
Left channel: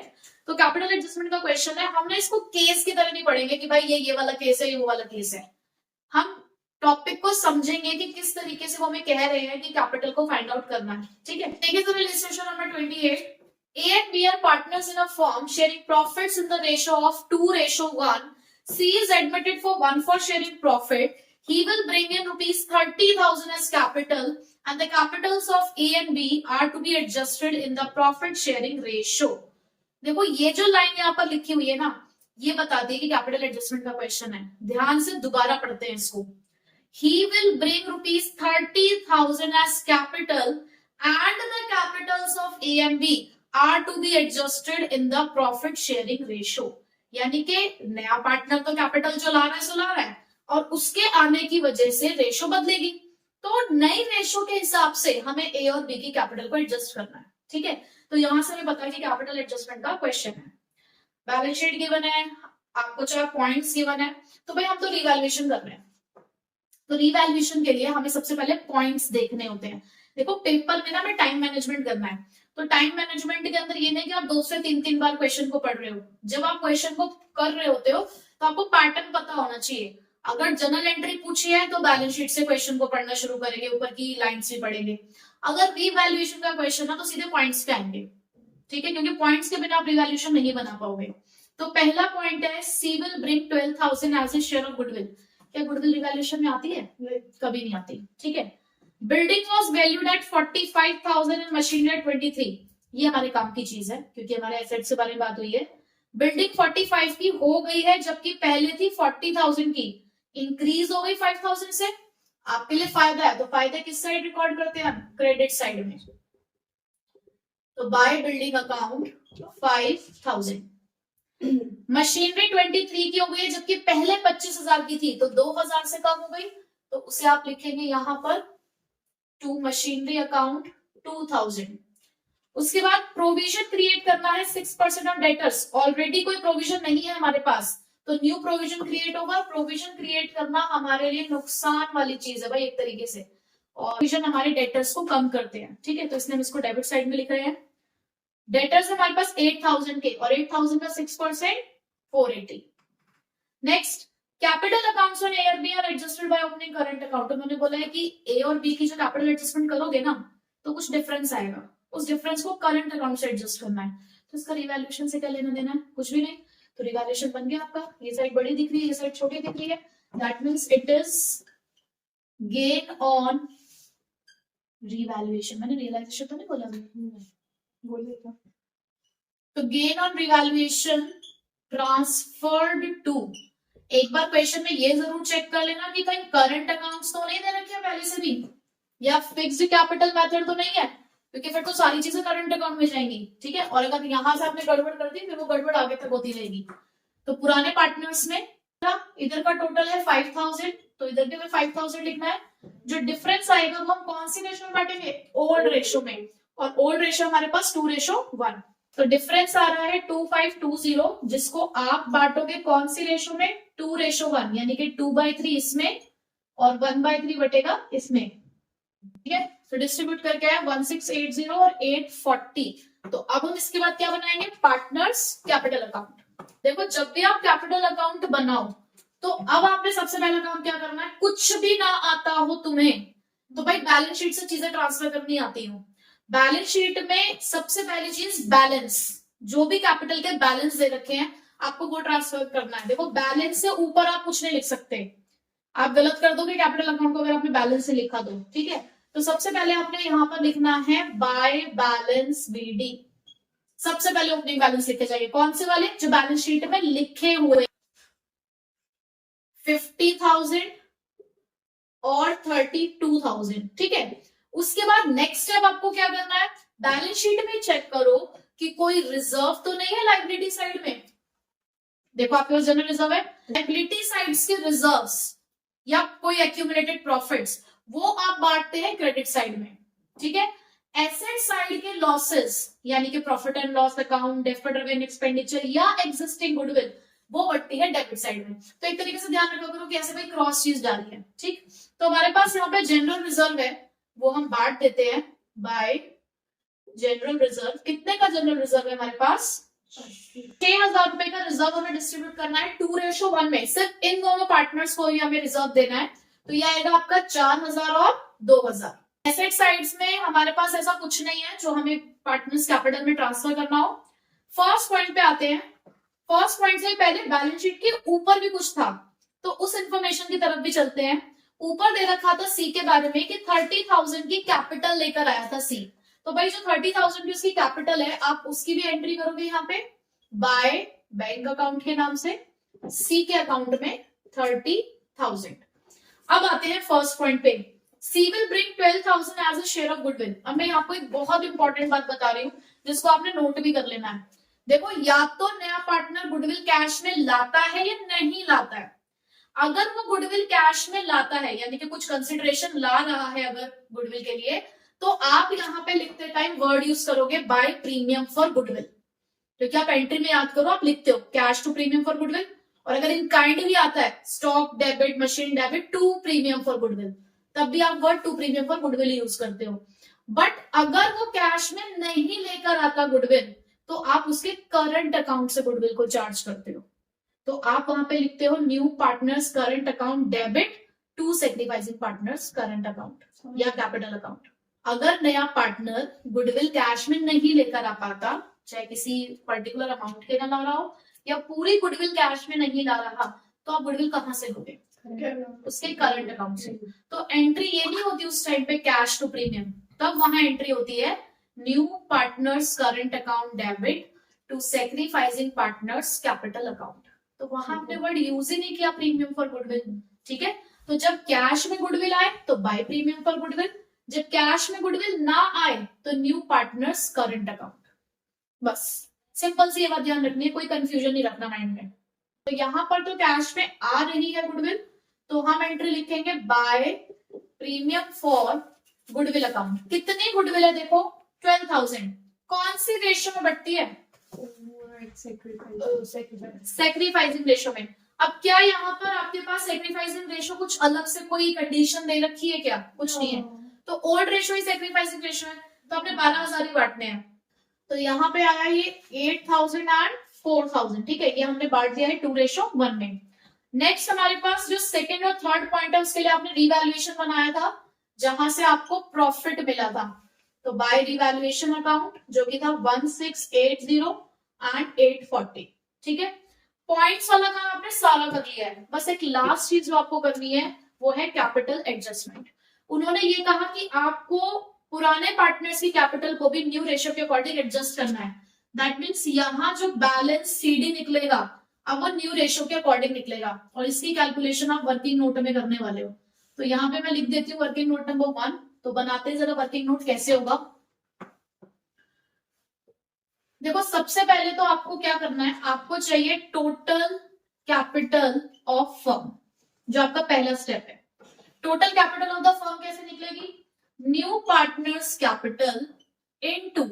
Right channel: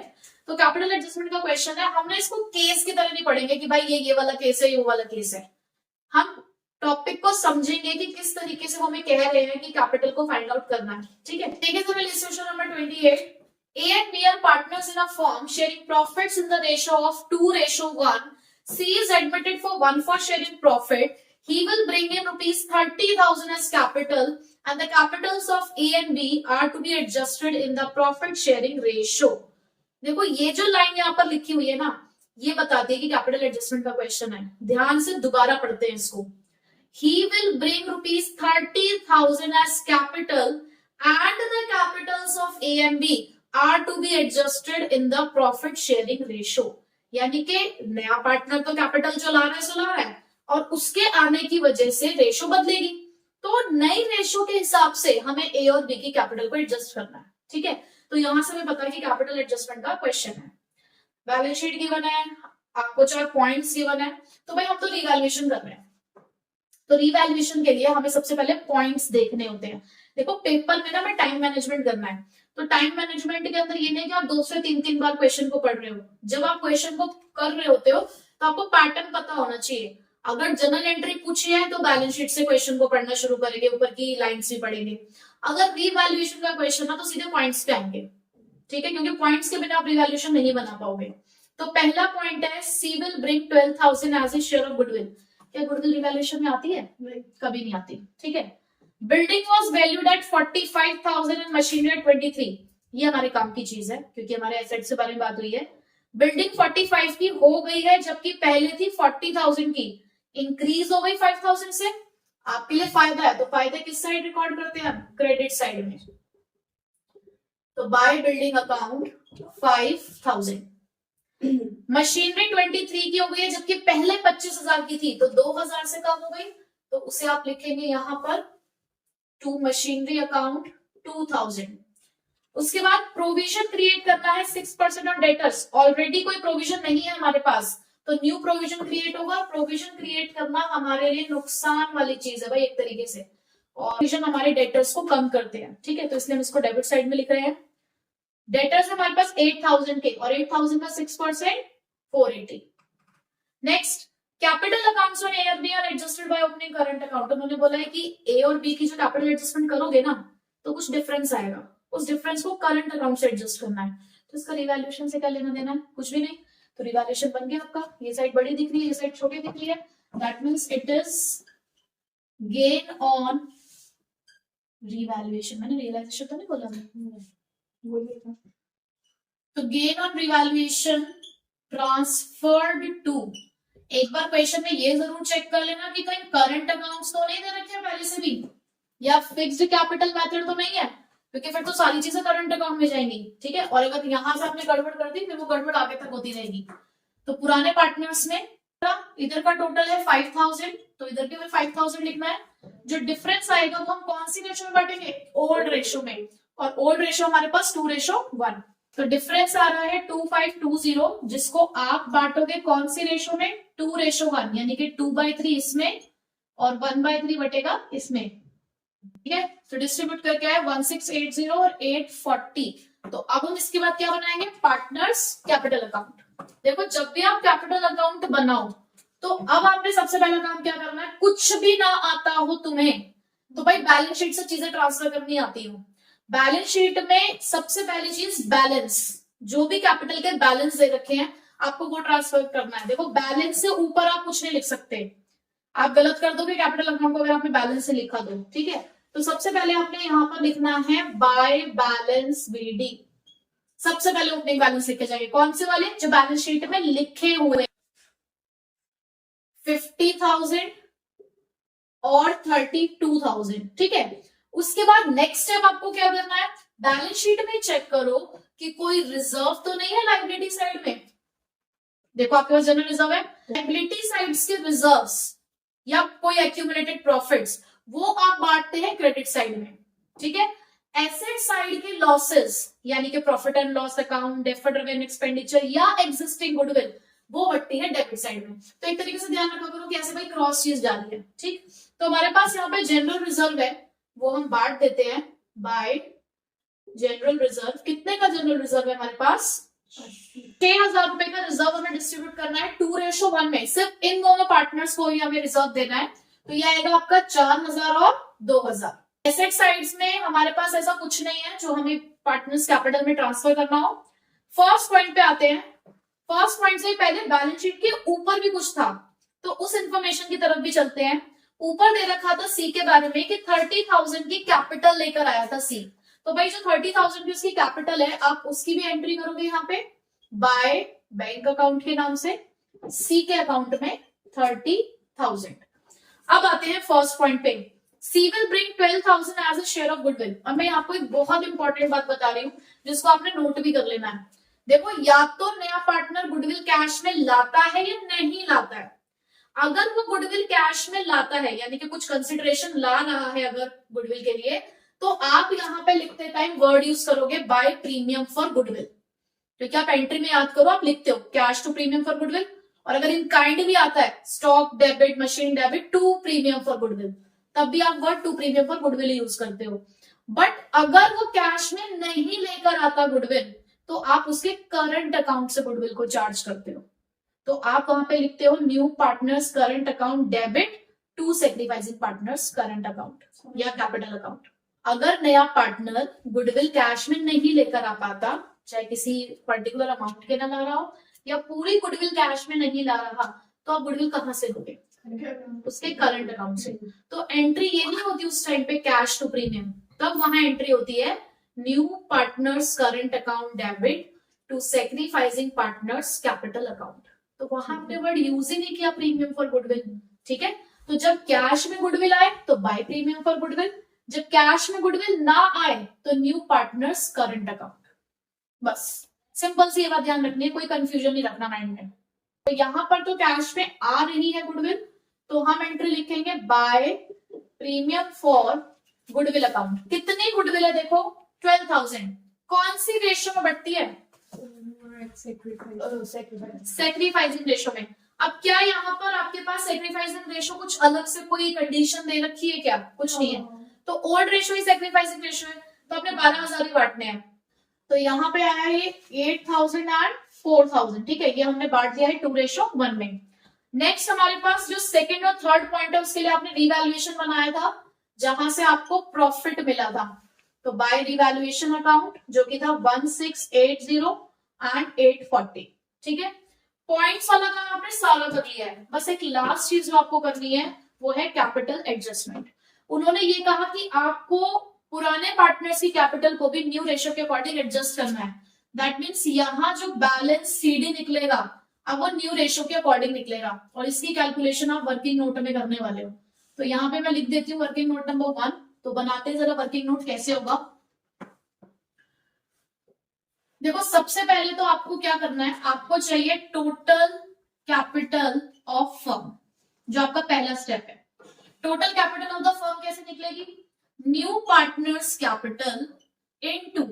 तो कैपिटल एडजस्टमेंट का क्वेश्चन है, हमने इसको केस की तरह नहीं पढ़ेंगे कि भाई ये वाला केस है, ये वाला केस है। हम टॉपिक को समझेंगे कि किस तरीके से वो हमें कह रहे हैं कि कैपिटल को फाइंड आउट करना है। ठीक है, देखिए तो illustration number 28। A and B are partners in a firm sharing profits in the ratio of 2:1. C is admitted for 1 for sharing profit. He will bring in ₹30,000 as capital and the capitals of A and B are to be adjusted in the profit sharing ratio. देखो ये जो लाइन यहाँ पर लिखी हुई है ना, ये बताती है कि कैपिटल एडजस्टमेंट का क्वेश्चन है। ध्यान से दोबारा पढ़ते हैं इसको। He will bring ₹30,000 as capital and the capitals of A and B are to be adjusted in the profit sharing ratio। यानी कि नया पार्टनर तो कैपिटल जो ला रहा है और उसके आने की वजह से रेशो बदलेगी, तो नई रेशो के हिसाब से हमें ए और बी की कैपिटल को एडजस्ट करना है। ठीक है, तो यहां से हमें पता है कि कैपिटल एडजस्टमेंट का क्वेश्चन है। बैलेंस शीट गिवन है, आपको चाहे पॉइंट्स गिवन है, तो भाई हम तो रिवैल्यूएशन कर रहे हैं, तो रिवैल्यूएशन के लिए हमें सबसे पहले पॉइंट्स देखने होते हैं। देखो पेपर में ना हमें टाइम मैनेजमेंट करना है, तो टाइम मैनेजमेंट के अंदर ये नहीं कि आप 2 से 3 बार क्वेश्चन को पढ़ रहे हो। जब आप क्वेश्चन को कर रहे होते हो तो आपको पैटर्न पता होना चाहिए। अगर जनरल एंट्री पूछी है तो बैलेंस शीट से क्वेश्चन को पढ़ना शुरू करेंगे, ऊपर की लाइन्स भी पढ़ेंगे। अगर रिवैल्यूएशन का क्वेश्चन है तो सीधे पॉइंट्स पे आएंगे। ठीक है, क्योंकि पॉइंट्स के बिना आप रिवैल्यूएशन नहीं बना पाओगे। तो पहला पॉइंट है C will bring 12,000 as a share of goodwill. क्या गुडविल रिवैल्यूएशन में आती है? कभी नहीं आती। ठीक है, building was valued at 45,000 and machinery at 23। ये हमारे काम की चीज है क्योंकि हमारे एसेट्स के बारे में बात हुई है। बिल्डिंग 45 की हो गई है जबकि पहले थी 40,000 की, इंक्रीज हो गई 5,000 से। आपके लिए फायदा है, तो फायदा किस साइड रिकॉर्ड करते हैं हम? क्रेडिट साइड में। तो बाय बिल्डिंग अकाउंट 5,000। मशीनरी 23 की हो गई है जबकि पहले 25,000 की थी, तो 2,000 से कम हो गई, तो उसे आप लिखेंगे यहां पर टू मशीनरी अकाउंट 2,000। उसके बाद प्रोविजन क्रिएट करना है 6% ऑन डेटर्स। ऑलरेडी कोई प्रोविजन नहीं है हमारे पास, तो न्यू प्रोविजन क्रिएट होगा। प्रोविजन क्रिएट करना हमारे लिए नुकसान वाली चीज है भाई एक तरीके से, और प्रोविजन हमारे डेटर्स को कम करते हैं, ठीक है। तो इसलिए हम इसको डेबिट साइड में लिख रहे हैं। डेटर्स हमारे पास 8,000 के, और 8,000 का 6% 480। Next, capital accounts on A और B are adjusted by opening current account. उन्होंने बोला है कि ए और बी की जो कैपिटल एडजस्टमेंट करोगे ना, तो कुछ डिफरेंस आएगा, उस डिफरेंस को करंट अकाउंट से एडजस्ट करना है। तो इसका रिवैल्यूएशन से क्या लेना देना है? कुछ भी नहीं। तो रिवैल्यूएशन बन गया आपका, ये साइड बड़ी दिख रही है, ये साइड छोटी दिख रही है, that means it is gain on revaluation. मैंने रियलाइजेशन तो नहीं बोला बोलिएगा। तो gain on revaluation transferred to, एक बार क्वेश्चन में ये जरूर चेक कर लेना कि कहीं करंट अकाउंट्स तो नहीं दे रखे पहले से भी, या फिक्स्ड कैपिटल मेथड तो नहीं है, क्योंकि फिर तो सारी चीजें करंट अकाउंट में जाएंगी, ठीक है। और अगर यहां से आपने गड़बड़ कर दी फिर वो गड़बड़ आगे तक होती रहेगी। तो पुराने पार्टनर्स में इधर का टोटल है 5,000, तो इधर के भी 5,000 लिखना है। जो डिफरेंस आएगा वो हम कौन सी रेशो में बांटेंगे? ओल्ड रेशो में, और ओल्ड रेशो हमारे पास 2:1। तो डिफरेंस आ रहा है 2520, जिसको आप बांटोगे कौन सी रेशो में? 2:1, यानी कि 2/3 इसमें और 1/3 बटेगा इसमें, ठीक है। तो डिस्ट्रीब्यूट करके आया 1680 और 840। तो अब हम इसके बाद क्या बनाएंगे? Partners capital account. देखो, जब भी आप कैपिटल अकाउंट बनाओ तो अब आपने सबसे पहला काम क्या करना है? कुछ भी ना आता हो तुम्हें तो भाई बैलेंस शीट से चीजें ट्रांसफर करनी आती हो। बैलेंस शीट में सबसे पहली चीज बैलेंस, जो भी कैपिटल के बैलेंस दे रखे हैं आपको वो ट्रांसफर करना है। देखो, बैलेंस से ऊपर आप कुछ नहीं लिख सकते, आप गलत कर दोगे कैपिटल अकाउंट को अगर आपने बैलेंस से लिखा दो, ठीक है। तो सबसे पहले आपने यहाँ पर लिखना है बाय बैलेंस बीडी। सबसे पहले ओपनिंग बैलेंस लिखे जाएंगे, कौन से वाले? जो बैलेंस शीट में लिखे हुए 50,000 और 32,000, ठीक है। उसके बाद नेक्स्ट स्टेप आपको क्या करना है? बैलेंस शीट में चेक करो कि कोई रिजर्व तो नहीं है लाइबिलिटी साइड में। देखो, आपके पास जनरल रिजर्व है, लाइबिलिटी साइड्स के रिजर्व्स या कोई एक्यूमुलेटेड प्रॉफिट्स वो आप बांटते हैं क्रेडिट साइड में, ठीक है। एसेट साइड के लॉसेस यानी कि profit and loss account, deferred revenue expenditure या एग्जिस्टिंग गुडविल वो बढ़ती है डेबिट साइड में। तो एक तरीके से ध्यान रखा करो कि ऐसे भाई क्रॉस चीज डाली है, ठीक। तो हमारे पास यहाँ पे जनरल रिजर्व है, वो हम बांट देते हैं बाय जनरल रिजर्व। कितने का जनरल रिजर्व है हमारे पास? 6,000 रुपए का रिजर्व हमें डिस्ट्रीब्यूट करना है 2:1 में। सिर्फ इन दोनों पार्टनर्स को ही हमें रिजर्व देना है, तो यह आएगा आपका 4,000 और 2,000। एसेट साइड्स में हमारे पास ऐसा कुछ नहीं है जो हमें पार्टनर्स कैपिटल में ट्रांसफर करना हो। फर्स्ट पॉइंट पे आते हैं। फर्स्ट पॉइंट से पहले बैलेंस शीट के ऊपर भी कुछ था, तो उस इंफॉर्मेशन की तरफ भी चलते हैं। ऊपर दे रखा था सी के बारे में कि 30,000 की कैपिटल लेकर आया था सी। तो भाई जो 30,000 की उसकी कैपिटल है, आप उसकी भी एंट्री करोगे यहाँ पे बाय बैंक अकाउंट के नाम से, सी के अकाउंट में 30,000। अब आते हैं फर्स्ट पॉइंट पे, C will bring 12,000 as a share of goodwill. अब मैं आपको एक बहुत इंपॉर्टेंट बात बता रही हूँ जिसको आपने नोट भी कर लेना है। देखो, या तो नया पार्टनर गुडविल कैश में लाता है या नहीं लाता है। अगर वो गुडविल कैश में लाता है यानी कि कुछ कंसिडरेशन ला रहा है अगर गुडविल के लिए, तो आप यहाँ पे लिखते टाइम वर्ड यूज करोगे बाय प्रीमियम फॉर गुडविल। तो क्या आप एंट्री में याद करो, आप लिखते हो cash to premium for goodwill, और अगर इन काइंड भी आता है stock debit machine debit to premium for goodwill, तब भी आप word to premium for goodwill use करते हो। बट अगर वो कैश में नहीं लेकर आता गुडविल, तो आप उसके करंट अकाउंट से गुडविल को चार्ज करते हो। तो आप वहां पे लिखते हो new partners current account debit to sacrificing partners current account या कैपिटल अकाउंट। अगर नया पार्टनर गुडविल कैश में नहीं लेकर आ पाता, चाहे किसी पर्टिकुलर अमाउंट के ना ला रहा हो या पूरी गुडविल कैश में नहीं ला रहा, तो आप गुडविल कहां से लोगे? उसके करंट अकाउंट से। तो एंट्री ये नहीं होती उस टाइम पे कैश टू प्रीमियम, तब वहां एंट्री होती है new partners current account debit to sacrificing partners capital account. तो वहां हमने वर्ड यूज ही नहीं किया प्रीमियम फॉर गुडविल। ठीक है, तो जब कैश में गुडविल आए तो बाय प्रीमियम फॉर गुडविल, जब कैश में गुडविल ना आए तो न्यू पार्टनर्स करंट अकाउंट। बस सिंपल सी ये बात ध्यान रखनी है, कोई कंफ्यूजन नहीं रखना माइंड में। तो यहां पर तो कैश में आ रही है गुडविल, तो हम एंट्री लिखेंगे by premium for goodwill account. कितनी गुडविल है देखो 12,000। कौन सी रेशियो में बढ़ती है? सेक्रीफाइसिंग रेशियो में। अब क्या यहाँ पर आपके पास सेक्रीफाइसिंग रेशियो कुछ अलग से कोई कंडीशन दे रखी है क्या? कुछ नहीं है। तो ओल्ड रेशियो ही सेक्रीफाइसिंग रेशियो है, तो आपने 12,000 ही बांटने हैं। तो यहाँ पे आया ये 8,000 एंड 4,000। ठीक है, ये हमने बांट दिया है 2:1 में। नेक्स्ट हमारे पास जो सेकेंड और थर्ड पॉइंट है उसके लिए आपने रिवैल्यूएशन बनाया था, जहां से आपको प्रॉफिट मिला था। तो बाय रिवैल्यूएशन अकाउंट जो कि था 1680 एंड 840। ठीक है, पॉइंट्स वाला काम आपने सारा कर लिया है। बस एक लास्ट चीज जो आपको करनी है वो है कैपिटल एडजस्टमेंट। उन्होंने ये कहा कि आपको पुराने पार्टनर्स की कैपिटल को भी न्यू रेशियो के अकॉर्डिंग एडजस्ट करना है। दैट मीन्स यहाँ जो बैलेंस सीडी निकलेगा अब वो न्यू रेशियो के अकॉर्डिंग निकलेगा, और इसकी कैलकुलेशन आप वर्किंग नोट में करने वाले हो। तो यहाँ पे मैं लिख देती हूँ वर्किंग नोट नंबर 1। तो बनाते हैं जरा वर्किंग नोट कैसे होगा। देखो सबसे पहले तो आपको क्या करना है, आपको चाहिए टोटल कैपिटल ऑफ फर्म, जो आपका पहला स्टेप है। Total capital of the firm कैसे निकलेगी? New partners capital into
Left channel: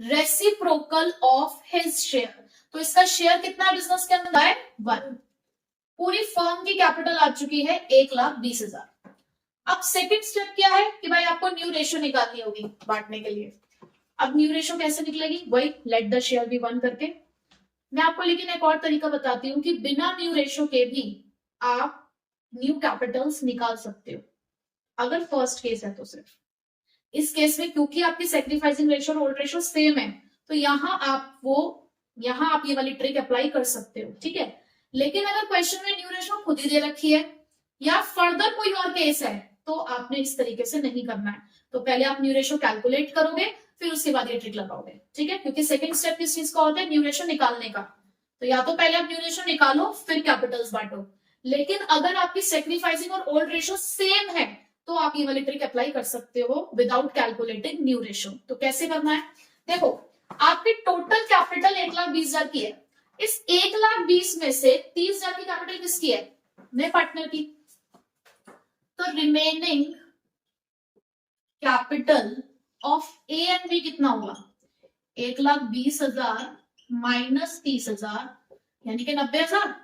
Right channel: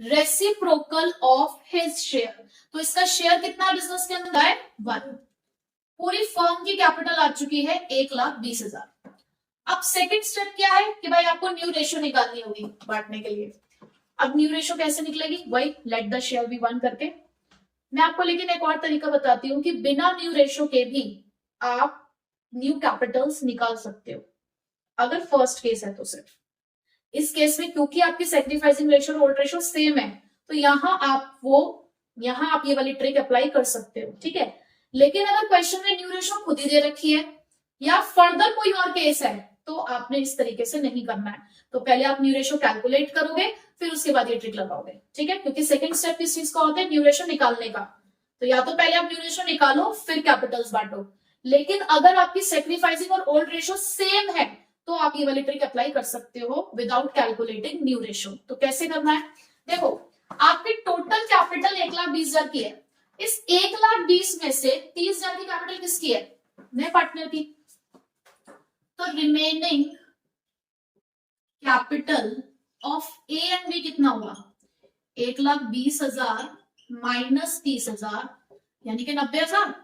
reciprocal of his share. तो इसका शेयर कितना है बिजनेस के अंदर? बाय 1। पूरी फर्म की कैपिटल आ चुकी है 1,20,000। अब सेकंड स्टेप क्या है कि भाई आपको न्यू रेशियो निकालनी होगी बांटने के लिए। अब न्यू रेशियो कैसे निकलेगी? वही लेट द शेयर बी 1 करके। मैं आपको लेकिन एक और तरीका बताती हूँ कि बिना न्यू रेशियो के भी आप न्यू कैपिटल्स निकाल सकते हो, अगर फर्स्ट केस है तो सिर्फ। इस केस में क्योंकि आपकी सेक्रीफाइसिंग रेशियो और ओल्ड रेशियो सेम है, तो यहाँ आप ये वाली ट्रिक अप्लाई कर सकते हो। ठीक है, लेकिन अगर क्वेश्चन में न्यू रेशियो खुद ही दे रखी है या फर्दर कोई और केस है तो आपने इस तरीके से नहीं करना है। तो पहले आप न्यू रेशियो कैलकुलेट करोगे, फिर उसके बाद ये ट्रिक लगाओगे। ठीक है, क्योंकि सेकंड स्टेप किस चीज का होता है? न्यू रेशियो निकालने का। तो या तो पहले आप न्यू रेशियो निकालो फिर कैपिटल्स बांटो। लेकिन अगर आपकी सेक्रीफाइसिंग और ओल्ड रेशियो सेम है तो आप ये वाली ट्रिक अप्लाई कर सकते हो विदाउट कैलकुलेटिंग न्यू रेशियो। तो कैसे करना है? देखो आपकी टोटल कैपिटल 1,20,000 की है। इस 1,20,000 में से 30,000 की कैपिटल किसकी है? नए पार्टनर की। तो remaining capital of A and B कितना होगा? 1,20,000 माइनस 30,000 यानी कि 90,000।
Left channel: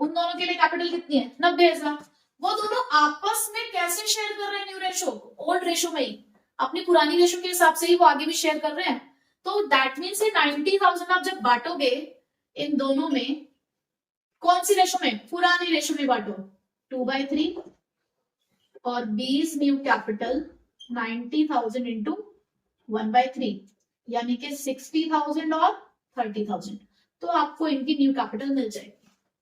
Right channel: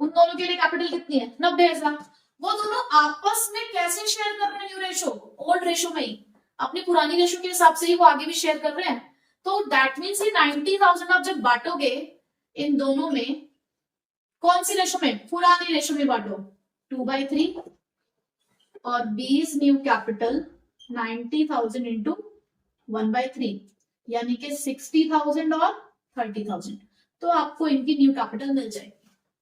उन दोनों के लिए कैपिटल कितनी है? 90,000। वो दोनों आपस में कैसे शेयर कर रहे हैं? न्यू रेशियो, ओल्ड रेशियो में ही, अपनी पुरानी रेशियो के हिसाब से ही वो आगे भी शेयर कर रहे हैं। तो दैट मीन्स 90,000 आप जब बांटोगे इन दोनों में, कौन सी रेशियो में? पुरानी रेशियो में बांटो 2/3 और 20 न्यू कैपिटल 90,000 इंटू 1/3 यानी कि 60,000 और 30,000। तो आपको इनकी न्यू कैपिटल मिल जाएगी।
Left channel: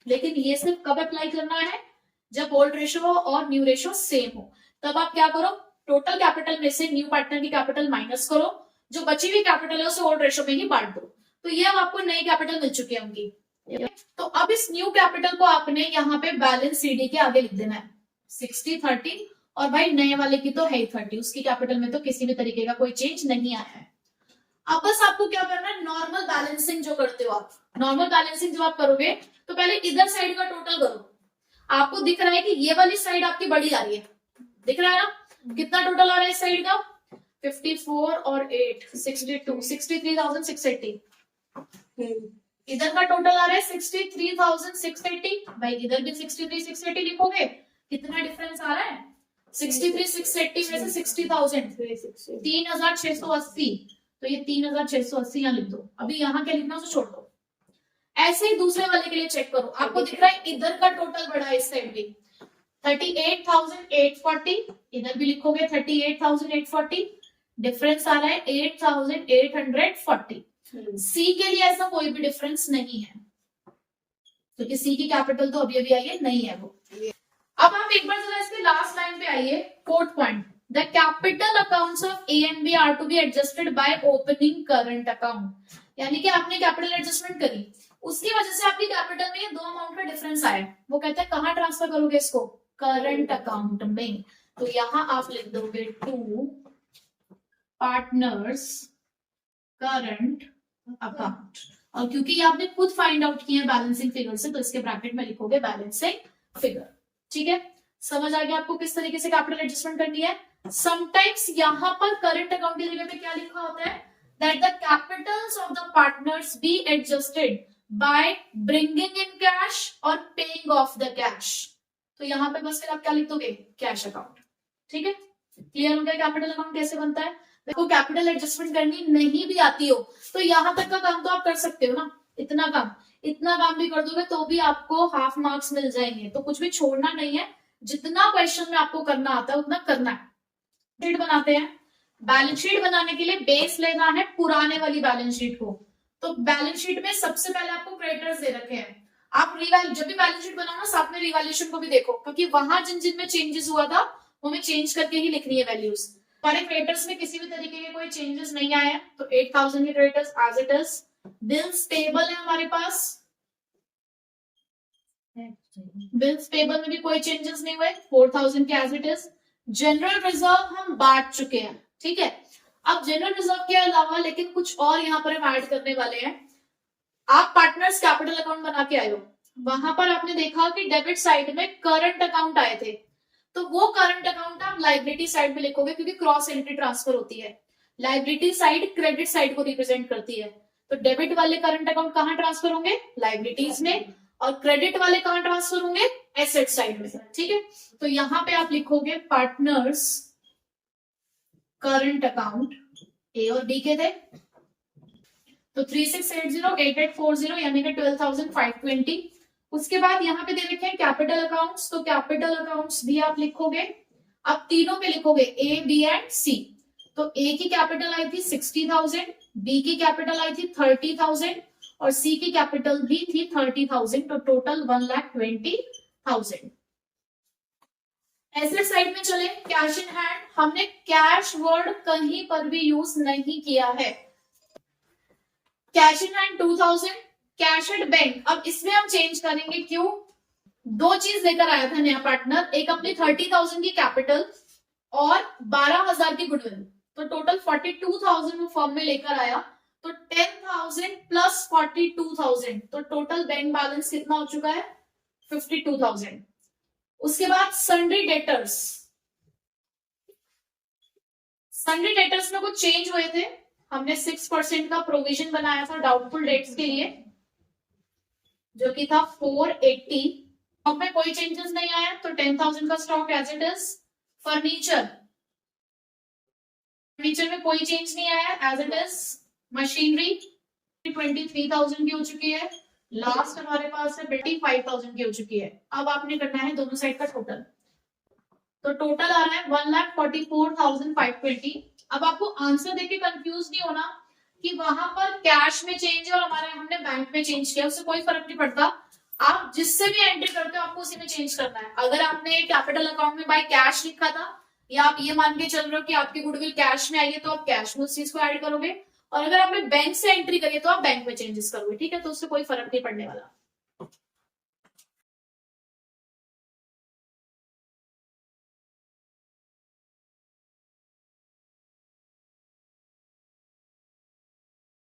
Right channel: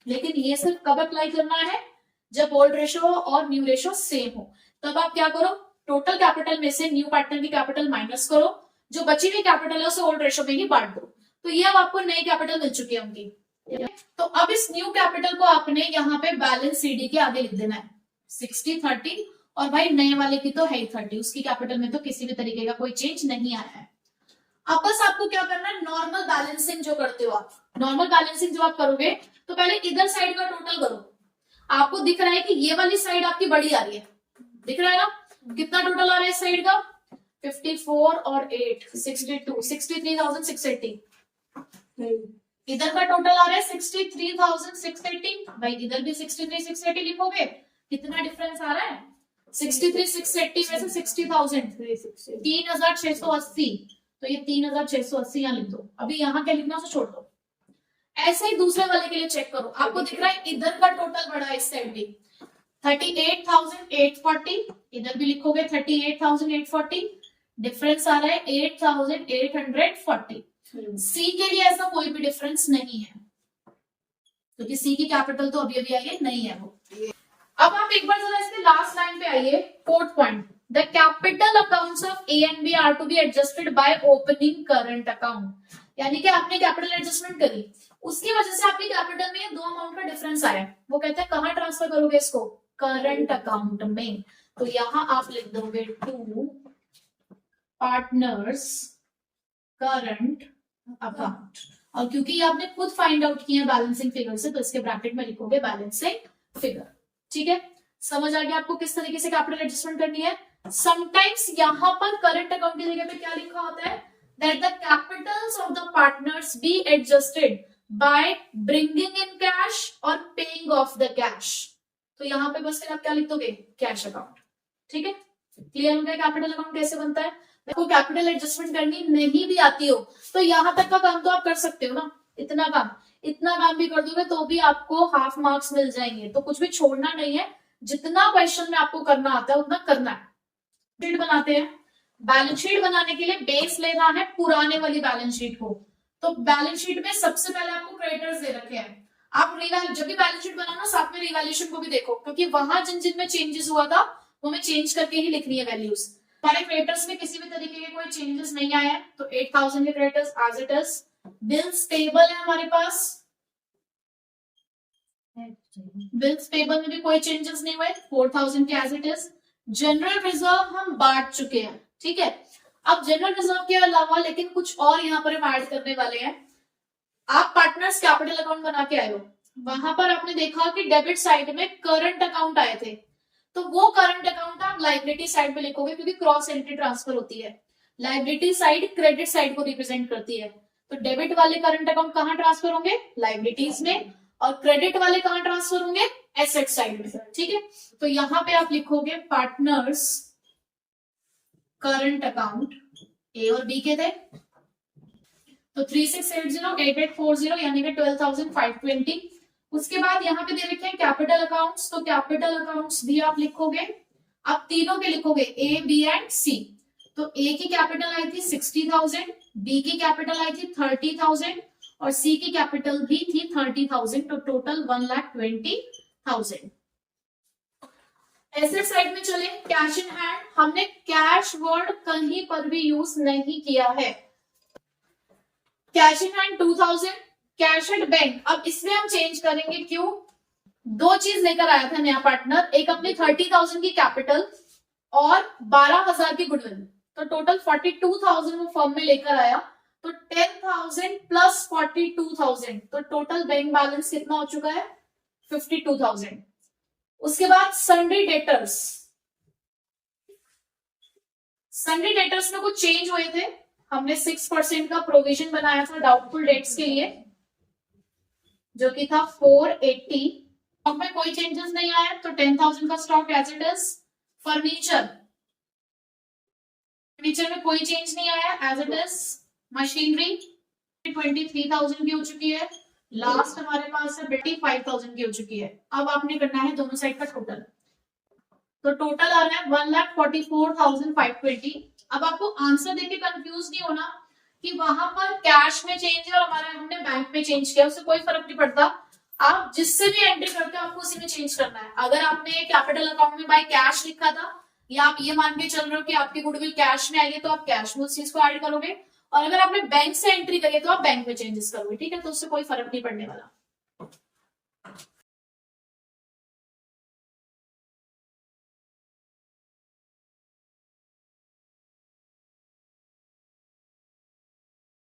लेकिन ये सिर्फ कब अप्लाई करना है? जब ओल्ड रेशियो और न्यू रेशियो सेम हो। तब आप क्या करो, टोटल कैपिटल में से न्यू पार्टनर की कैपिटल माइनस करो, जो बची हुई कैपिटल है उसे ओल्ड रेशियो में ही बांट दो। तो ये अब आपको नई कैपिटल मिल चुकी है उनकी। तो अब इस न्यू कैपिटल को आपने यहाँ पे बैलेंस सीडी के आगे लिख देना है 60/30। और भाई नए वाले की तो है ही 30, उसकी कैपिटल में तो किसी भी तरीके का कोई चेंज नहीं आया है। अब बस आपको क्या करना है, नॉर्मल बैलेंसिंग जो करते हो आप, नॉर्मल बैलेंसिंग जो आप करोगे तो पहले इधर साइड का टोटल करो। आपको दिख रहा है कि ये वाली साइड आपकी बड़ी आ रही है, दिख रहा है ना? कितना टोटल आ रहा है इस साइड का? 54 और 8 62 63,680। इधर का टोटल आ रहा है 63,680। भाई इधर भी 63,680 लिखोगे, कितना डिफरेंस आ रहा है? 63,680 में से 60,000 3,680। तो ये 3,680 यहाँ लिख दो। अभी यहाँ क्या लिखना उसे छोड़ दो। ऐसे ही दूसरे वाले के लिए चेक करो, आपको दिख रहा है इधर का टोटल बढ़ा है इस साइड भी 38,840। इधर भी लिखोगे 38,840, डिफरेंस आ रहा है 8,840। सी के लिए ऐसा कोई भी डिफरेंस नहीं है क्योंकि सी की कैपिटल तो अभी अभी आई है, नहीं है वो। अब आप एक बार जरा इसके लास्ट लाइन पे आइए, fourth point. The capital accounts of A and B are to be adjusted by opening current account. यानी कि आपने कैपिटल एडजस्टमेंट करी, उसकी वजह से आपकी कैपिटल में दो अमाउंट का डिफरेंस आया, वो कहते हैं कहाँ ट्रांसफर करोगे इसको, करंट अकाउंट में। तो यहां आप लिख दोगे टू पार्टनर्स करंट अकाउंट, और क्योंकि ये आपने खुद फाइंड आउट किया बैलेंसिंग फिगर से, तो इसके ब्रैकेट में लिखोगे बैलेंसिंग फिगर। ठीक है, समझ आ गया आपको किस तरीके से कैपिटल एडजस्टमेंट करनी है। समटाइम्स यहाँ पर करंट अकाउंट की जगह पे क्या लिखा होता है, that the Capitals of the partners B adjusted by bringing in cash और पेइंग ऑफ द कैश। तो यहाँ पे बस फिर आप क्या लिख दोगे, कैश अकाउंट। ठीक है, क्लियर हो गया कैपिटल अकाउंट कैसे बनता है। देखो कैपिटल एडजस्टमेंट करनी नहीं भी आती हो तो यहाँ तक का काम तो आप कर सकते हो ना, इतना काम भी कर दोगे तो भी आपको हाफ मार्क्स मिल जाएंगे। तो कुछ भी छोड़ना नहीं है, जितना क्वेश्चन में आपको करना आता है उतना करना है। शीट बनाते हैं, बैलेंस शीट बनाने के लिए बेस लेना है पुराने वाली बैलेंस शीट को। तो बैलेंस शीट में सबसे पहले आपको क्रेडिटर्स दे रखे हैं। आप जब भी बैलेंस शीट बनाओ ना, साथ में रिवैल्यूएशन को भी देखो, क्योंकि वहां जिन जिन में चेंजेस हुआ था वो हमें चेंज करके ही लिखनी है वैल्यूज। हमारे क्रेडिटर्स में किसी भी तरीके के कोई चेंजेस नहीं आए हैं, तो 8000 के creditors as it is. Bills payable है हमारे पास, बिल्स पेबल में भी कोई चेंजेस नहीं हुए, 4000 के as it is. General reserve हम बांट चुके हैं, ठीक है। अब जनरल रिजर्व के अलावा लेकिन कुछ और यहाँ पर हम ऐड करने वाले हैं। आप पार्टनर्स कैपिटल अकाउंट बना के आए हो, वहां पर आपने देखा कि डेबिट साइड में करंट अकाउंट आए थे, तो वो करंट अकाउंट आप लाइबिलिटी साइड में लिखोगे, क्योंकि क्रॉस एंट्री ट्रांसफर होती है। लाइबिलिटी साइड क्रेडिट साइड को रिप्रेजेंट करती है, तो डेबिट वाले करंट अकाउंट कहाँ ट्रांसफर होंगे, लाइबिलिटीज में, और क्रेडिट वाले कहाँ ट्रांसफर होंगे, एसेट साइड में। ठीक है, तो यहाँ पे आप लिखोगे पार्टनर्स करंट अकाउंट, ए और बी के थे, तो 36808840 यानी कि 12520। उसके बाद यहाँ पे दे रखे हैं कैपिटल अकाउंट्स, तो कैपिटल अकाउंट्स भी आप लिखोगे। अब तीनों पे लिखोगे ए बी एंड सी। तो ए की कैपिटल आई थी 60,000, बी की कैपिटल आई थी 30,000 और सी की कैपिटल भी थी 30,000, तो टोटल 1,20,000। एसेट साइड में चले, कैश इन हैंड, हमने कैश वर्ड कहीं पर भी यूज नहीं किया है। Cash in hand 2000, cash at bank, अब इसमें हम चेंज करेंगे, क्यों, दो चीज लेकर आया था नया पार्टनर, एक अपनी 30,000 की कैपिटल और 12,000 की गुडविल, तो टोटल 42,000 वो फर्म में लेकर आया, तो 10,000 प्लस 42,000, तो टोटल बैंक बैलेंस कितना हो चुका है, 52,000। उसके बाद सन्ड्री डेटर्स, सन्ड्री डेटर्स में कुछ चेंज हुए थे, हमने 6% का प्रोविजन बनाया था डाउटफुल डेट्स के लिए, जो कि था 480। स्टॉक में कोई चेंजेस नहीं आया, तो 10,000 का stock as it is. Furniture में कोई चेंज नहीं आया, एज इट इज। मशीनरी 23,000 की हो चुकी है, लास्ट हमारे पास है 25,000 की हो चुकी है। अब आपने करना है दोनों साइड का टोटल, तो टोटल आ रहा है 1,44,520। अब आपको आंसर देके कंफ्यूज नहीं होना कि वहां पर कैश में चेंज है और हमारा हमने बैंक में चेंज किया, उससे कोई फर्क नहीं पड़ता। आप जिससे भी एंट्री करते हो आपको उसी में चेंज करना है। अगर आपने कैपिटल अकाउंट में बाय कैश लिखा था, या आप ये मान के चल रहे हो कि आपकी गुडविल कैश में आई है, तो आप कैश में उस चीज को ऐड करोगे, और अगर आपने बैंक से एंट्री करी है तो आप बैंक में चेंजेस करोगे। ठीक है, तो उससे कोई फर्क नहीं पड़ने वाला।